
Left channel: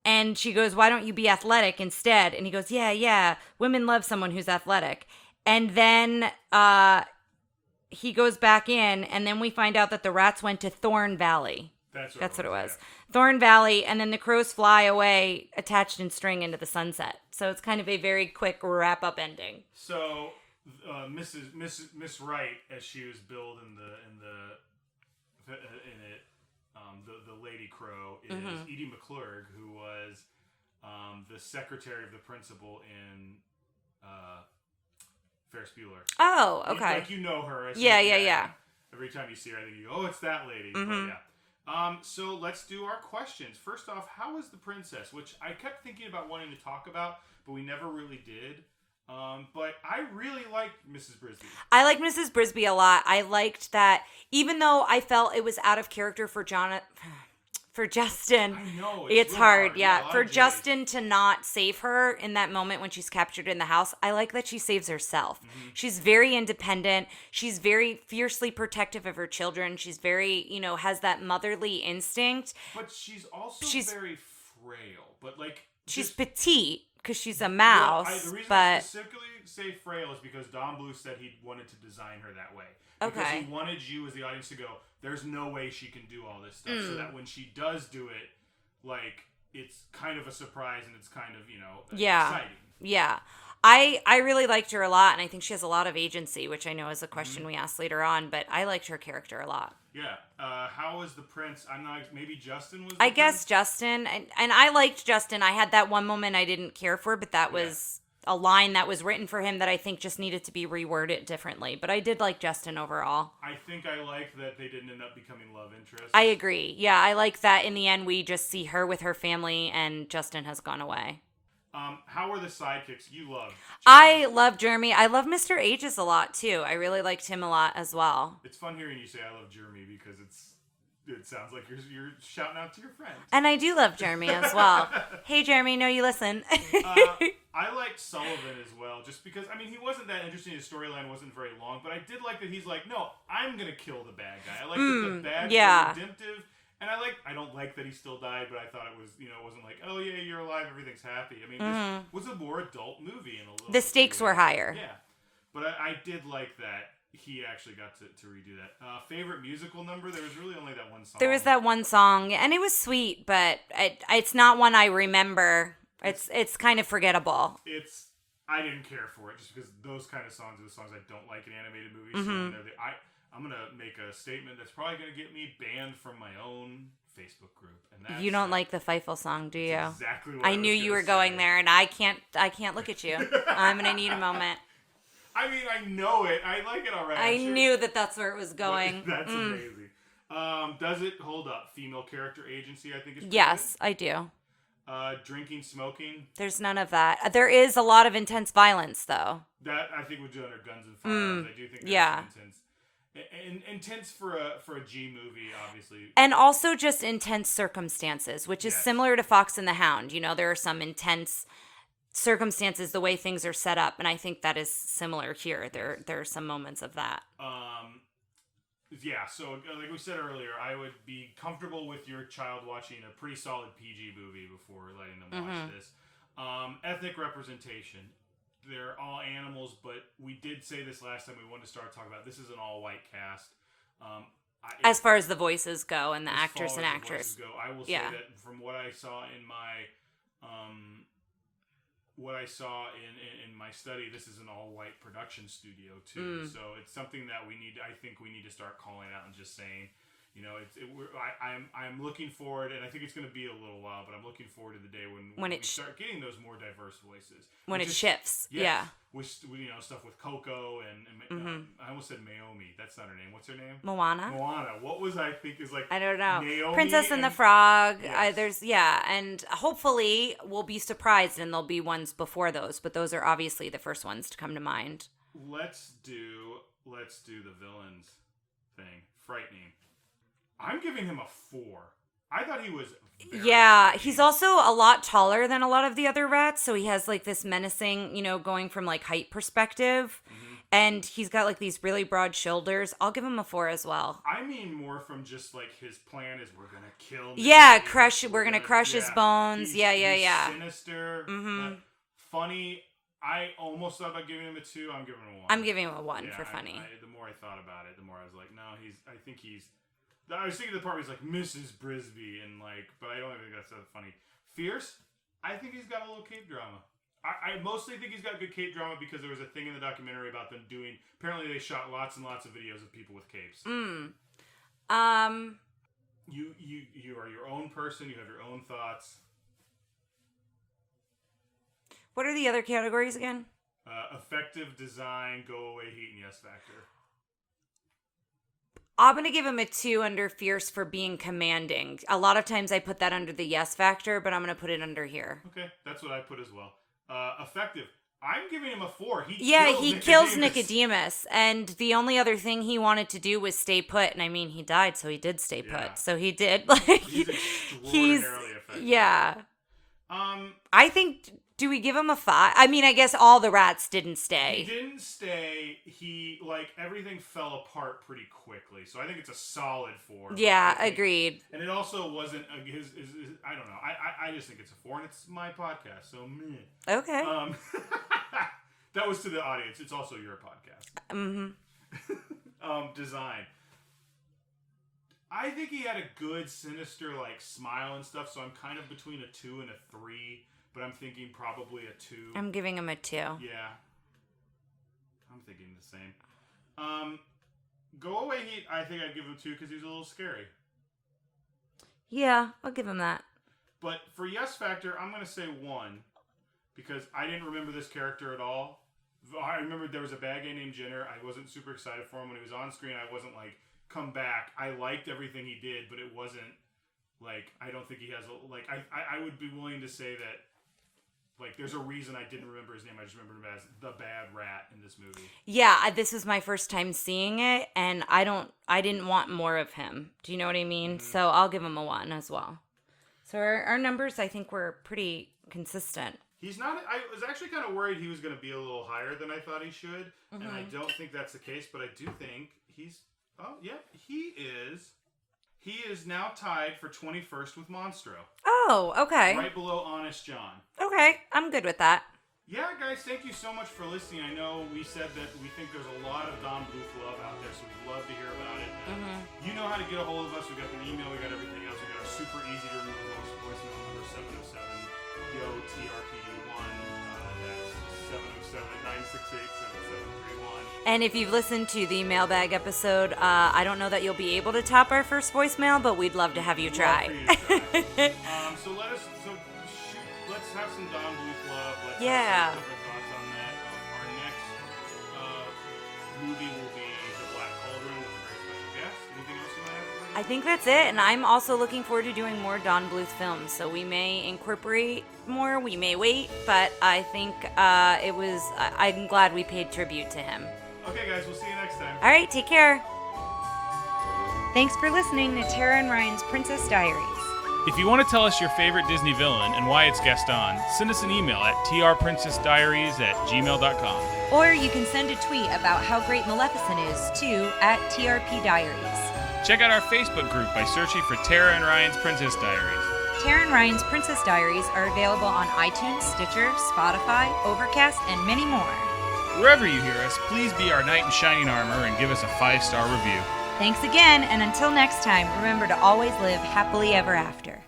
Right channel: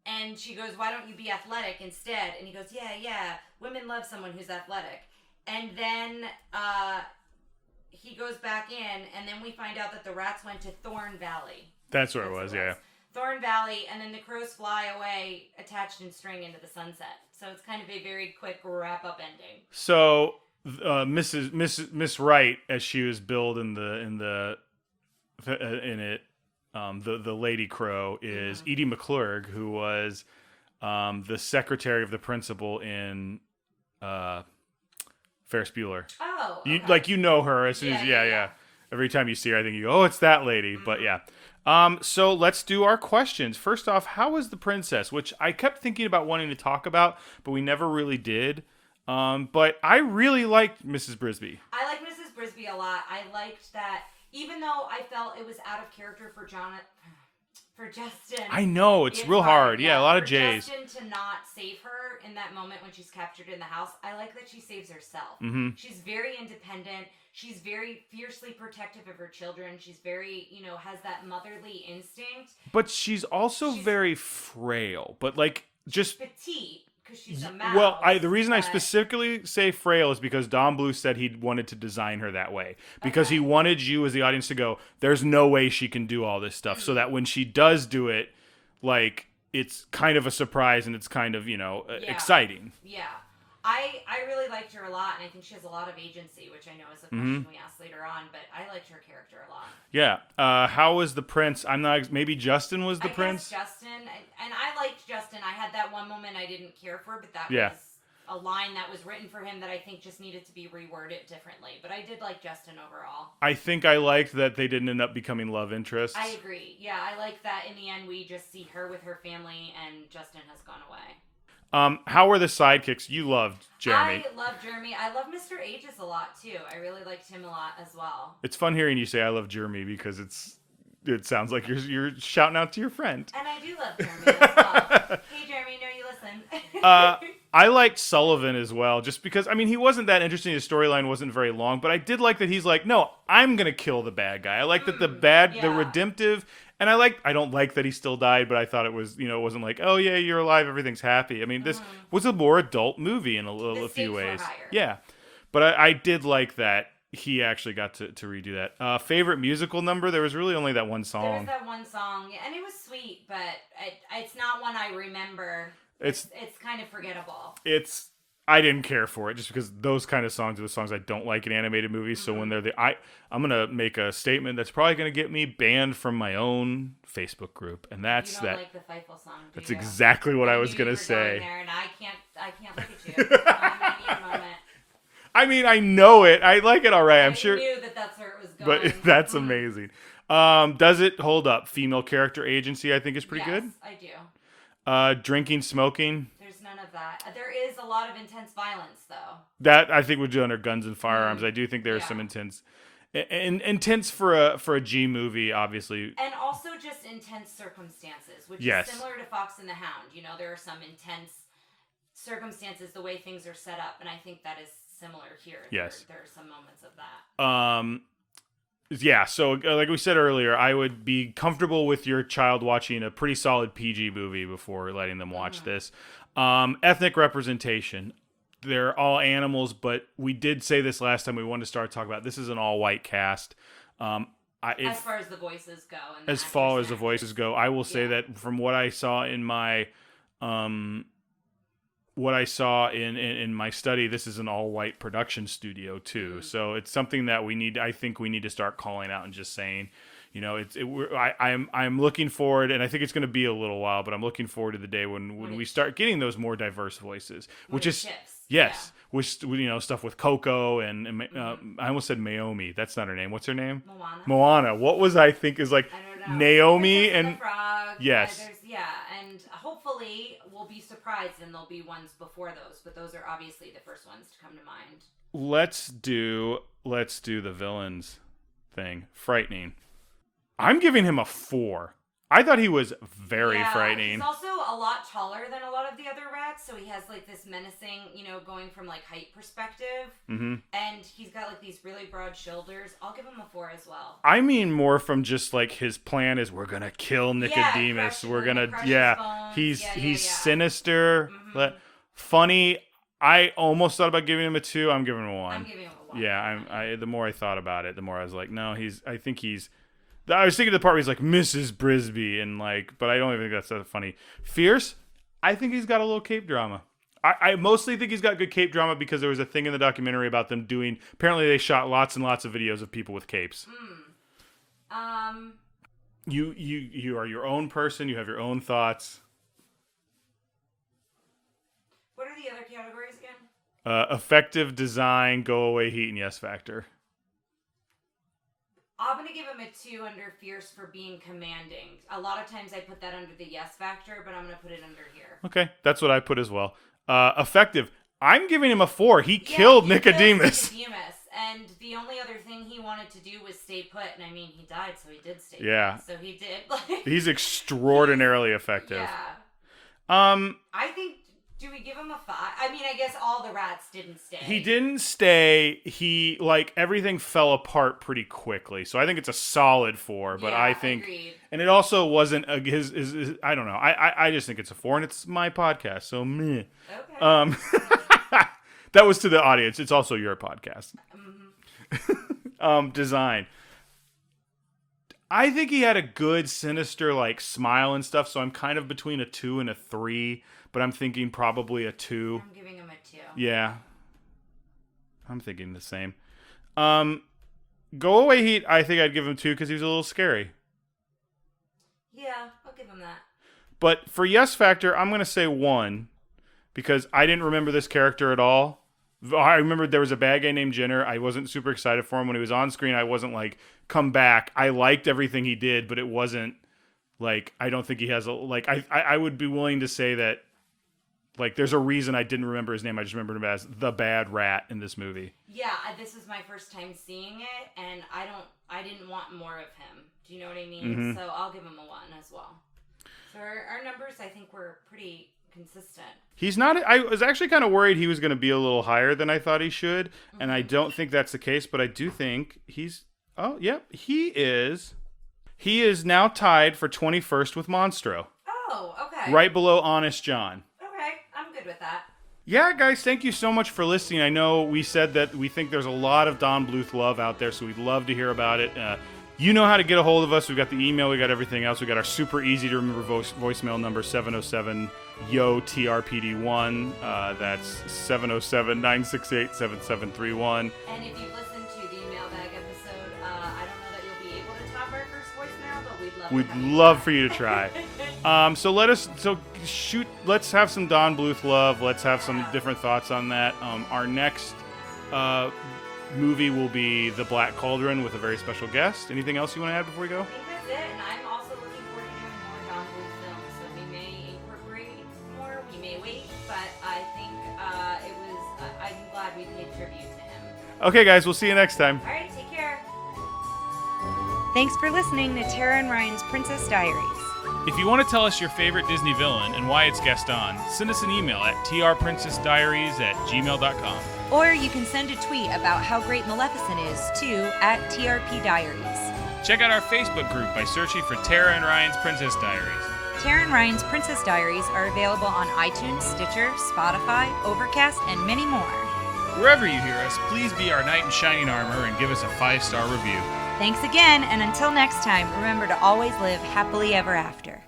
And she goes, why don't you be athletic instead? And he goes, yeah, women love someone who's athletic. And then he goes back in, and then we find out that the rats went to Thorn Valley. That's what it was. Yeah. Thorn Valley, and then the crows fly away, attached in string into the sunset. So it's kind of a very quick wrap-up ending. So Miss Wright, as she was billed in it, the Lady Crow is Edie McClurg, who was the secretary of the principal in Ferris Bueller. Oh, okay. You know her. As soon as, Every time you see her, I think you go, oh, it's that lady. Mm-hmm. But yeah. So let's do our questions. First off, how was the princess? Which I kept thinking about wanting to talk about, but we never really did. But I really liked Mrs. Brisby. I like Mrs. Brisby a lot. I liked that. Even though I felt it was out of character for Justin. I know, it's real hard. Yeah, a lot of J's. For Justin to not save her in that moment when she's captured in the house, I like that she saves herself. Mm-hmm. She's very independent. She's very fiercely protective of her children. She's very, has that motherly instinct. But she's also very frail. But she's petite. because she's a mouse. Well, the reason I specifically say frail is because Don Bluth said he wanted to design her that way. Because he wanted you as the audience to go, there's no way she can do all this stuff. So that when she does do it, like, it's kind of a surprise and it's kind of, exciting. Yeah. I really liked her a lot, and I think she has a lot of agency, which I know is a question we asked later on, but I liked her character a lot. Yeah. How was the prince? Maybe Justin was the prince? I guess Justin, and I liked Justin. I had that one moment I didn't care for, but that was a line that was written for him that I think just needed to be reworded differently. But I did like Justin overall. I think I liked that they didn't end up becoming love interests. I agree. Yeah, I like that in the end we just see her with her family, and Justin has gone away. How were the sidekicks? You loved Jeremy. I love Jeremy. I love Mr. Aegis a lot, too. I really liked him a lot as well. It's fun hearing you say I love Jeremy because it sounds like you're shouting out to your friend. And I do love Jeremy as well. Hey, Jeremy, know you listen. I liked Sullivan as well, just because, he wasn't that interesting. His storyline wasn't very long, but I did like that he's like, no, I'm going to kill the bad guy. I like that the redemptive... And I don't like that he still died, but I thought it was, it wasn't like, oh yeah, you're alive, everything's happy. This was a more adult movie in a little bit. The stakes were higher. Yeah. But I did like that he actually got to redo that. Favorite musical number? There was really only that one song. There was that one song, and it was sweet, but it's not one I remember. It's kind of forgettable. I didn't care for it just because those kind of songs are the songs I don't like in animated movies. So when they're I'm going to make a statement that's probably going to get me banned from my own Facebook group. And that's You don't like the Fievel song, do you? That's exactly what I was going to say. I knew you were going there, and I can't look at you. I'm going to need a moment. I know it. I like it all right. I'm sure. I knew that's where it was going. But that's amazing. Does it hold up? Female character agency, I think, is pretty good. Yes, I do. Drinking, smoking. There's none of that. There is a lot of intense violence, though. That I think would do under guns and firearms. I do think there's some intense for a G movie, obviously, and also just intense circumstances, which is similar to Fox and the Hound. There are some intense circumstances, the way things are set up, and I think that is similar here. There are some moments of that. Yeah, so like we said earlier, I would be comfortable with your child watching a pretty solid PG movie before letting them watch this. Ethnic representation. They're all animals, but we did say this last time we wanted to start talking about this is an all-white cast. As far as the voices go and the actors and actors. As far as the voices go, I will say that from what I saw in my... what I saw in my study, this is an all-white production studio too. So it's something that I think we need to start calling out and just saying, I'm looking forward, and I think it's going to be a little while, but I'm looking forward to the day when we start getting those more diverse voices. When it shifts. Yes. Yeah. Which, stuff with Coco and I almost said Naomi. That's not her name. What's her name? Moana. What was I think is like I don't know. Naomi Princess and the Frog. Yes. And hopefully we'll be surprised and there'll be ones before those, but those are obviously the first ones to come to mind. Let's do the villains thing. Frightening. I'm giving him a 4. I thought he was very frightening. He's also a lot taller than a lot of the other rats, so he has like this menacing, going from like height perspective, and he's got like these really broad shoulders. I'll give him a 4 as well. I mean more from just like his plan is we're gonna kill Nicodemus. We're gonna crush his bones. He's sinister, funny. I almost thought about giving him a 2. I'm giving him a 1. I'm giving him a 1. Yeah, the more I thought about it, the more I was like, no, I was thinking the part where he's like Mrs. Brisby and but I don't even think that's that funny. Fierce, I think he's got a little cape drama. I mostly think he's got good cape drama because there was a thing in the documentary about them doing. Apparently, they shot lots and lots of videos of people with capes. You are your own person. You have your own thoughts. What are the other categories again? Effective design, go away heat, and yes factor. I'm going to give him a 2 under fierce for being commanding. A lot of times I put that under the yes factor, but I'm going to put it under here. Okay, that's what I put as well. Effective. I'm giving him a 4. He killed Nicodemus. Kills Nicodemus. And the only other thing he wanted to do was stay put. And I mean, he died, so he did stay put. So he did. He's extraordinarily effective. Yeah. I think Do we give him a 5? I mean, I guess all the rats didn't stay. He didn't stay. He, like, everything fell apart pretty quickly. So I think it's a solid 4. Yeah, but I think, agreed. And it also wasn't his I don't know. I just think it's a 4, and it's my podcast, so meh. Okay. That was to the audience. It's also your podcast. Mm-hmm. Design. I think he had a good, sinister, like, smile and stuff, so I'm kind of between a 2 and a 3. But I'm thinking probably a 2. I'm giving him a 2. Yeah. I'm thinking the same. Go Away Heat, I think I'd give him 2 because he was a little scary. Yeah, I'll give him that. But for Yes Factor, I'm going to say 1 because I didn't remember this character at all. I remember there was a bad guy named Jenner. I wasn't super excited for him. When he was on screen, I wasn't like, come back. I liked everything he did, but it wasn't like, I don't think he has a, like, I would be willing to say that, like, there's a reason I didn't remember his name. I just remembered him as the bad rat in this movie. Yeah, this was my first time seeing it, and I didn't want more of him. Do you know what I mean? Mm-hmm. So I'll give him a 1 as well. So our numbers, I think, were pretty consistent. He's not. I was actually kind of worried he was going to be a little higher than I thought he should, and I don't think that's the case. But I do think he's. Oh, yep, he is. He is now tied for 21st with Monstro. Oh, okay. Right below Honest John. Okay, I'm good with that. Yeah, guys, thank you so much for listening. I know we said that we think there's a lot of Don Bluth love out there, so we'd love to hear about it. You know how to get a hold of us. We've got the email. We got everything else. We got our super easy to remember voicemail number 707-YO-TRPD1. That's 707-968-7731. And if you've listened to the mailbag episode, I don't know that you'll be able to top our first voicemail, but we'd love to have you try. We'd love for you to try. Let's have some Don Bluth love. Let's have some different thoughts on that. Our next movie will be The Black Cauldron with a very special guest. Anything else you want to add before we go? I think that's it, and I'm also looking forward to doing more Don Bluth films, so we may incorporate more, we may wait, but I think I'm glad we paid tribute to him. Okay, guys, we'll see you next time. All right, take care. Thanks for listening to Tara and Ryan's Princess Diaries. If you want to tell us your favorite Disney villain and why it's guest on, send us an email at trprincessdiaries@gmail.com. Or you can send a tweet about how great Maleficent is to @TRPDiaries. Check out our Facebook group by searching for Tara and Ryan's Princess Diaries. Tara and Ryan's Princess Diaries are available on iTunes, Stitcher, Spotify, Overcast, and many more. Wherever you hear us, please be our knight in shining armor and give us a 5-star review. Thanks again, and until next time, remember to always live happily ever after.